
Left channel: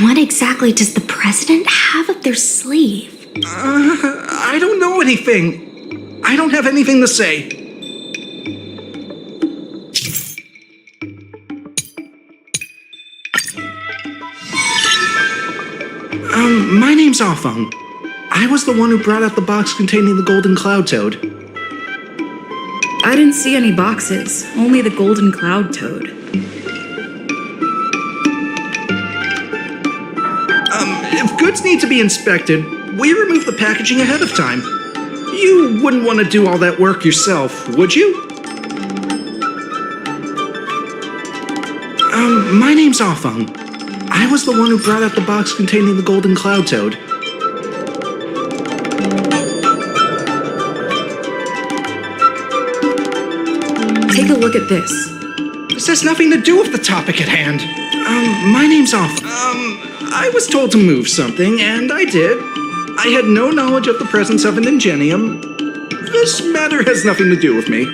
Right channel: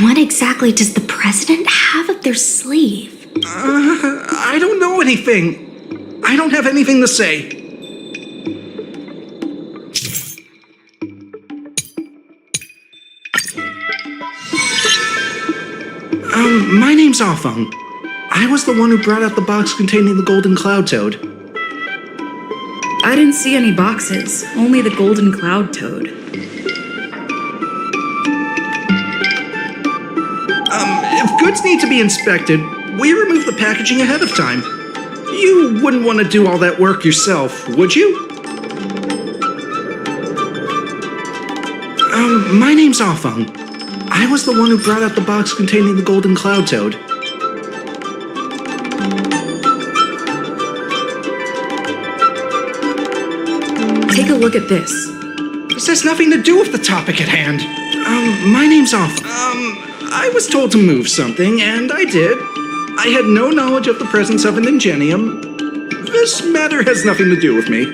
What exactly does the president have up their sleeve? I don't know anything. I don't have anything to say. My name's Ah Feng. I was the one who brought out the box containing the Golden Cloud Toad. I didn't see any boxes, only the Golden Cloud Toad. If goods need to be inspected, we remove the packaging ahead of time. You wouldn't want to do all that work yourself, would you? My name's Ah Feng. I was the one who brought out the box containing the Golden Cloud Toad. Take a look at this. This has nothing to do with the topic at hand. My name's Ah Feng. I was told to move something, and I did. I had no knowledge of the presence of an ingenium. This matter has nothing to do with me.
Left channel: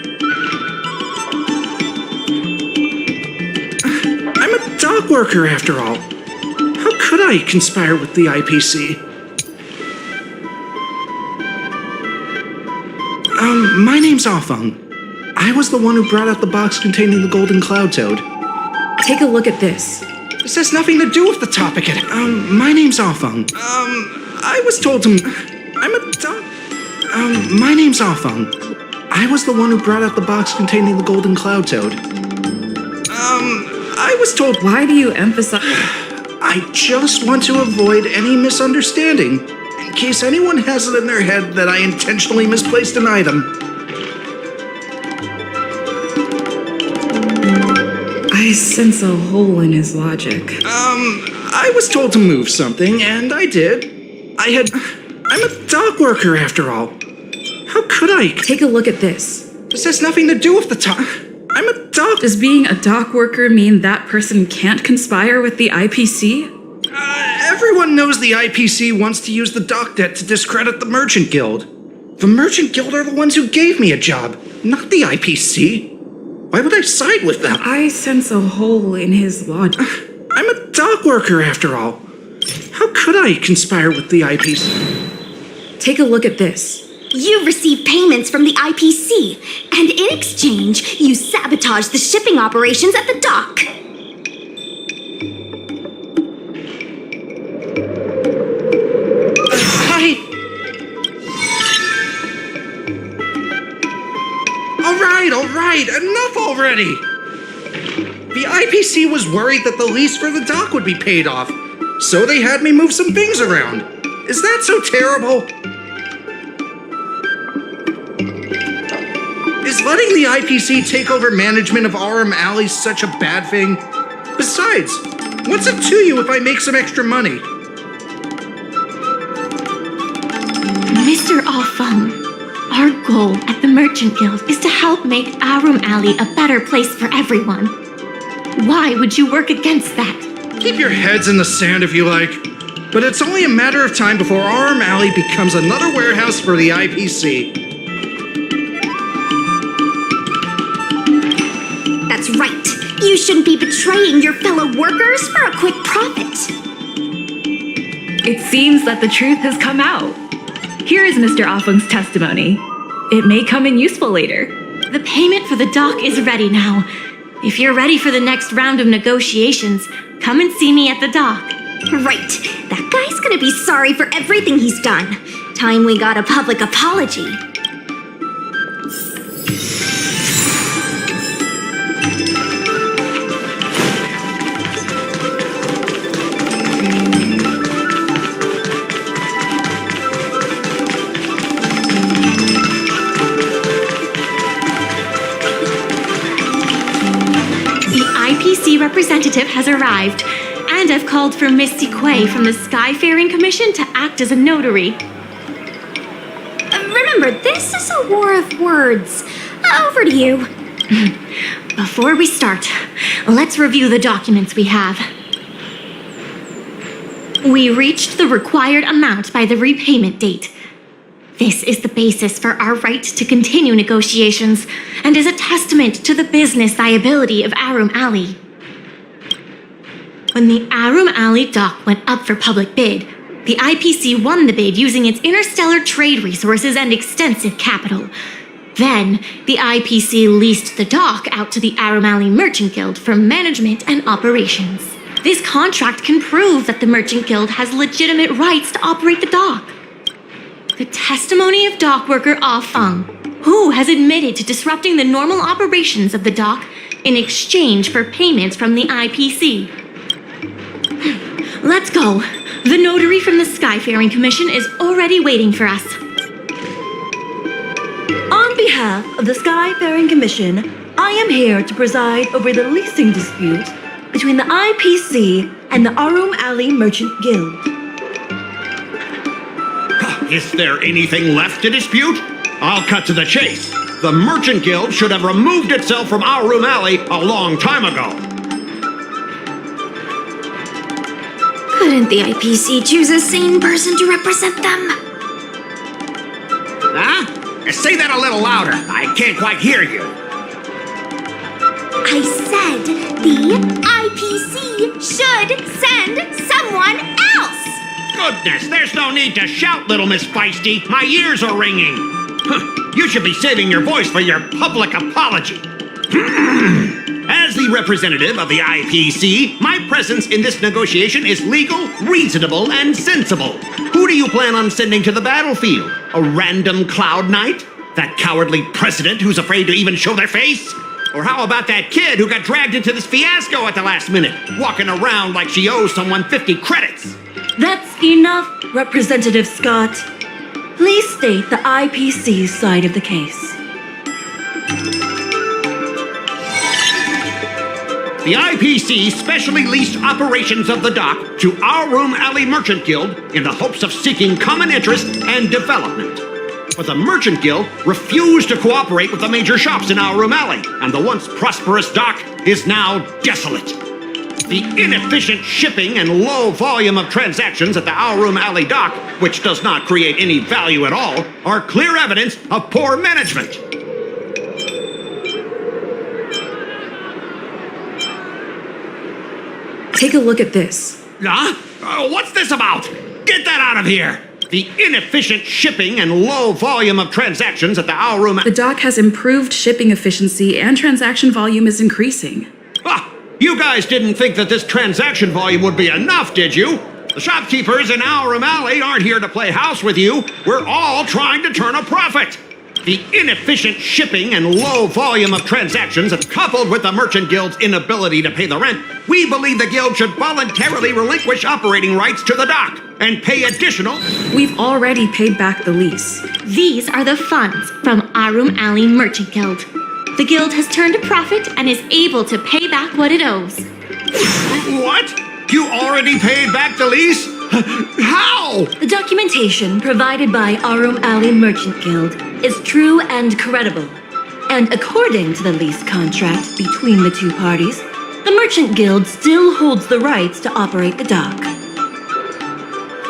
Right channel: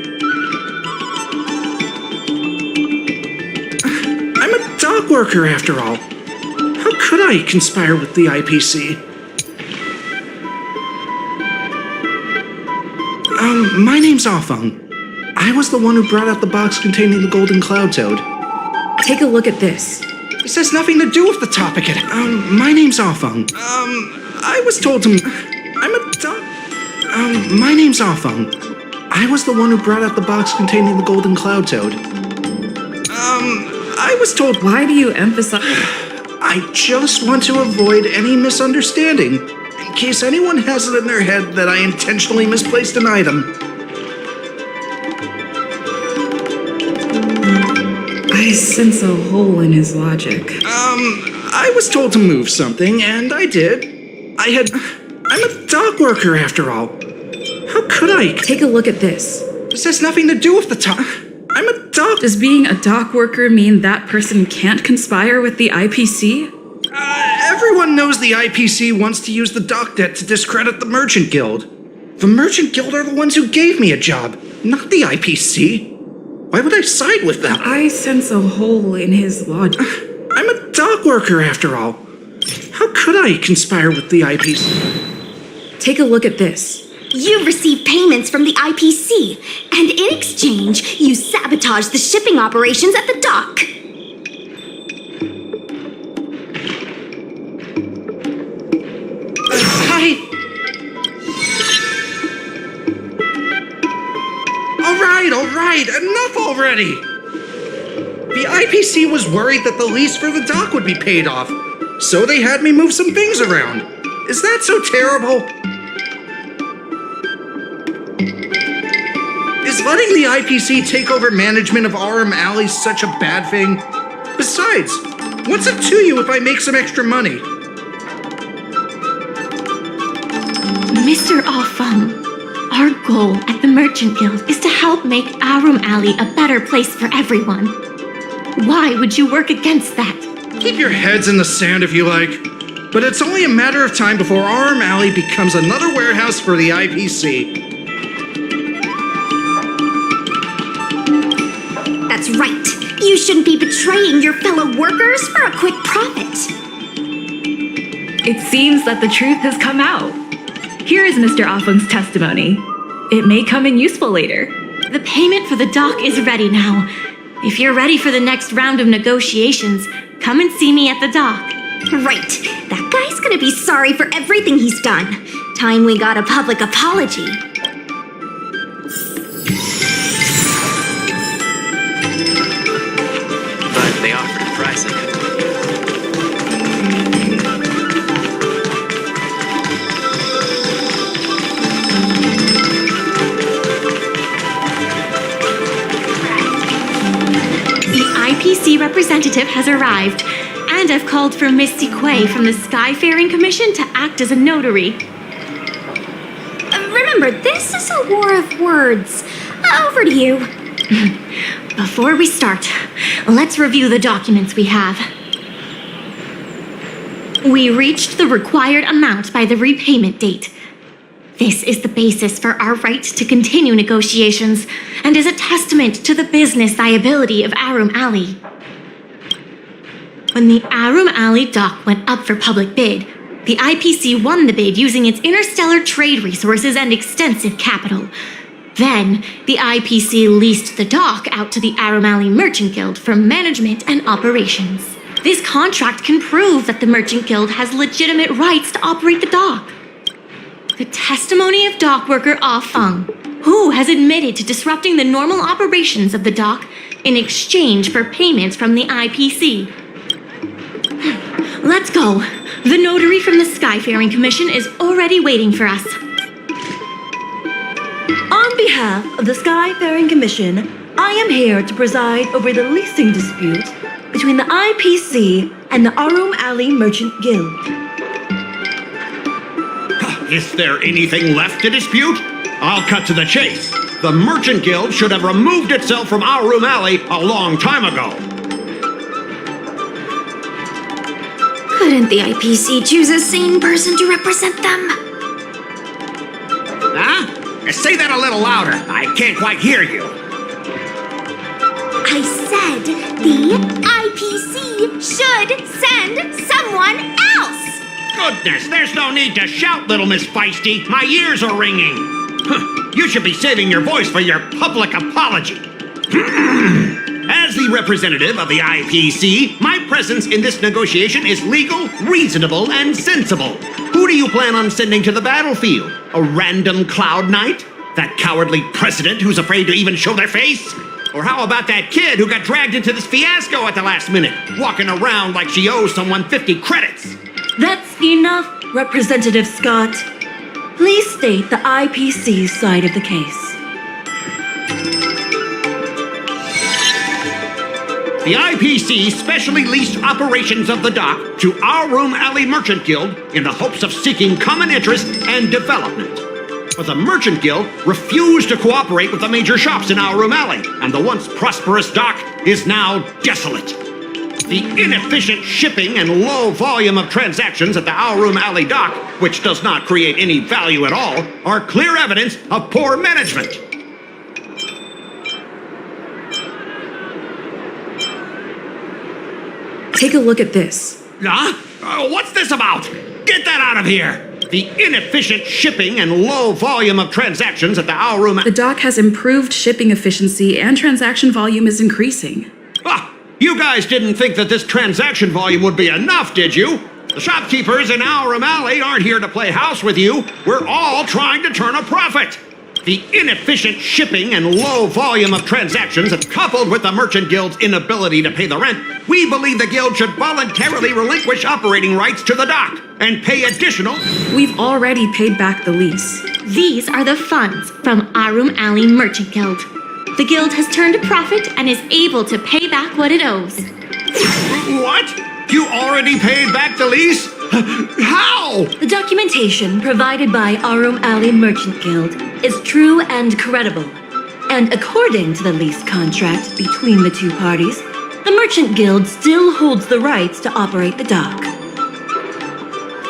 I'm a dock worker, after all. How could I conspire with the IPC? My name's Ah Feng. I was the one who brought out the box containing the Golden Cloud Toad. Take a look at this. This has nothing to do with the topic at my name's Ah Feng. I was told to... I'm a doc... my name's Ah Feng. I was the one who brought out the box containing the Golden Cloud Toad. I was told... Why do you emphasize... I just want to avoid any misunderstanding, in case anyone has it in their head that I intentionally misplaced an item. I sense a hole in his logic. I was told to move something, and I did. I'm a dock worker, after all. How could I... Take a look at this. This has nothing to do with the I'm a dock... Does being a dock worker mean that person can't conspire with the IPC? Everyone knows the IPC wants to use the dock debt to discredit the Merchant Guild. The Merchant Guild are the ones who gave me a job, not the IPC. Why would I side with them? I sense a hole in his logic. I'm a dock worker, after all. How could I conspire with the IPC? Take a look at this. You received payments from the IPC, and in exchange, you sabotaged the shipping operations at the dock. All right, enough already! The IPC was worried that the lease for the dock would be paid off, so they had me move some things around. Is that so terrible? Is letting the IPC take over management of Aurum Alley such a bad thing? Besides, what's it to you if I make some extra money? Mr. Offung, our goal at the Merchant Guild is to help make Aurum Alley a better place for everyone. Why would you work against that? Keep your heads in the sand if you like. But it's only a matter of time before Aurum Alley becomes another warehouse for the IPC. That's right. You shouldn't be betraying your fellow workers for a quick profit. It seems that the truth has come out. Here is Mr. Offung's testimony. It may come in useful later. The payment for the dock is ready now. If you're ready for the next round of negotiations, come and see me at the dock. Right. That guy's gonna be sorry for everything he's done. Time we got a public apology. They offered pricing. The IPC representative has arrived, and I've called for Misty Quay from the Skyfaring Commission to act as a notary. Remember, this is a war of words. Over to you. Before we start, let's review the documents we have. We reached the required amount by the repayment date. This is the basis for our right to continue negotiations and is a testament to the business viability of Aurum Alley. When the Aurum Alley dock went up for public bid, the IPC won the bid using its interstellar trade resources and extensive capital. Then, the IPC leased the dock out to the Aurum Alley Merchant Guild for management and operations. This contract can prove that the Merchant Guild has legitimate rights to operate the dock. The testimony of dock worker Ah Feng, who has admitted to disrupting the normal operations of the dock in exchange for payments from the IPC. Let's go. The notary from the Skyfaring Commission is already waiting for us. On behalf of the Skyfaring Commission, I am here to preside over the leasing dispute between the IPC and the Aurum Alley Merchant Guild. Is there anything left to dispute? I'll cut to the chase. The Merchant Guild should have removed itself from Aurum Alley a long time ago. Couldn't the IPC choose a sane person to represent them? Huh? Say that a little louder. I can't quite hear you. I said the IPC should send someone else! Goodness, there's no need to shout, little Miss Feisty. My ears are ringing. You should be saving your voice for your public apology. As the representative of the IPC, my presence in this negotiation is legal, reasonable, and sensible. Who do you plan on sending to the battlefield? A random Cloud Knight? That cowardly president who's afraid to even show their face? Or how about that kid who got dragged into this fiasco at the last minute, walking around like she owes someone 50 credits? That's enough, Representative Scott. Please state the IPC's side of the case. The IPC specially leased operations of the dock to Aurum Alley Merchant Guild in the hopes of seeking common interest and development. But the Merchant Guild refused to cooperate with the major shops in Aurum Alley, and the once prosperous dock is now desolate. The inefficient shipping and low volume of transactions at the Aurum Alley dock, which does not create any value at all, are clear evidence of poor management. Take a look at this. Huh? What's this about? Get that out of here! The inefficient shipping and low volume of transactions at the Aurum... The dock has improved shipping efficiency and transaction volume is increasing. Ah, you guys didn't think that this transaction volume would be enough, did you? The shopkeepers in Aurum Alley aren't here to play house with you. We're all trying to turn a profit. The inefficient shipping and low volume of transactions, coupled with the Merchant Guild's inability to pay the rent, we believe the Guild should voluntarily relinquish operating rights to the dock and pay additional... We've already paid back the lease. These are the funds from Aurum Alley Merchant Guild. The Guild has turned a profit and is able to pay back what it owes. What? You already paid back the lease? How? The documentation provided by Aurum Alley Merchant Guild is true and credible. And according to the lease contract between the two parties, the Merchant Guild still holds the rights to operate the dock.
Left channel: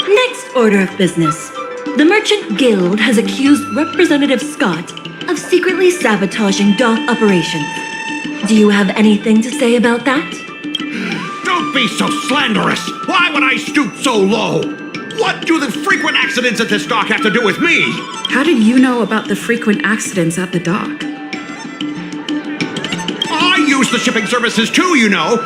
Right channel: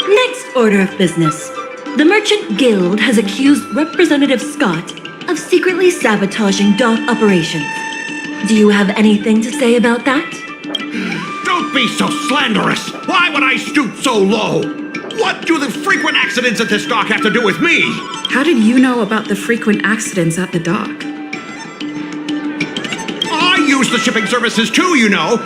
Next order of business. The Merchant Guild has accused Representative Scott of secretly sabotaging dock operations. Do you have anything to say about that? Don't be so slanderous! Why would I stoop so low? What do the frequent accidents at this dock have to do with me? How did you know about the frequent accidents at the dock? I use the shipping services too, you know.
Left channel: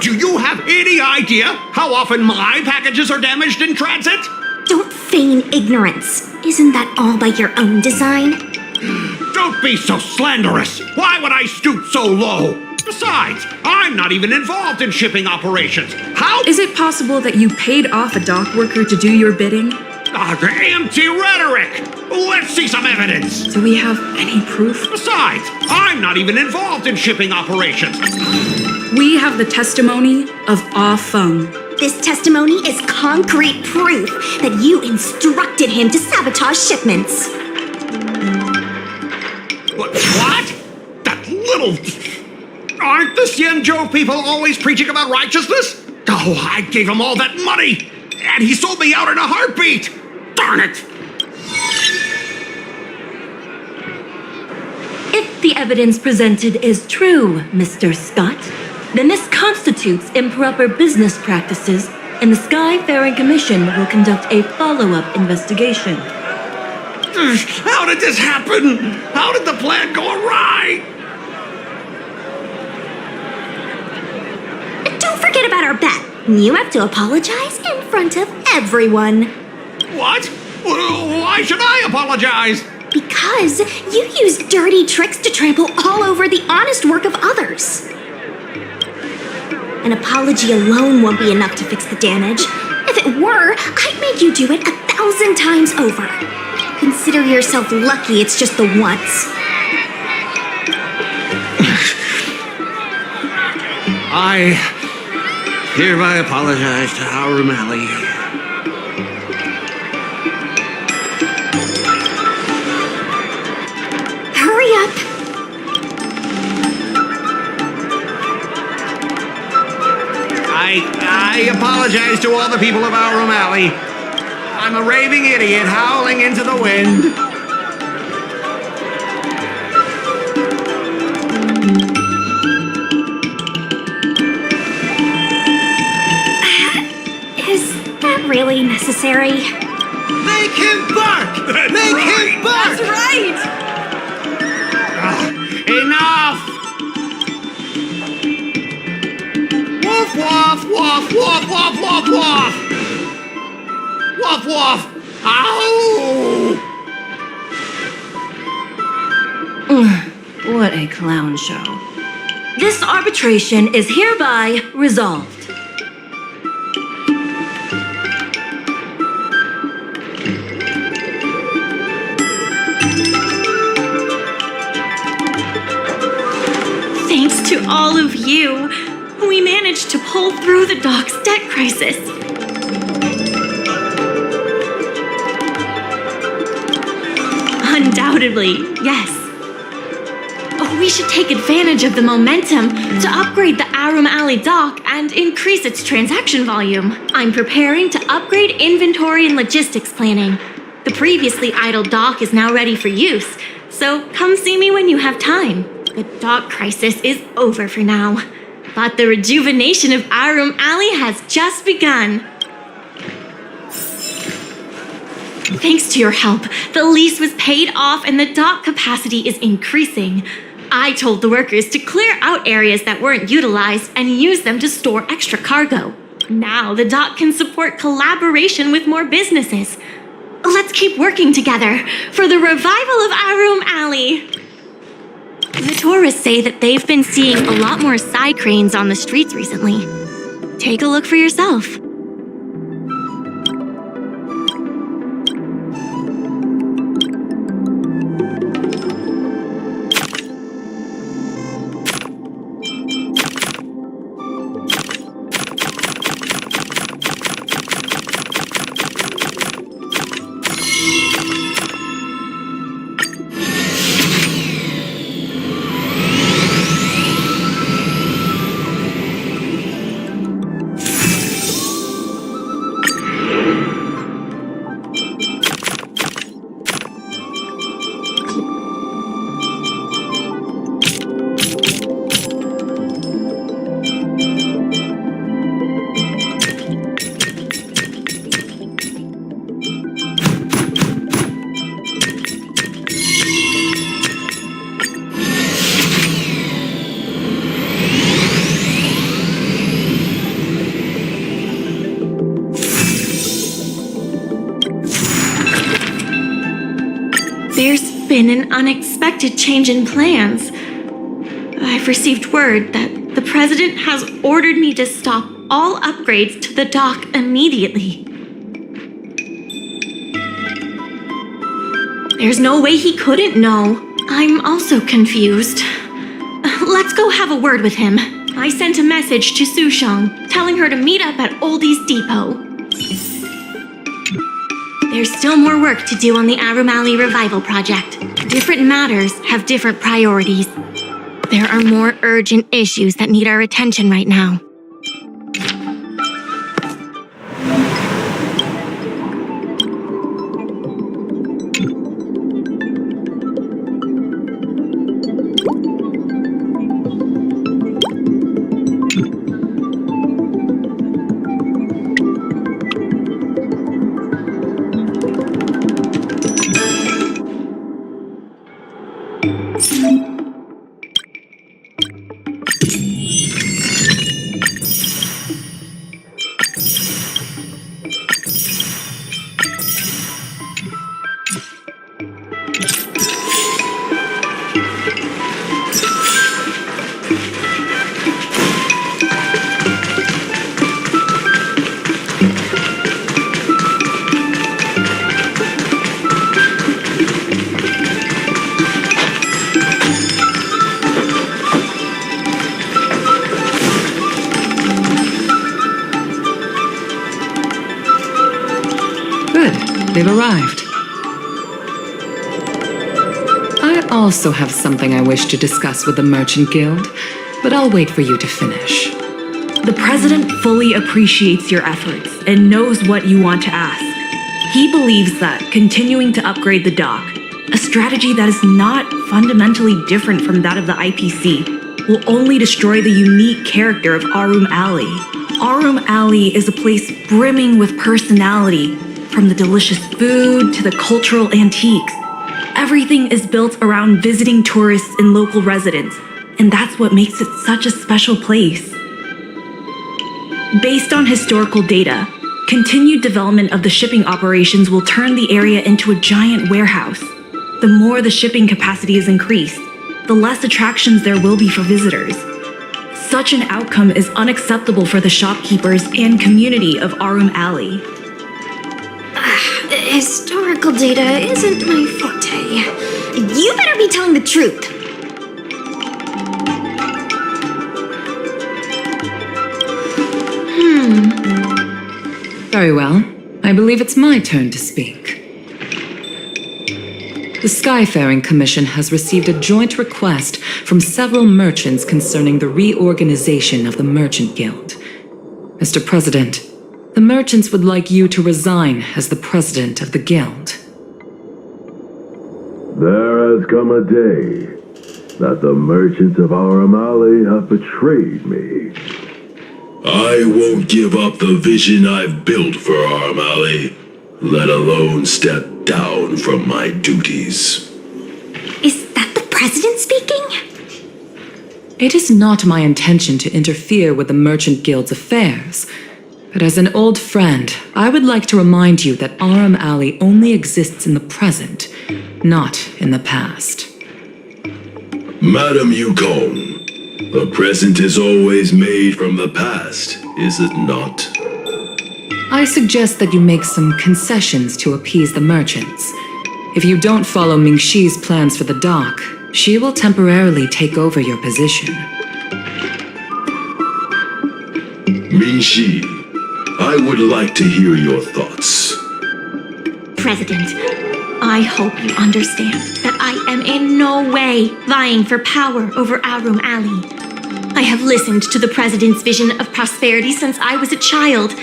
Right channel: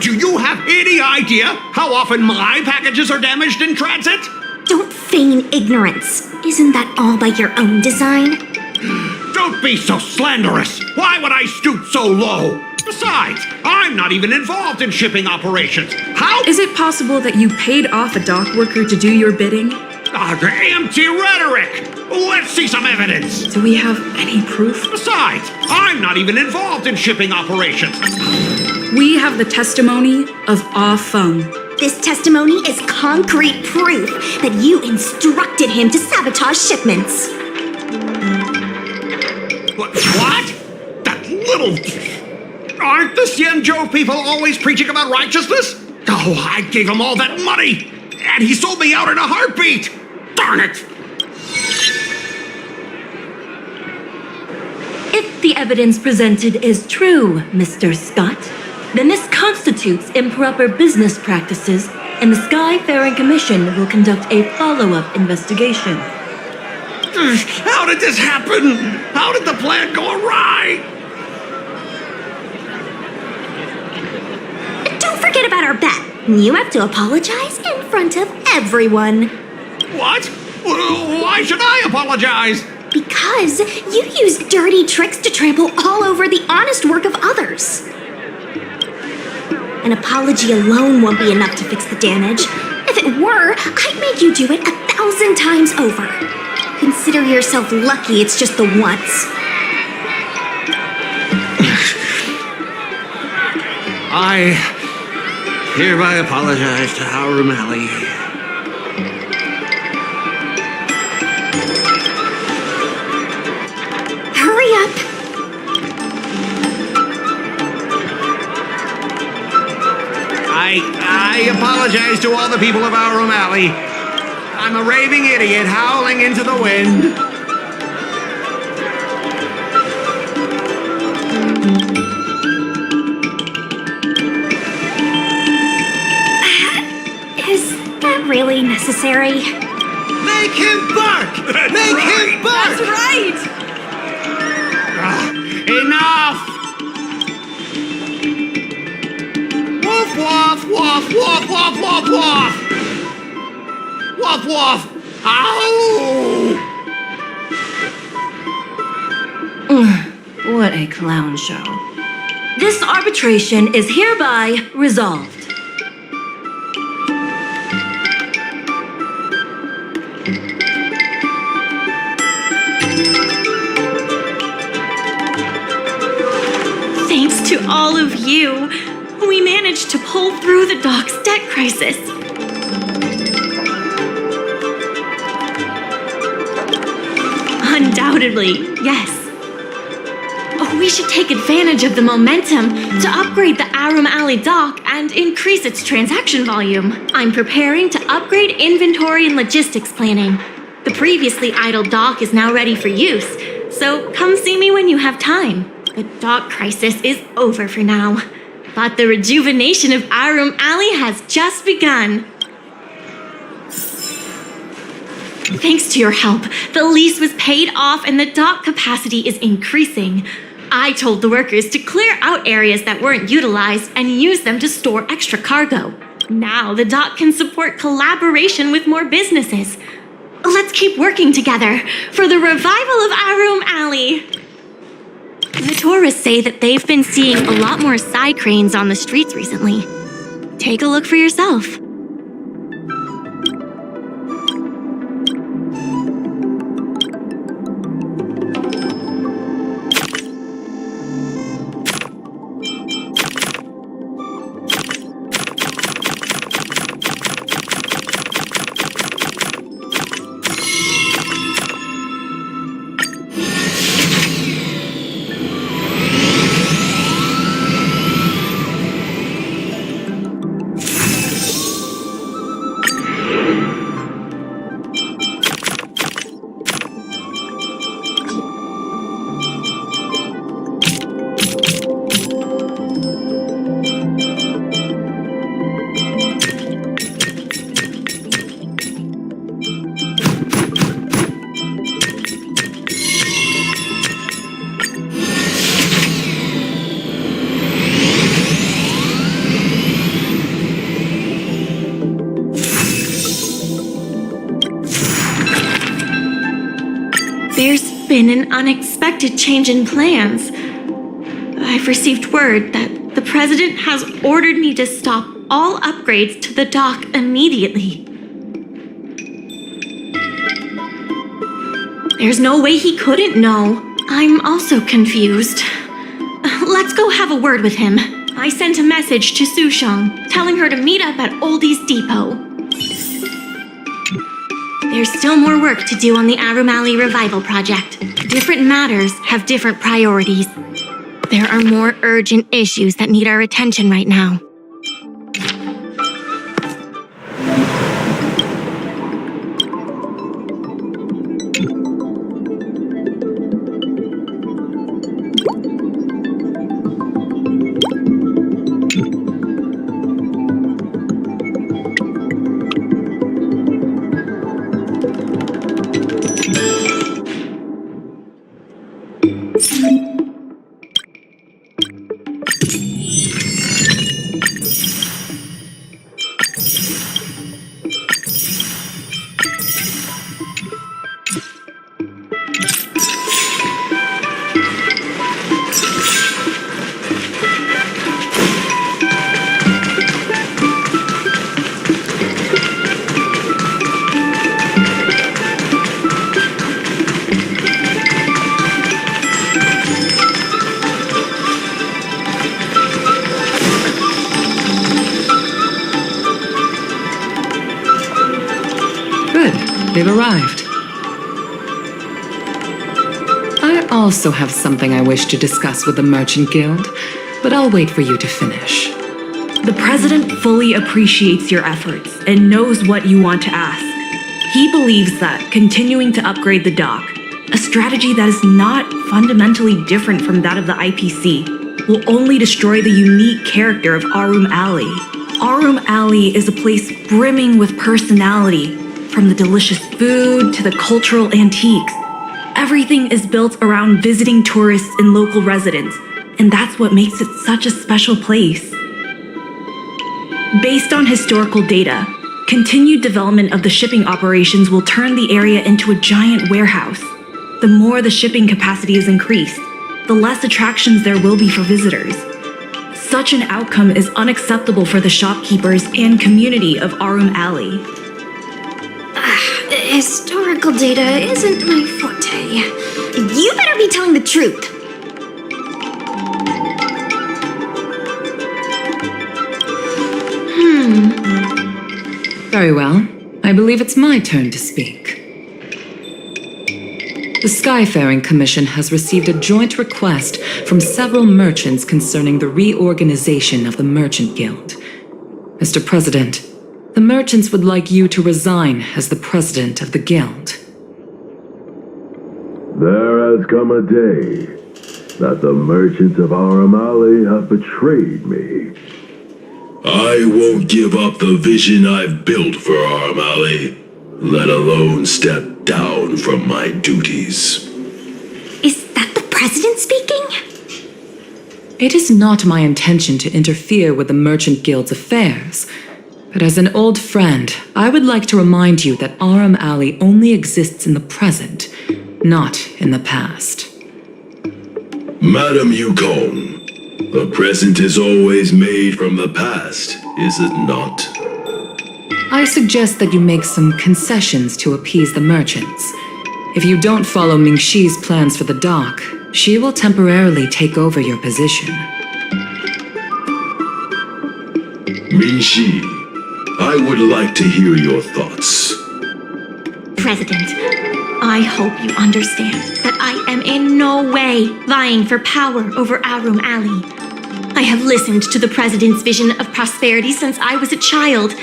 Do you have any idea how often my packages are damaged in transit? Don't feign ignorance. Isn't that all by your own design? Don't be so slanderous! Why would I stoop so low? Besides, I'm not even involved in shipping operations. How Is it possible that you paid off a dock worker to do your bidding? Empty rhetoric! Let's see some evidence! Do we have any proof? Besides, I'm not even involved in shipping operations. We have the testimony of Ah Feng. This testimony is concrete proof that you instructed him to sabotage shipments. What? That little... Aren't the Xianzhou people always preaching about righteousness? Oh, I gave him all that money! And he sold me out in a heartbeat! Darn it! If the evidence presented is true, Mr. Scott, then this constitutes improper business practices, and the Skyfaring Commission will conduct a follow-up investigation. How did this happen? How did the plan go awry? Don't forget about our bet. You have to apologize in front of everyone. What? Why should I apologize? Because you use dirty tricks to trample all over the honest work of others. An apology alone won't be enough to fix the damage. If it were, I'd make you do it 1,000 times over. Consider yourself lucky it's just the once. I hereby apologize to Aurum Alley. Hurry up. I apologize to all the people of Aurum Alley. I'm a raving idiot howling into the wind. Is that really necessary? Make him bark! Make him bark! That's right! Enough! Woof, woof, woof, woof, woof, woof, woof! Woof, woof! Ow! What a clown show. This arbitration is hereby resolved. Thanks to all of you, we managed to pull through the dock's debt crisis. Undoubtedly, yes. We should take advantage of the momentum to upgrade the Aurum Alley dock and increase its transaction volume. I'm preparing to upgrade inventory and logistics planning. The previously idle dock is now ready for use, so come see me when you have time. The dock crisis is over for now, but the rejuvenation of Aurum Alley has just begun. Thanks to your help, the lease was paid off and the dock capacity is increasing. I told the workers to clear out areas that weren't utilized and use them to store extra cargo. Now the dock can support collaboration with more businesses. Let's keep working together for the revival of Aurum Alley. The tourists say that they've been seeing a lot more side cranes on the streets recently. Take a look for yourself. been an unexpected change in plans. I've received word that the President has ordered me to stop all upgrades to the dock immediately. There's no way he couldn't know. I'm also confused. Let's go have a word with him. I sent a message to Sushang, telling her to meet up at Oldie's Depot. There's still more work to do on the Aurum Alley Revival Project. Different matters have different priorities. There are more urgent issues that need our attention right now. They've arrived. I also have something I wish to discuss with the Merchant Guild, but I'll wait for you to finish. The President fully appreciates your efforts and knows what you want to ask. He believes that continuing to upgrade the dock, a strategy that is not fundamentally different from that of the IPC, will only destroy the unique character of Aurum Alley. Aurum Alley is a place brimming with personality, from the delicious food to the cultural antiques. Everything is built around visiting tourists and local residents, and that's what makes it such a special place. Based on historical data, continued development of the shipping operations will turn the area into a giant warehouse. The more the shipping capacity is increased, the less attractions there will be for visitors. Such an outcome is unacceptable for the shopkeepers and community of Aurum Alley. Historical data isn't my forte. You better be telling the truth. Very well. I believe it's my turn to speak. The Skyfaring Commission has received a joint request from several merchants concerning the reorganization of the Merchant Guild. Mr. President, the merchants would like you to resign as the president of the guild. There has come a day that the merchants of Aurum Alley have betrayed me. I won't give up the vision I've built for Aurum Alley, let alone step down from my duties. Is that the president speaking? It is not my intention to interfere with the Merchant Guild's affairs. But as an old friend, I would like to remind you that Aurum Alley only exists in the present, not in the past. Madam Yukon, the present is always made from the past, is it not? I suggest that you make some concessions to appease the merchants. If you don't follow Mingxi's plans for the dock, she will temporarily take over your position. Mingxi, I would like to hear your thoughts. President, I hope you understand that I am in no way vying for power over Aurum Alley. I have listened to the President's vision of prosperity since I was a child,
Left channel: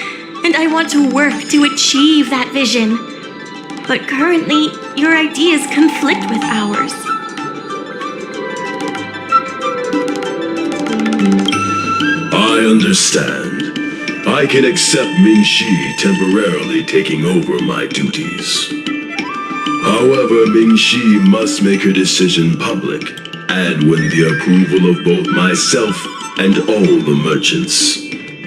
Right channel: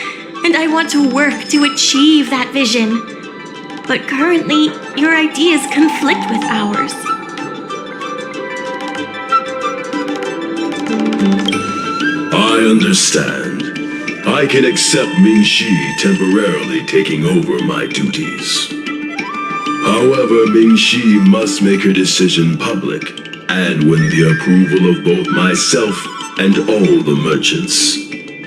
and I want to work to achieve that vision. But currently, your ideas conflict with ours. I understand. I can accept Mingxi temporarily taking over my duties. However, Mingxi must make her decision public and win the approval of both myself and all the merchants.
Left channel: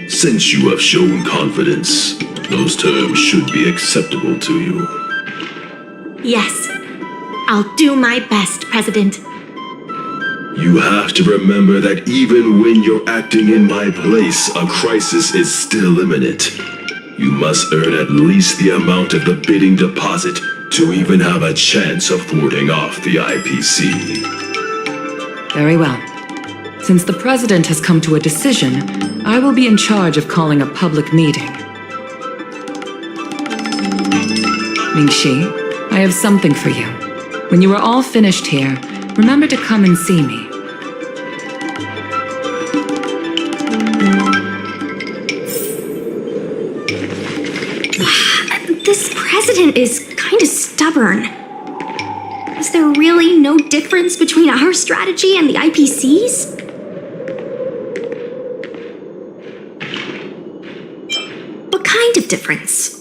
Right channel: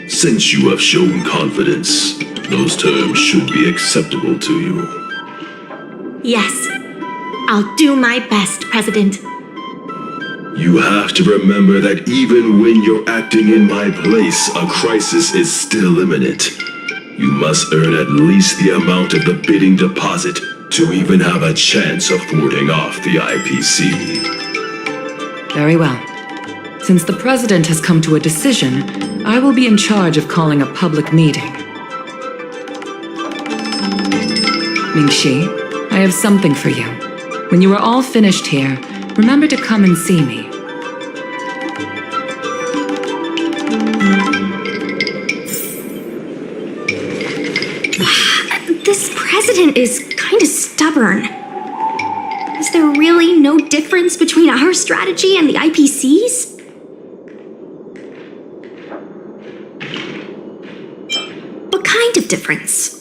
Since you have shown confidence, those terms should be acceptable to you. Yes, I'll do my best, President. You have to remember that even when you're acting in my place, a crisis is still imminent. You must earn at least the amount of the bidding deposit to even have a chance of thwarting off the IPC. Very well. Since the President has come to a decision, I will be in charge of calling a public meeting. Mingxi, I have something for you. When you are all finished here, remember to come and see me. This president is kind of stubborn. Is there really no difference between our strategy and the IPC's? What kind of difference?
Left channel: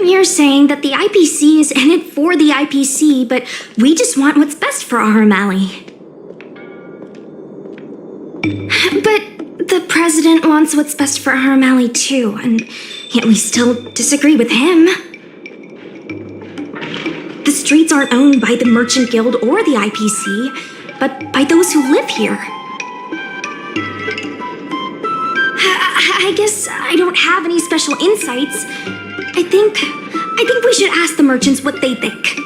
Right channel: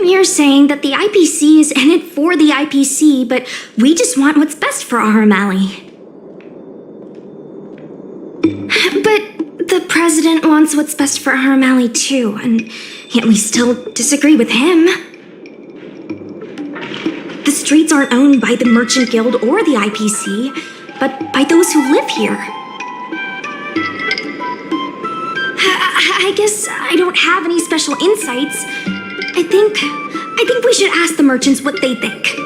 You're saying that the IPC is in it for the IPC, but we just want what's best for Aurum Alley. But the president wants what's best for Aurum Alley too, and yet we still disagree with him. The streets aren't owned by the Merchant Guild or the IPC, but by those who live here. I guess I don't have any special insights. I think we should ask the merchants what they think.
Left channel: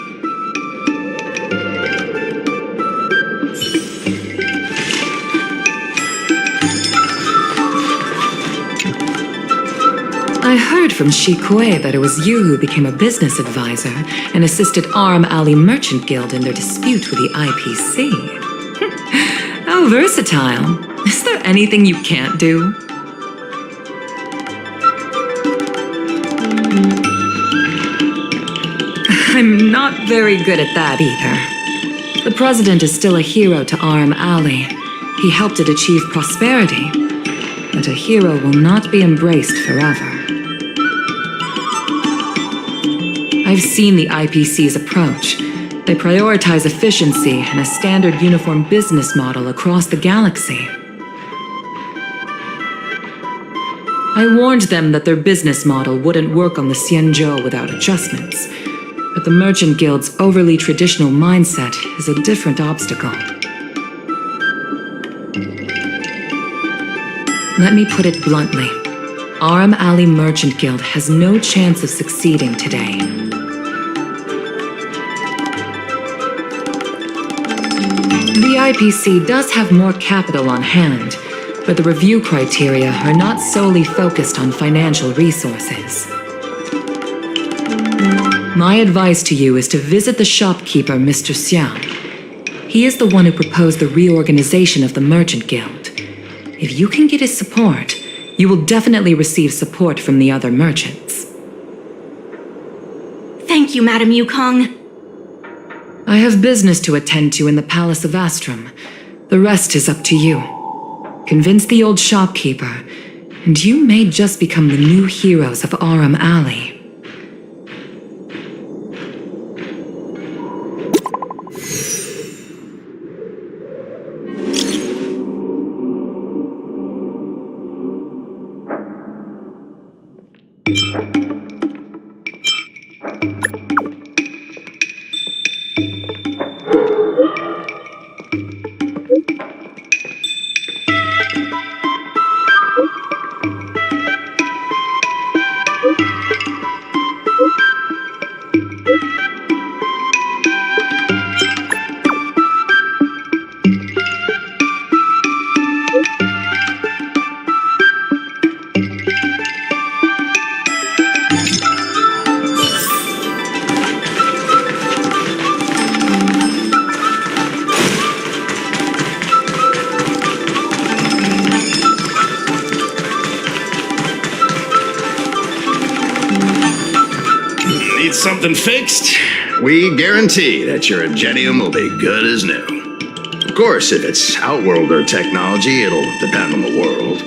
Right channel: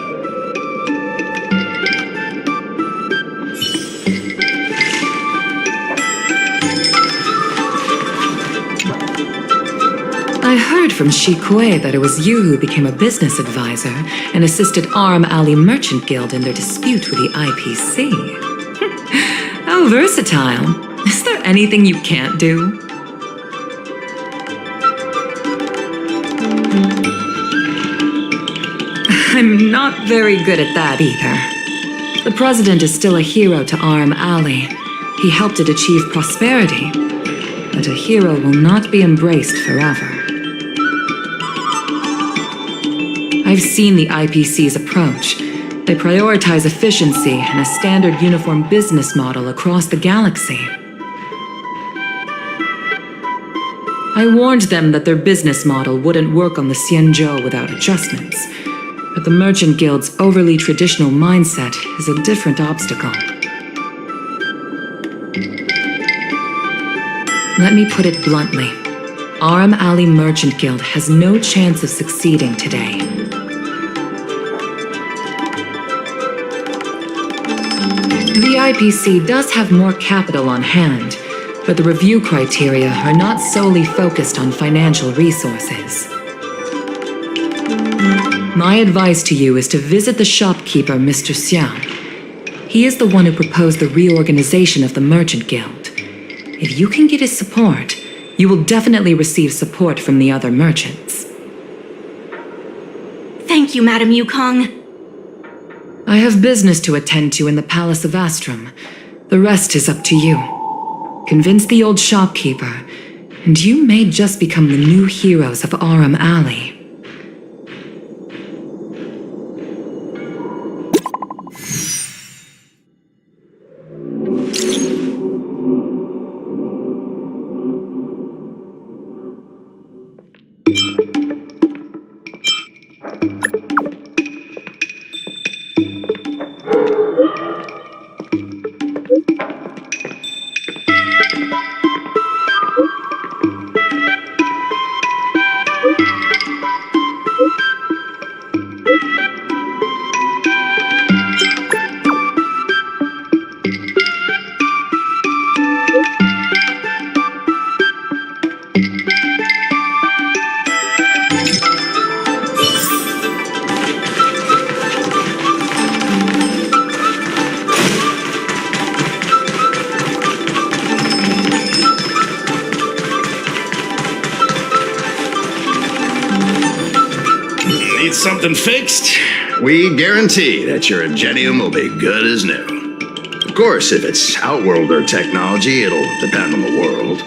I heard from Shi Kuei that it was you who became a business advisor and assisted Aurum Alley Merchant Guild in their dispute with the IPC. How versatile. Is there anything you can't do? I'm not very good at that either. The president is still a hero to Aurum Alley. He helped it achieve prosperity. But a hero will not be embraced forever. I've seen the IPC's approach. They prioritize efficiency and a standard uniform business model across the galaxy. I warned them that their business model wouldn't work on the Xianzhou without adjustments. But the Merchant Guild's overly traditional mindset is a different obstacle. Let me put it bluntly. Aurum Alley Merchant Guild has no chance of succeeding today. The IPC does have more capital on hand, but the review criteria are not solely focused on financial resources. My advice to you is to visit the shopkeeper, Mr. Xiao. He is the one who proposed the reorganization of the Merchant Guild. If you can get his support, you will definitely receive support from the other merchants. Thank you, Madam Yukong. I have business to attend to in the Palace of Astrum. The rest is up to you. Convince the old shopkeeper, and you may just become the new heroes of Aurum Alley. Need something fixed? We guarantee that your Ingenium will be good as new. Of course, if it's Outworlder technology, it'll depend on the world.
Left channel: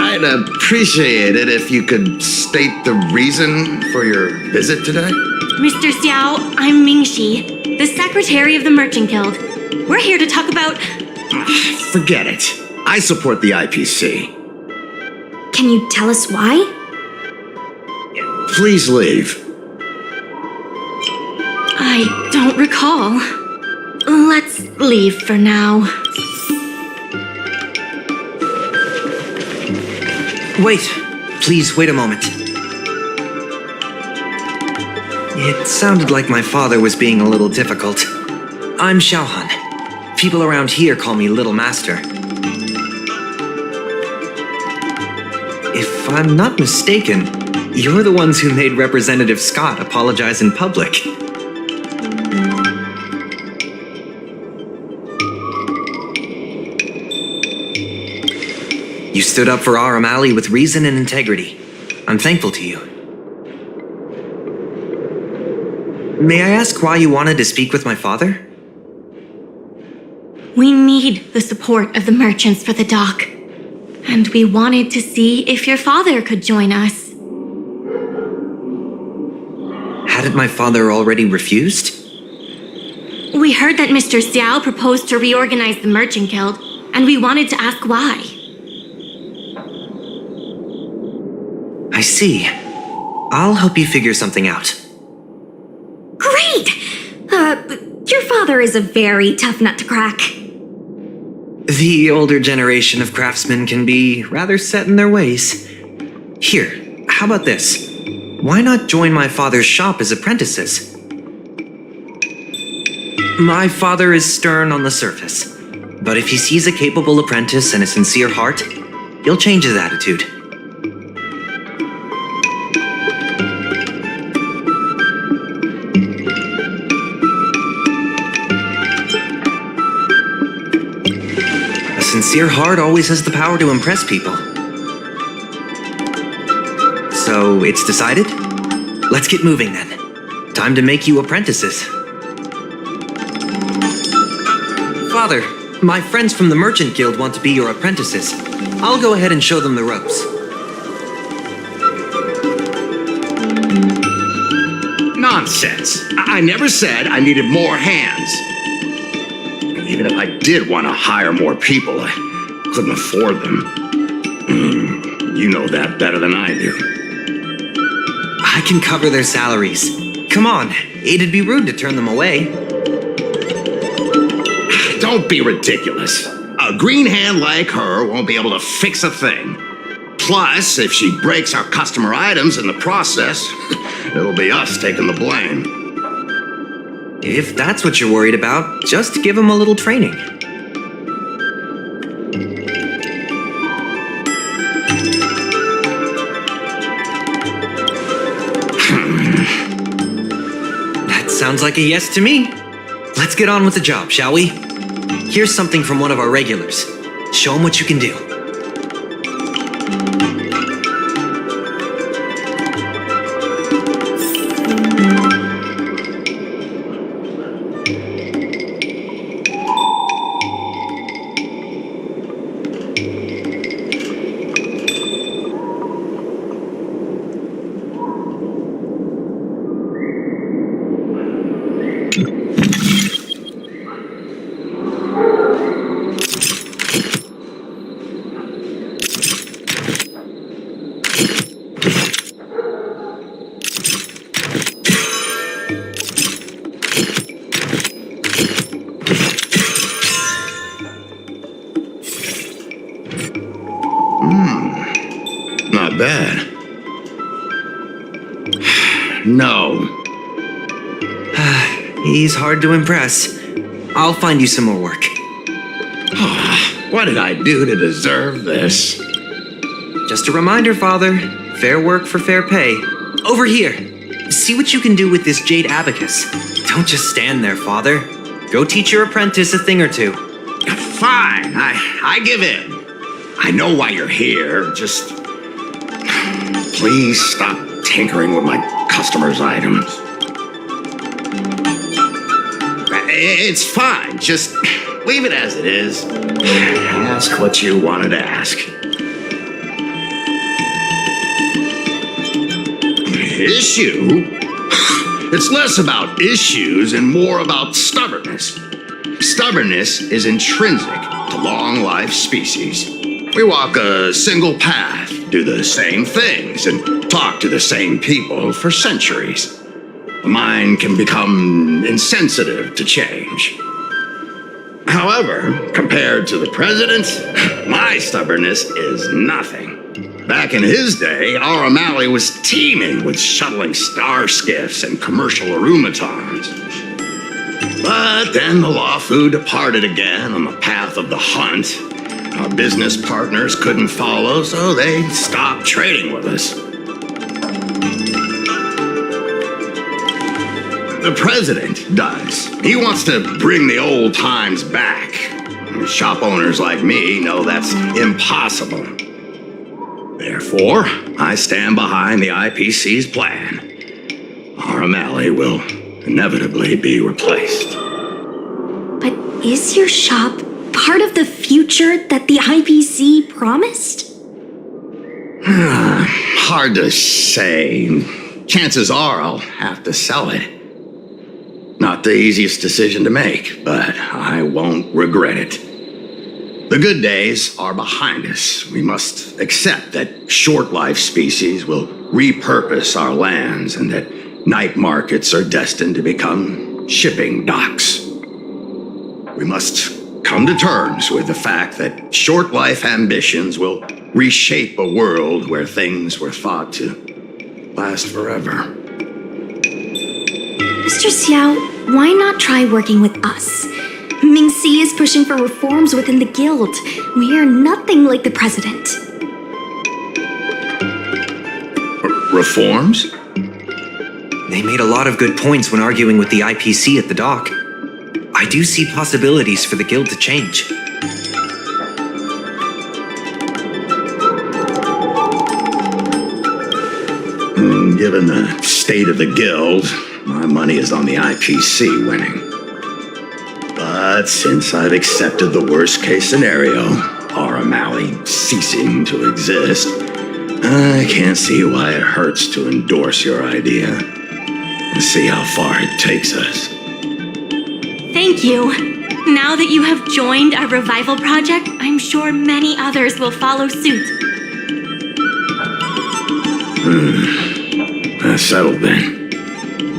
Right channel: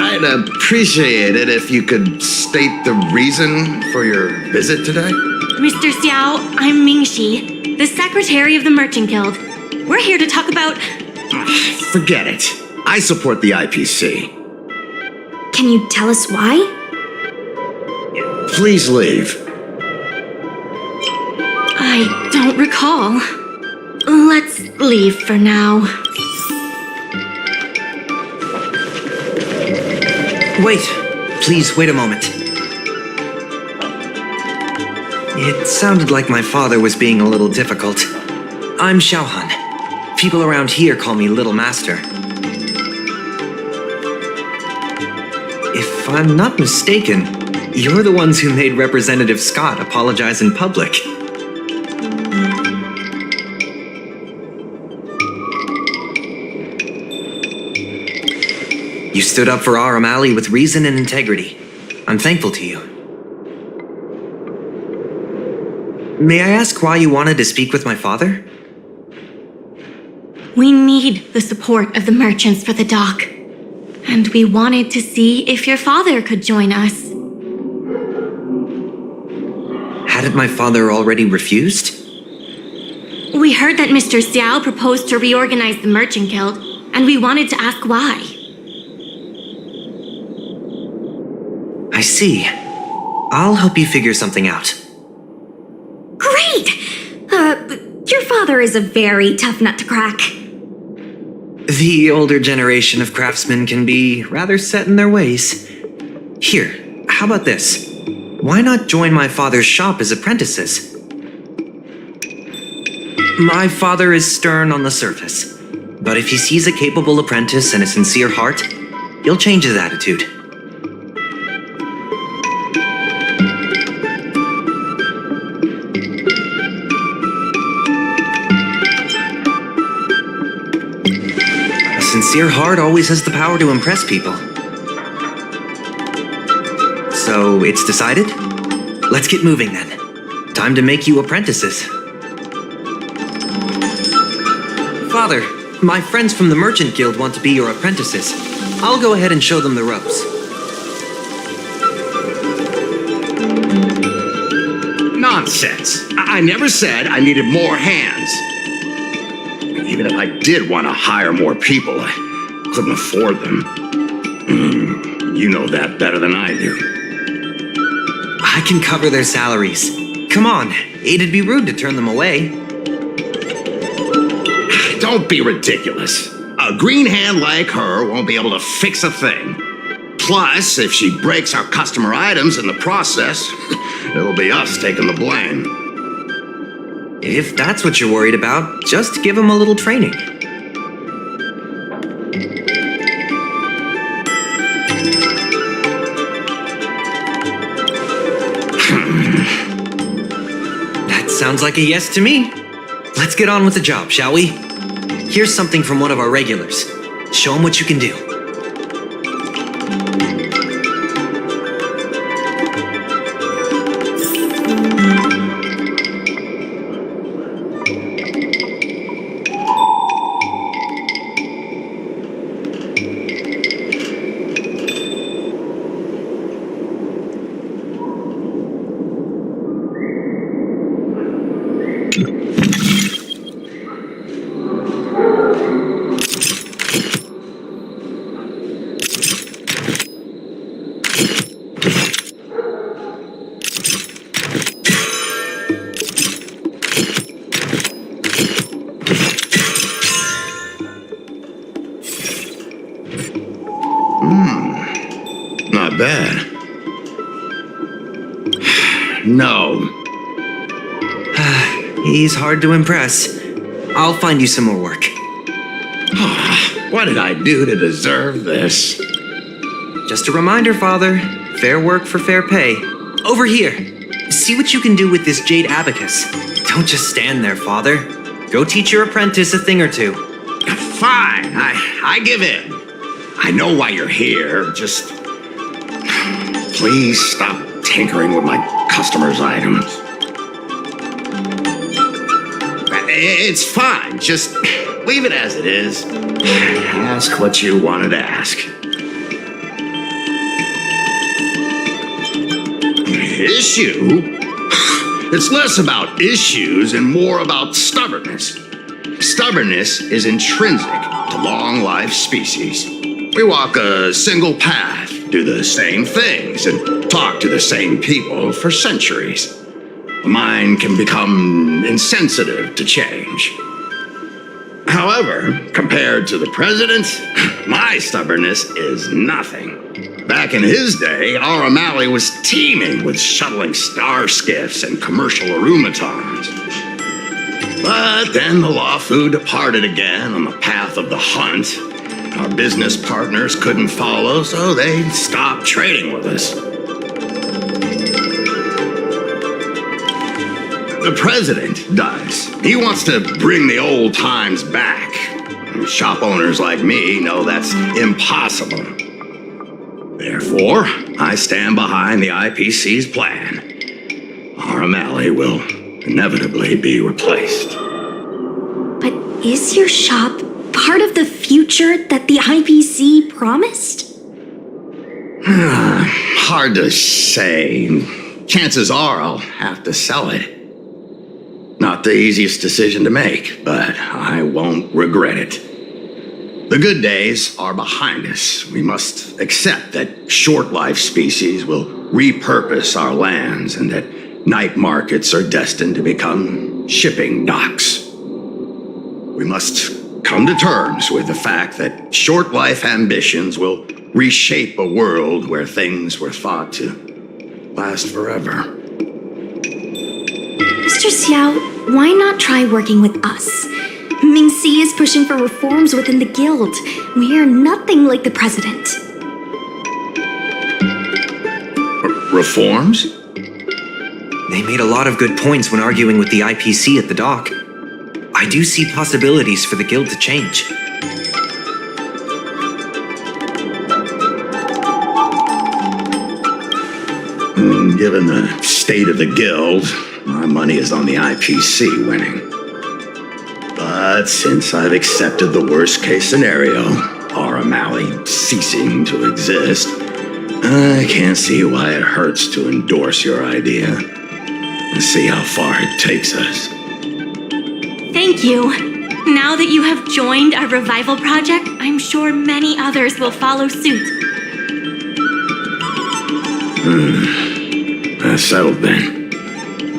I'd appreciate it if you could state the reason for your visit today. Mr. Xiao, I'm Mingxi, the secretary of the Merchant Guild. We're here to talk about... Forget it. I support the IPC. Can you tell us why? Please leave. I don't recall. Let's leave for now. Wait. Please, wait a moment. It sounded like my father was being a little difficult. I'm Xiaohan. People around here call me Little Master. If I'm not mistaken, you're the ones who made Representative Scott apologize in public. You stood up for Aurum Alley with reason and integrity. I'm thankful to you. May I ask why you wanted to speak with my father? We need the support of the merchants for the dock. And we wanted to see if your father could join us. Hadn't my father already refused? We heard that Mr. Xiao proposed to reorganize the Merchant Guild, and we wanted to ask why. I see. I'll help you figure something out. Great! Your father is a very tough nut to crack. The older generation of craftsmen can be rather set in their ways. Here, how about this? Why not join my father's shop as apprentices? My father is stern on the surface, but if he sees a capable apprentice and a sincere heart, he'll change his attitude. A sincere heart always has the power to impress people. So, it's decided? Let's get moving then. Time to make you apprentices. Father, my friends from the Merchant Guild want to be your apprentices. I'll go ahead and show them the ropes. Nonsense. I never said I needed more hands. Even if I did want to hire more people, I couldn't afford them. You know that better than I do. I can cover their salaries. Come on, it'd be rude to turn them away. Don't be ridiculous. A green hand like her won't be able to fix a thing. Plus, if she breaks our customer items in the process, it'll be us taking the blame. If that's what you're worried about, just give them a little training. That sounds like a yes to me. Let's get on with the job, shall we? Here's something from one of our regulars. Show them what you can do. Not bad. No. He's hard to impress. I'll find you some more work. What did I do to deserve this? Just a reminder, Father. Fair work for fair pay. Over here. See what you can do with this jade abacus. Don't just stand there, Father. Go teach your apprentice a thing or two. Fine, I give in. I know why you're here. Just please stop tinkering with my customers' items. It's fine. Just leave it as it is. Ask what you wanted to ask. Issue? It's less about issues and more about stubbornness. Stubbornness is intrinsic to long-life species. We walk a single path, do the same things, and talk to the same people for centuries. The mind can become insensitive to change. However, compared to the president, my stubbornness is nothing. Back in his day, Aurum Alley was teeming with shuttling star skiffs and commercial aromatons. But then the Lawfu departed again on the path of the hunt. Our business partners couldn't follow, so they stopped trading with us. The president does. He wants to bring the old times back. Shop owners like me know that's impossible. Therefore, I stand behind the IPC's plan. Aurum Alley will inevitably be replaced. But is your shop part of the future that the IPC promised? Hard to say. Chances are I'll have to sell it. Not the easiest decision to make, but I won't regret it. The good days are behind us. We must accept that short-life species will repurpose our lands and that night markets are destined to become shipping docks. We must come to terms with the fact that short-life ambitions will reshape a world where things were thought to last forever. Mr. Xiao, why not try working with us? Ming-Si is pushing for reforms within the guild. We are nothing like the president. Reforms? They made a lot of good points when arguing with the IPC at the dock. I do see possibilities for the guild to change. Given the state of the guild, my money is on the IPC winning. But since I've accepted the worst-case scenario, Aurum Alley ceasing to exist, I can't see why it hurts to endorse your idea and see how far it takes us. Thank you. Now that you have joined our revival project, I'm sure many others will follow suit. That's settled then.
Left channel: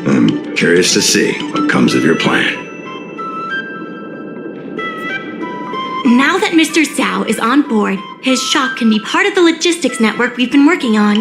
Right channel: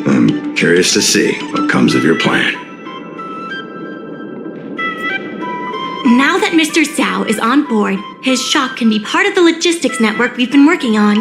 I'm curious to see what comes of your plan. Now that Mr. Xiao is on board, his shop can be part of the logistics network we've been working on.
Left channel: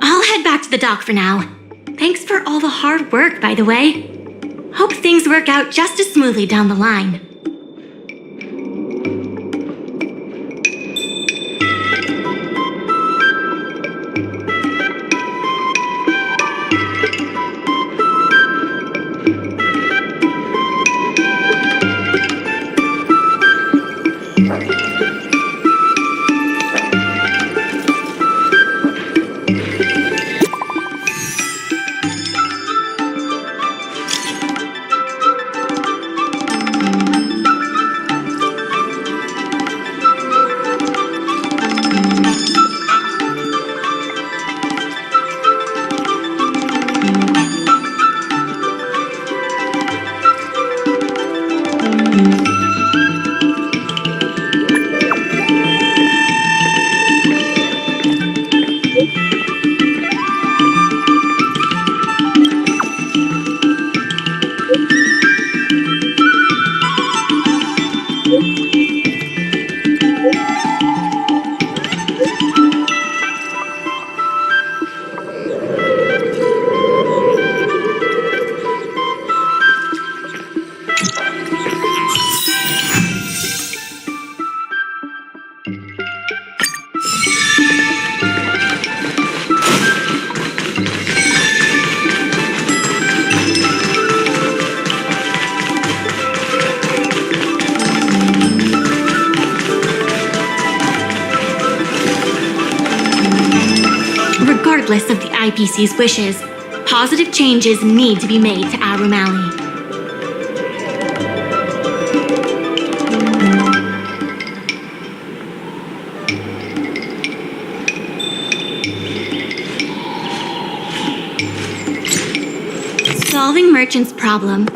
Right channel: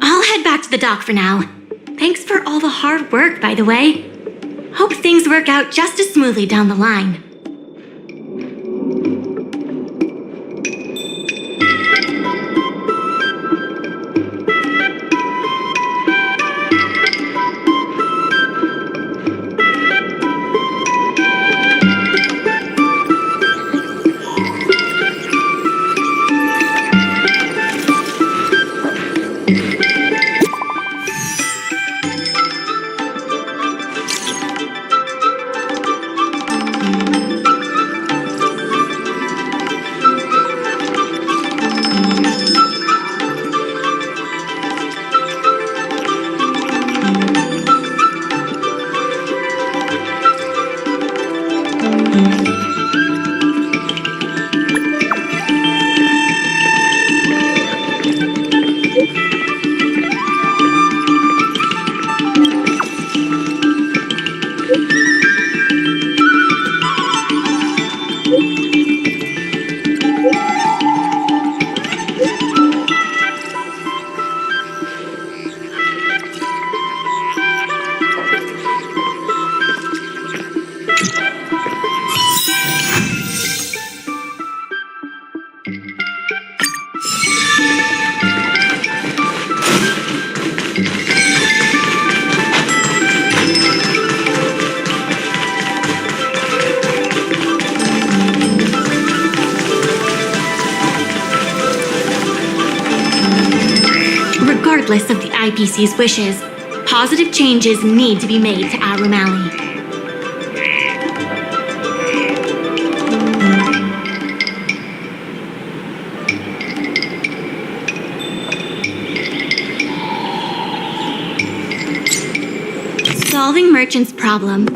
I'll head back to the dock for now. Thanks for all the hard work, by the way. Hope things work out just as smoothly down the line. Regardless of the IPC's wishes, positive changes need to be made to Aurum Alley. Solving Merchant's problem.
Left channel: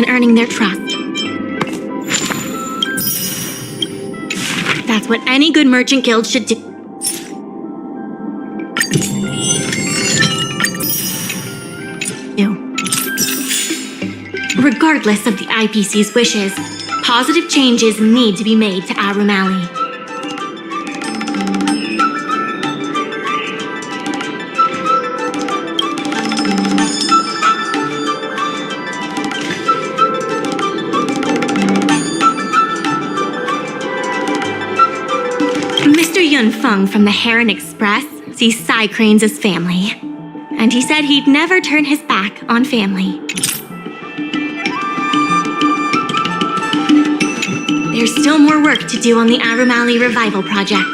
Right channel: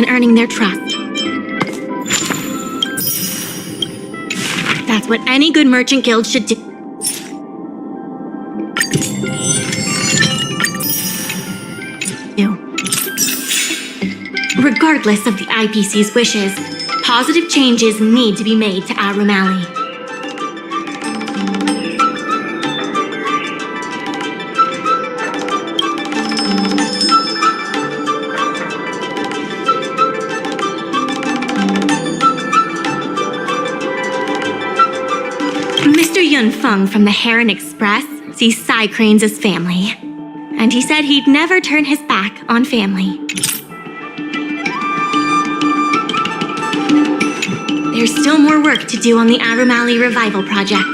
and earning their trust. That's what any good merchant guild should do. Regardless of the IPC's wishes, positive changes need to be made to Aurum Alley. Mr. Yun Feng from the Heron Express sees Psy Cranes as family, and he said he'd never turn his back on family. There's still more work to do on the Aurum Alley Revival Project.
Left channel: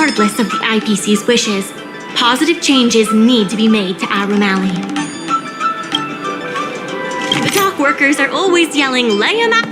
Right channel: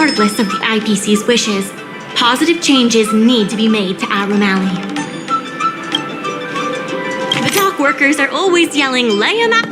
Regardless of the IPC's wishes, positive changes need to be made to Aurum Alley. The dock workers are always yelling, "Lay 'em out!"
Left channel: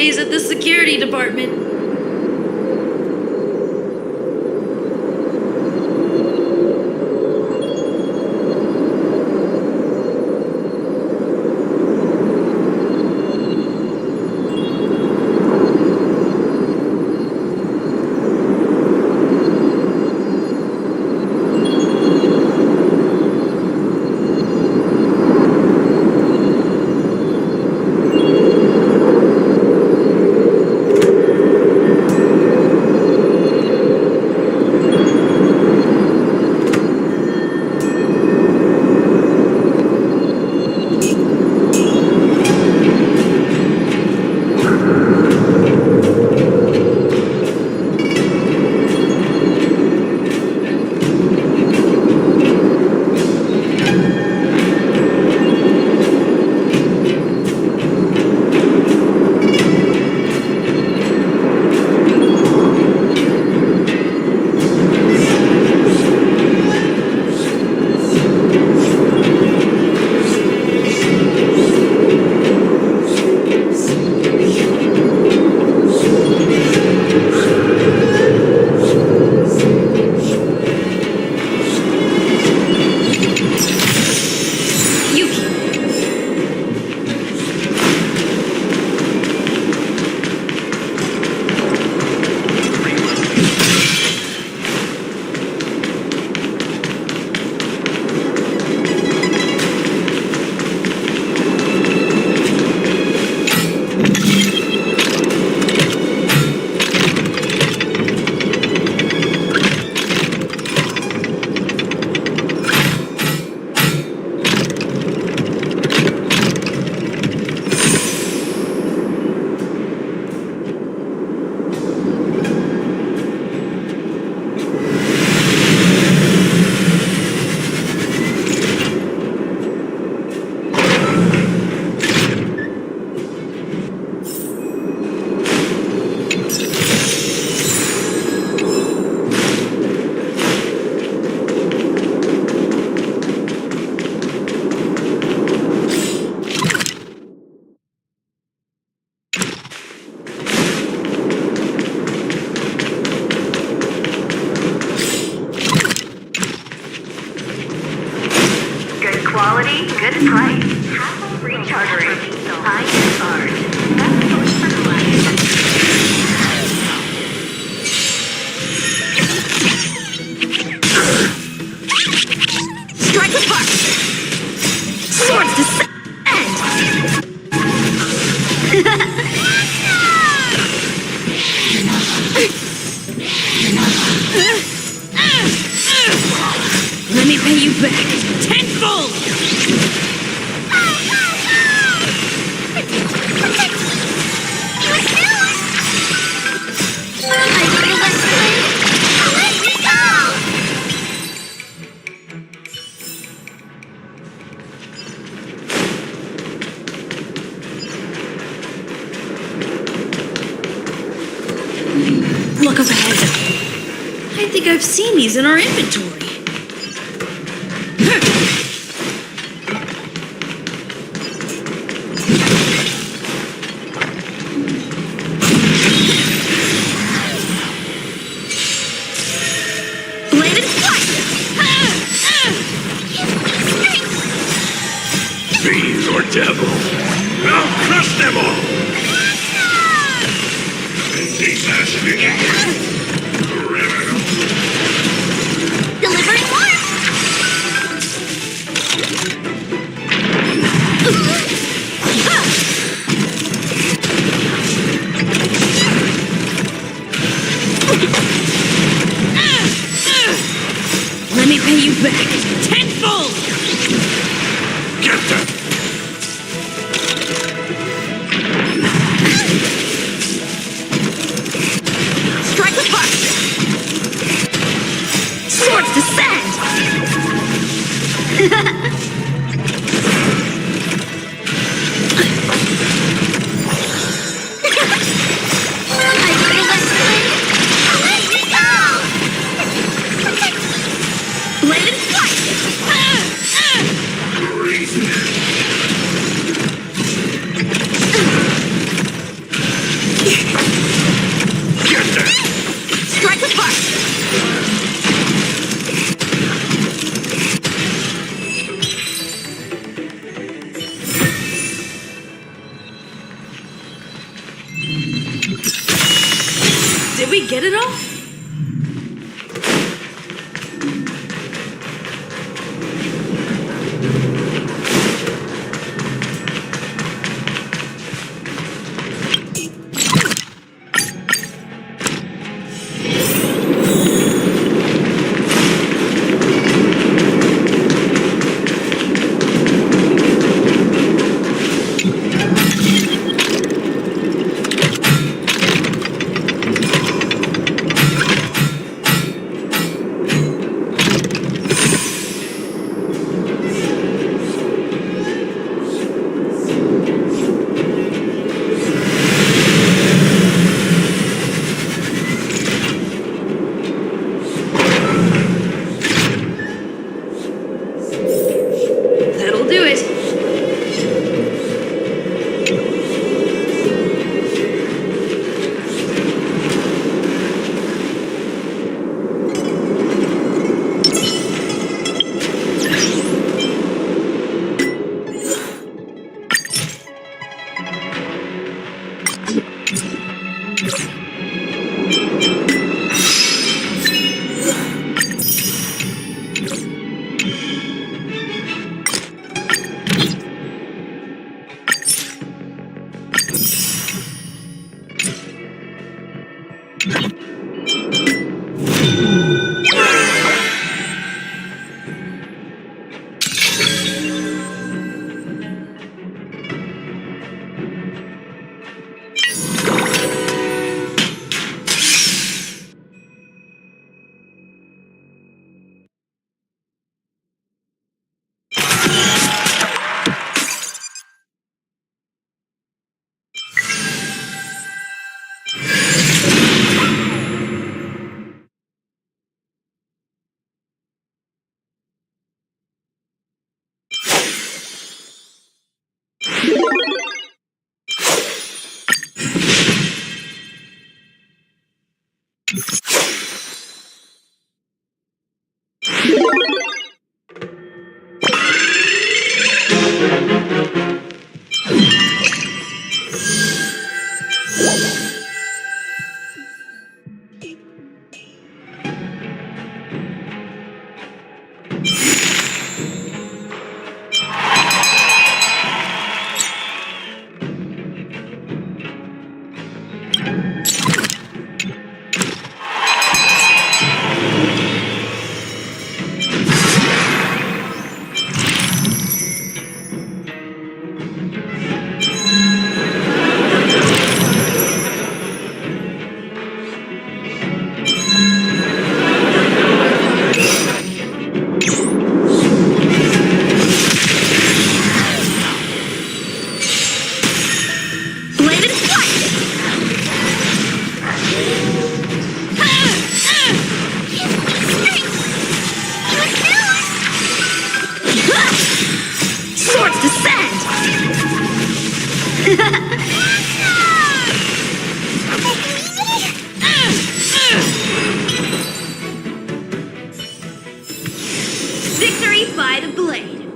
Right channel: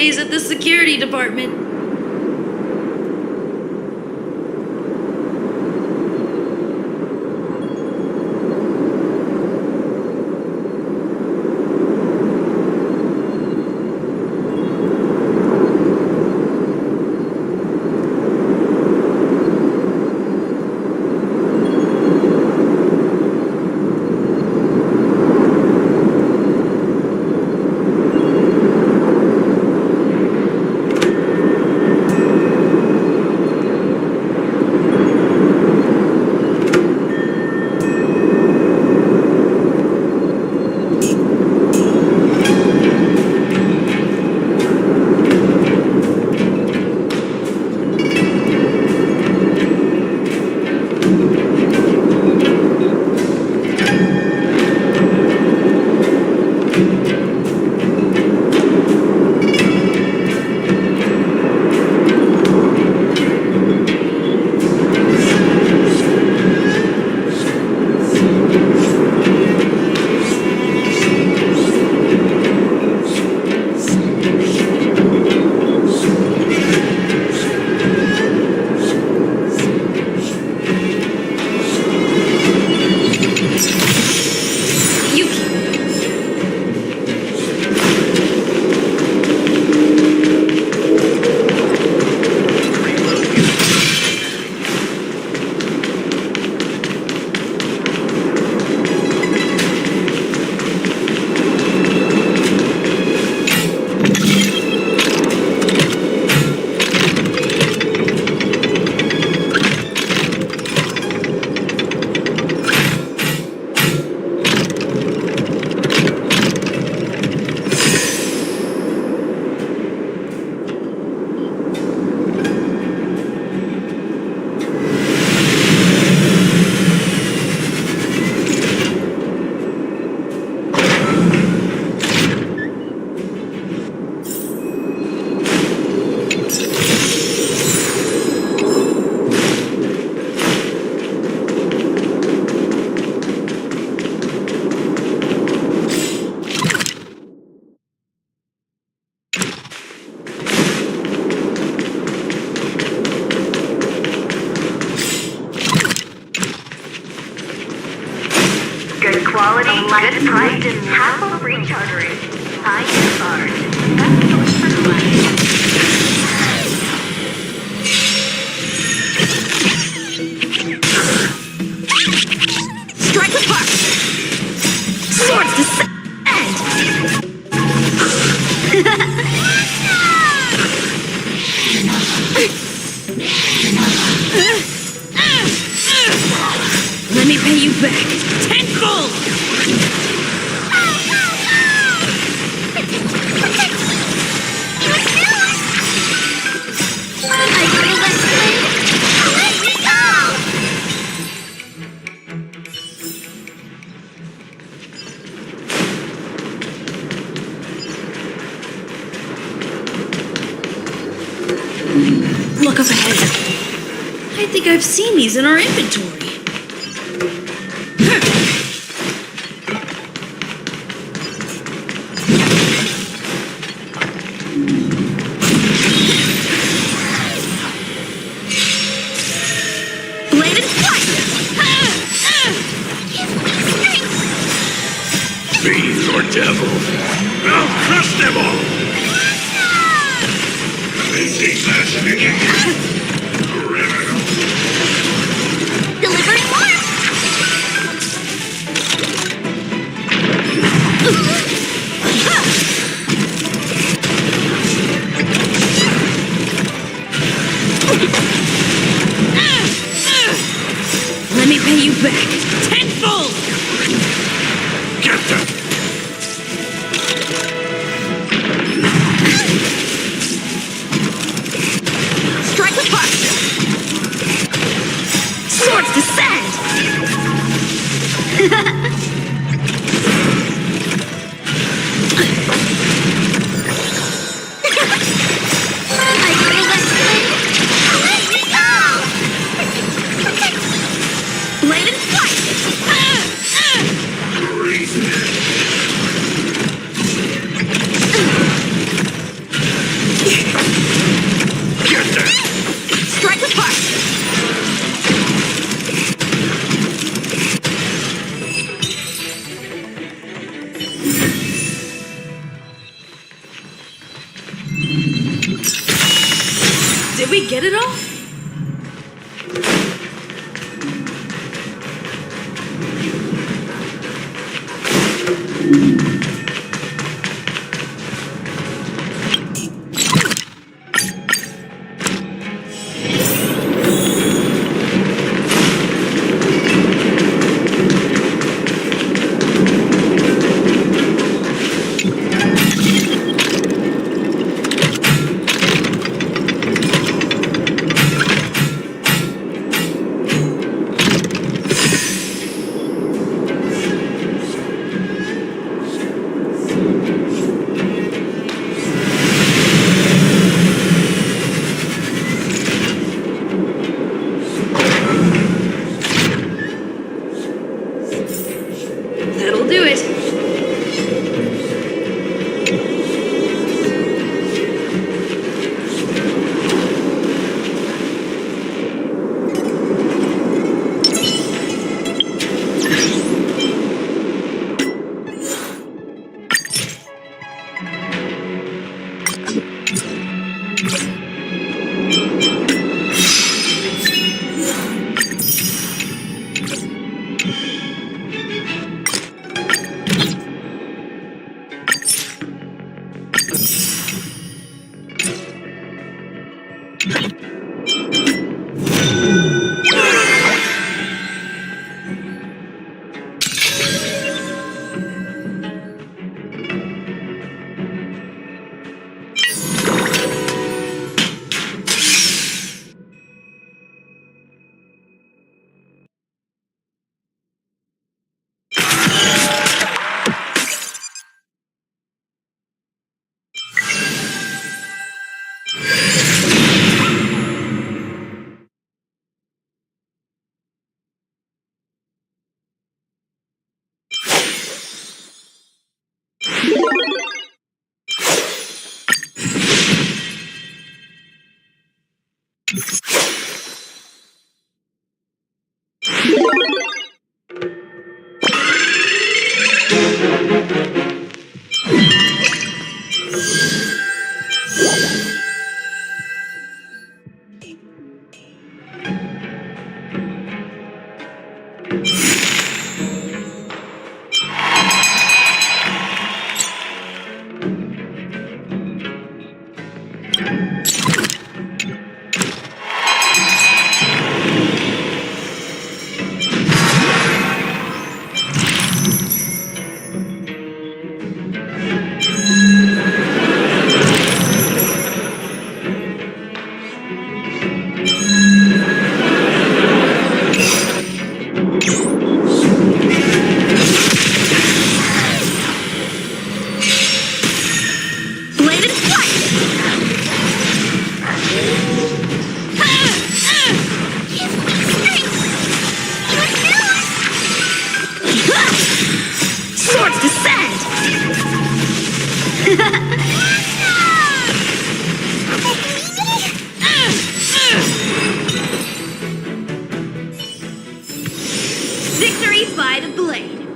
days at the security department. Quality, good price, hassle-free chartering, high cars. Best choice for clients. Strike apart! Swords descend! Let me pay you back. Tenfold! Look up ahead. I think I've seen these in our inventory. Bladed fire! Fiends or devils, I'll crush them all! Delivering more! Let me pay you back. Tenfold! Get them! Strike apart! Swords descend! I feel that flame! Let me go! Bladed fire! get it all? That'll do it. Victory by the blade.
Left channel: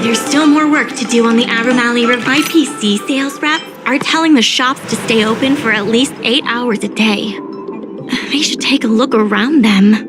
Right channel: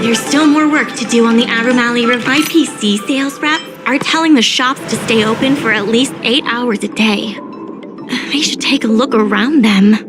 There's still more work to do on the Aurum Alley River. My PC sales rep are telling the shops to stay open for at least 8 hours a day. They should take a look around them.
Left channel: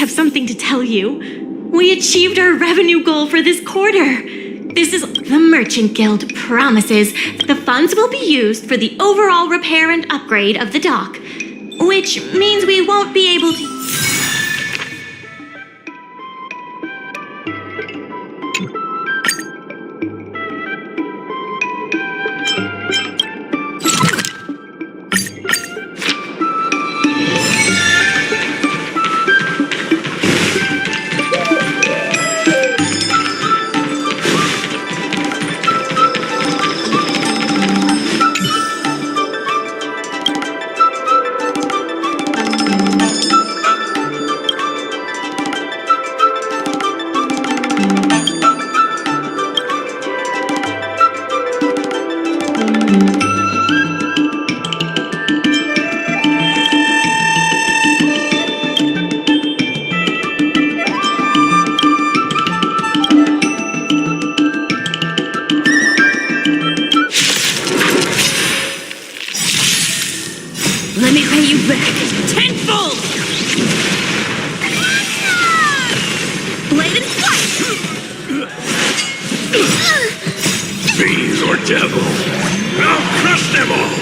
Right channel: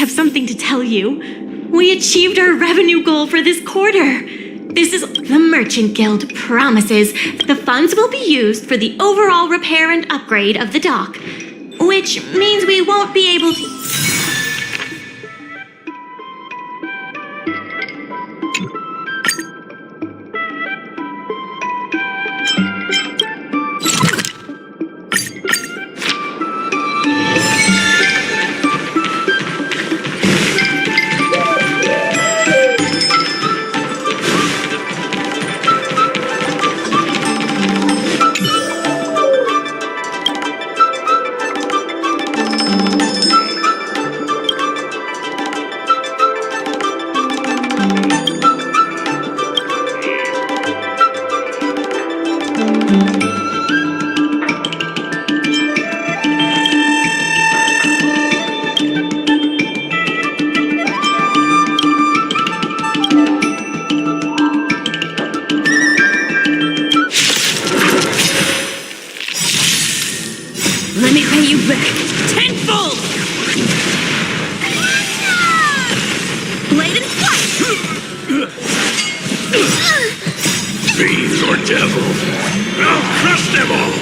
have something to tell you. We achieved our revenue goal for this quarter. The Merchant Guild promises that the funds will be used for the overall repair and upgrade of the dock, which means we won't be able to... Let me pay you back tenfold! Blade and slice! Fiend or devil, I'll crush them all!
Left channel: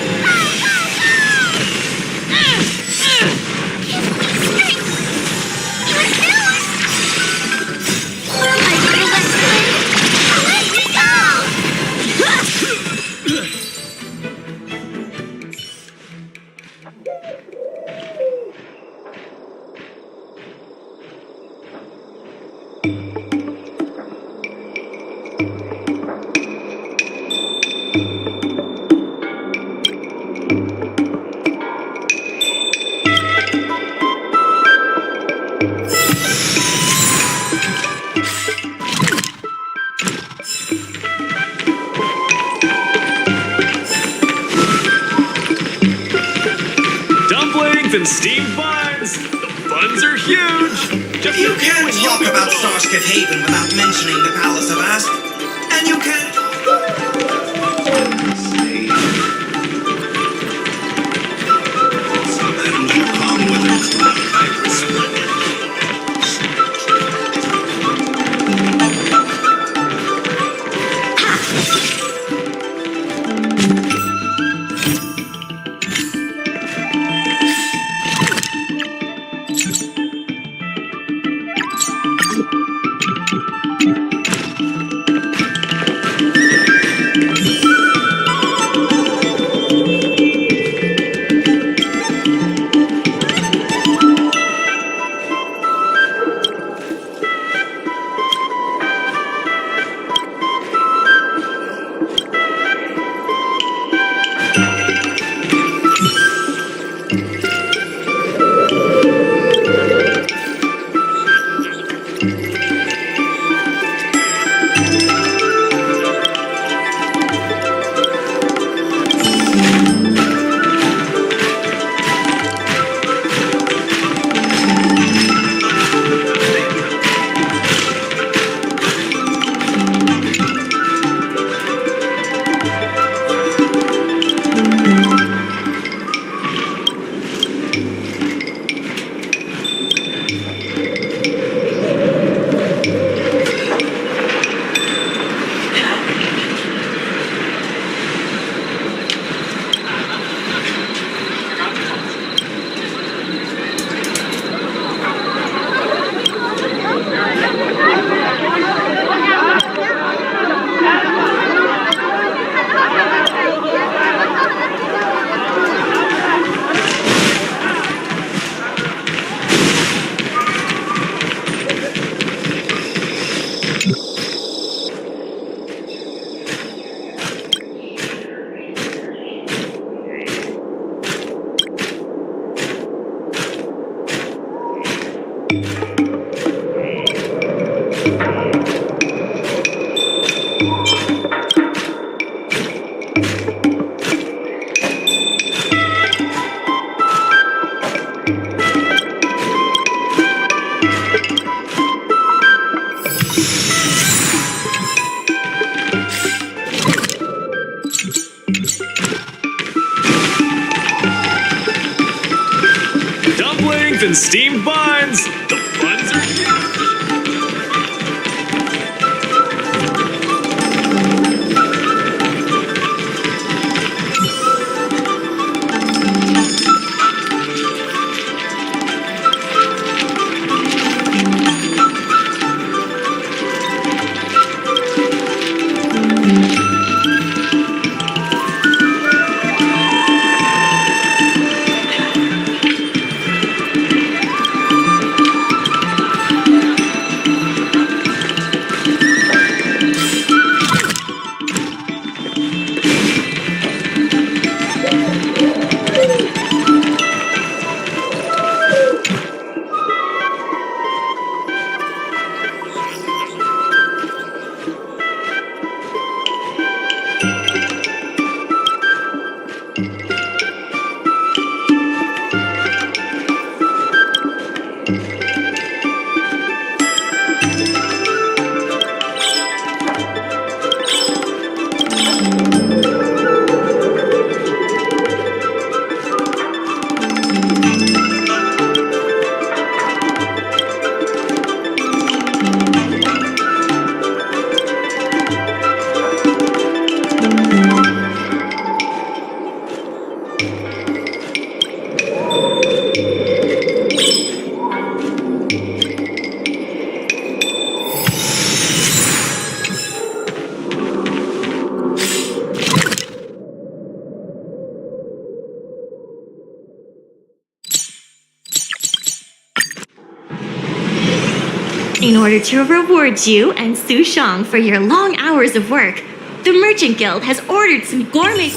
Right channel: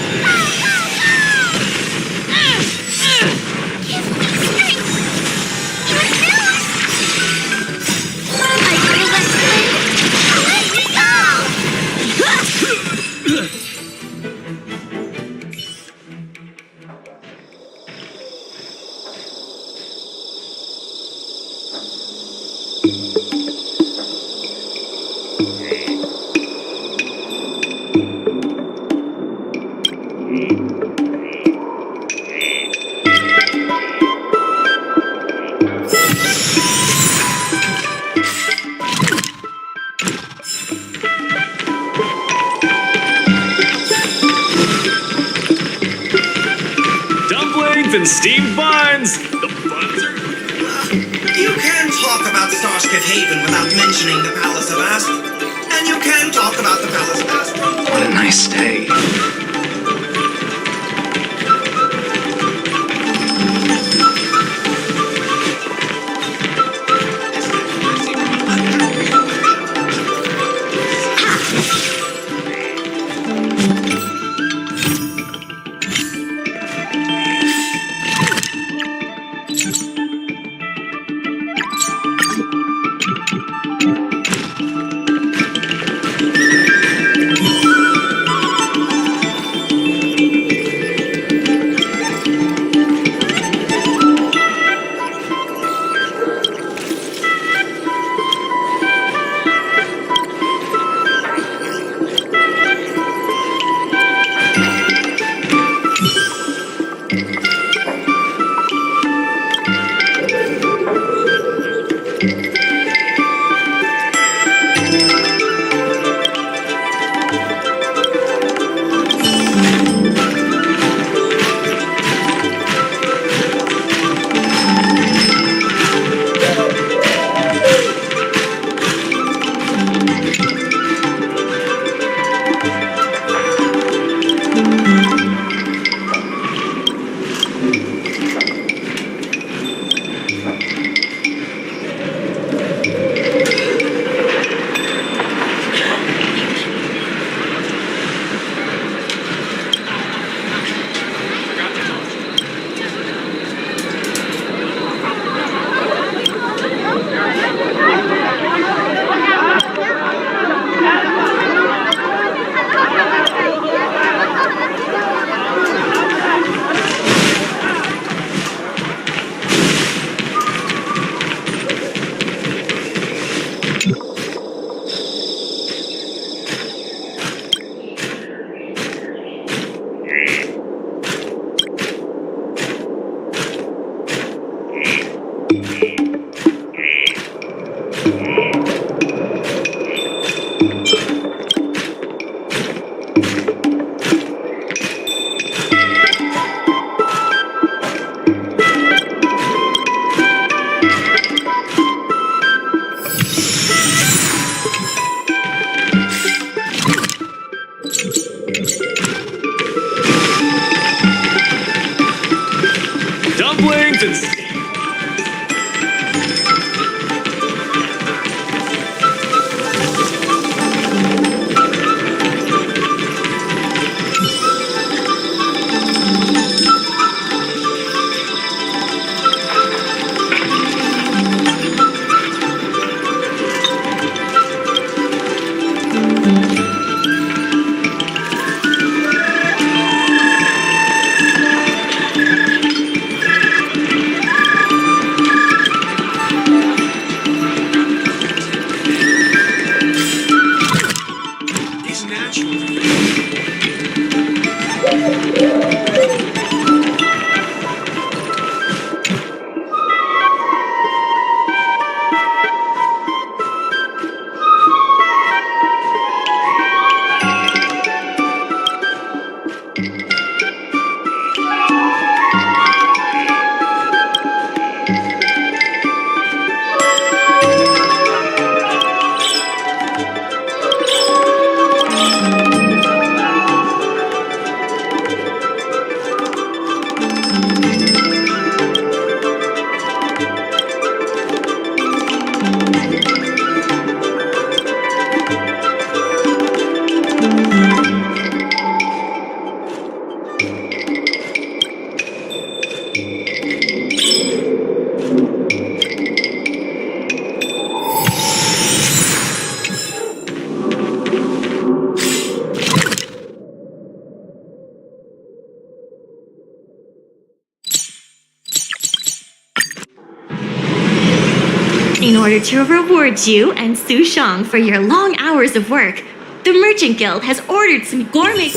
And steamed buns! The buns are huge! You can't talk about Starskip Haven without mentioning the Palace of Asp. And you can't talk about the Palace of Asp. What a nice day. Dumplings and steamed buns! The buns In order to reward you and Su Shang for your long hours of work, the Merchant Guild has ordered some gourmet...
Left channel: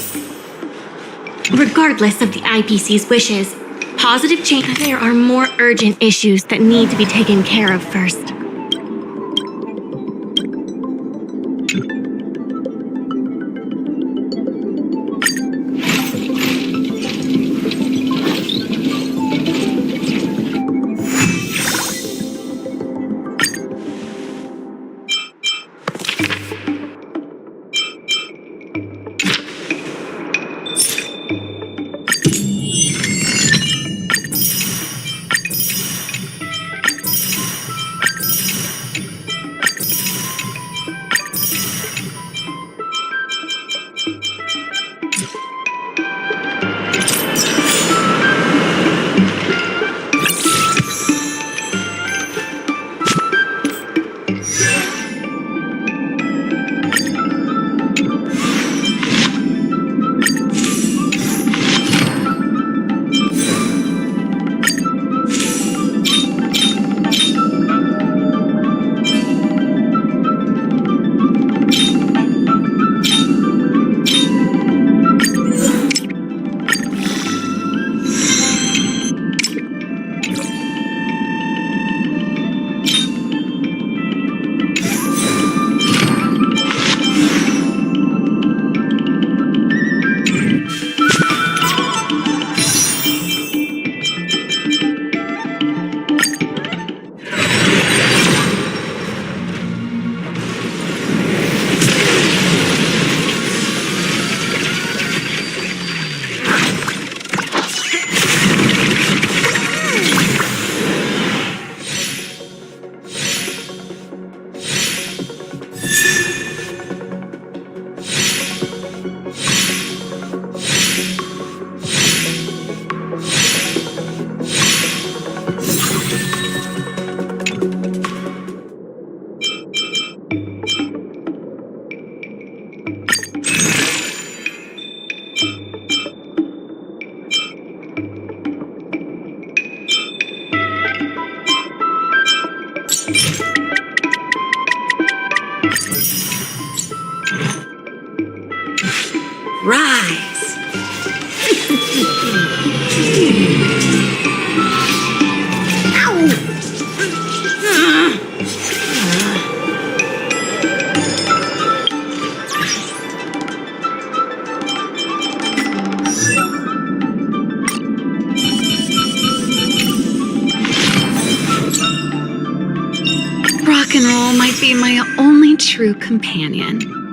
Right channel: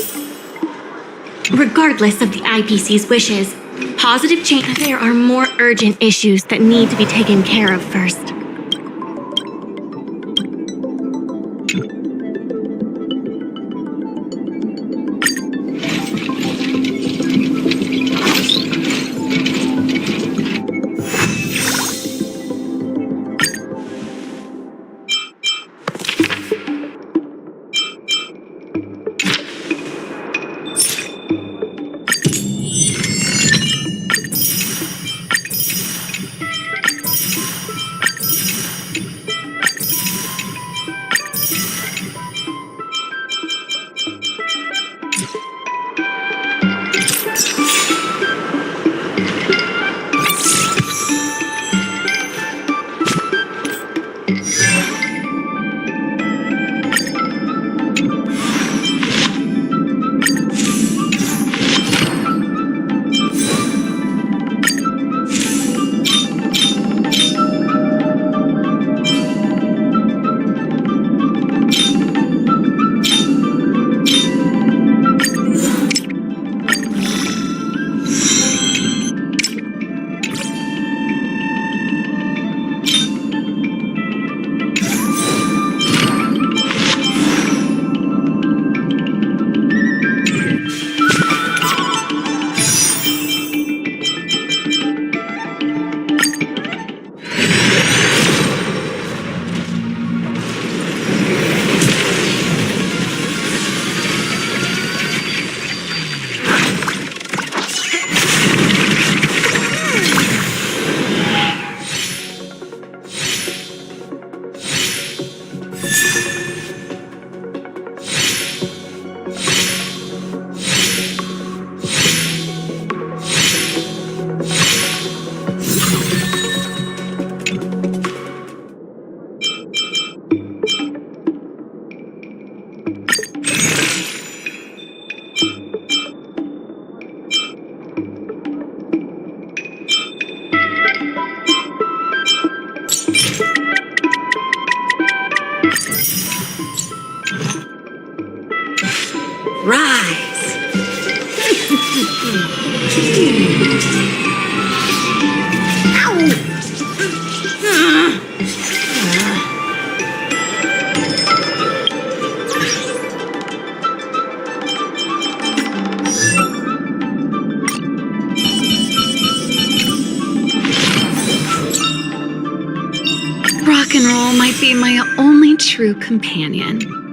Regardless of the IPC's wishes, positive change... There are more urgent issues that need to be taken care of first. Rise! Rock and roll might be my only true companion.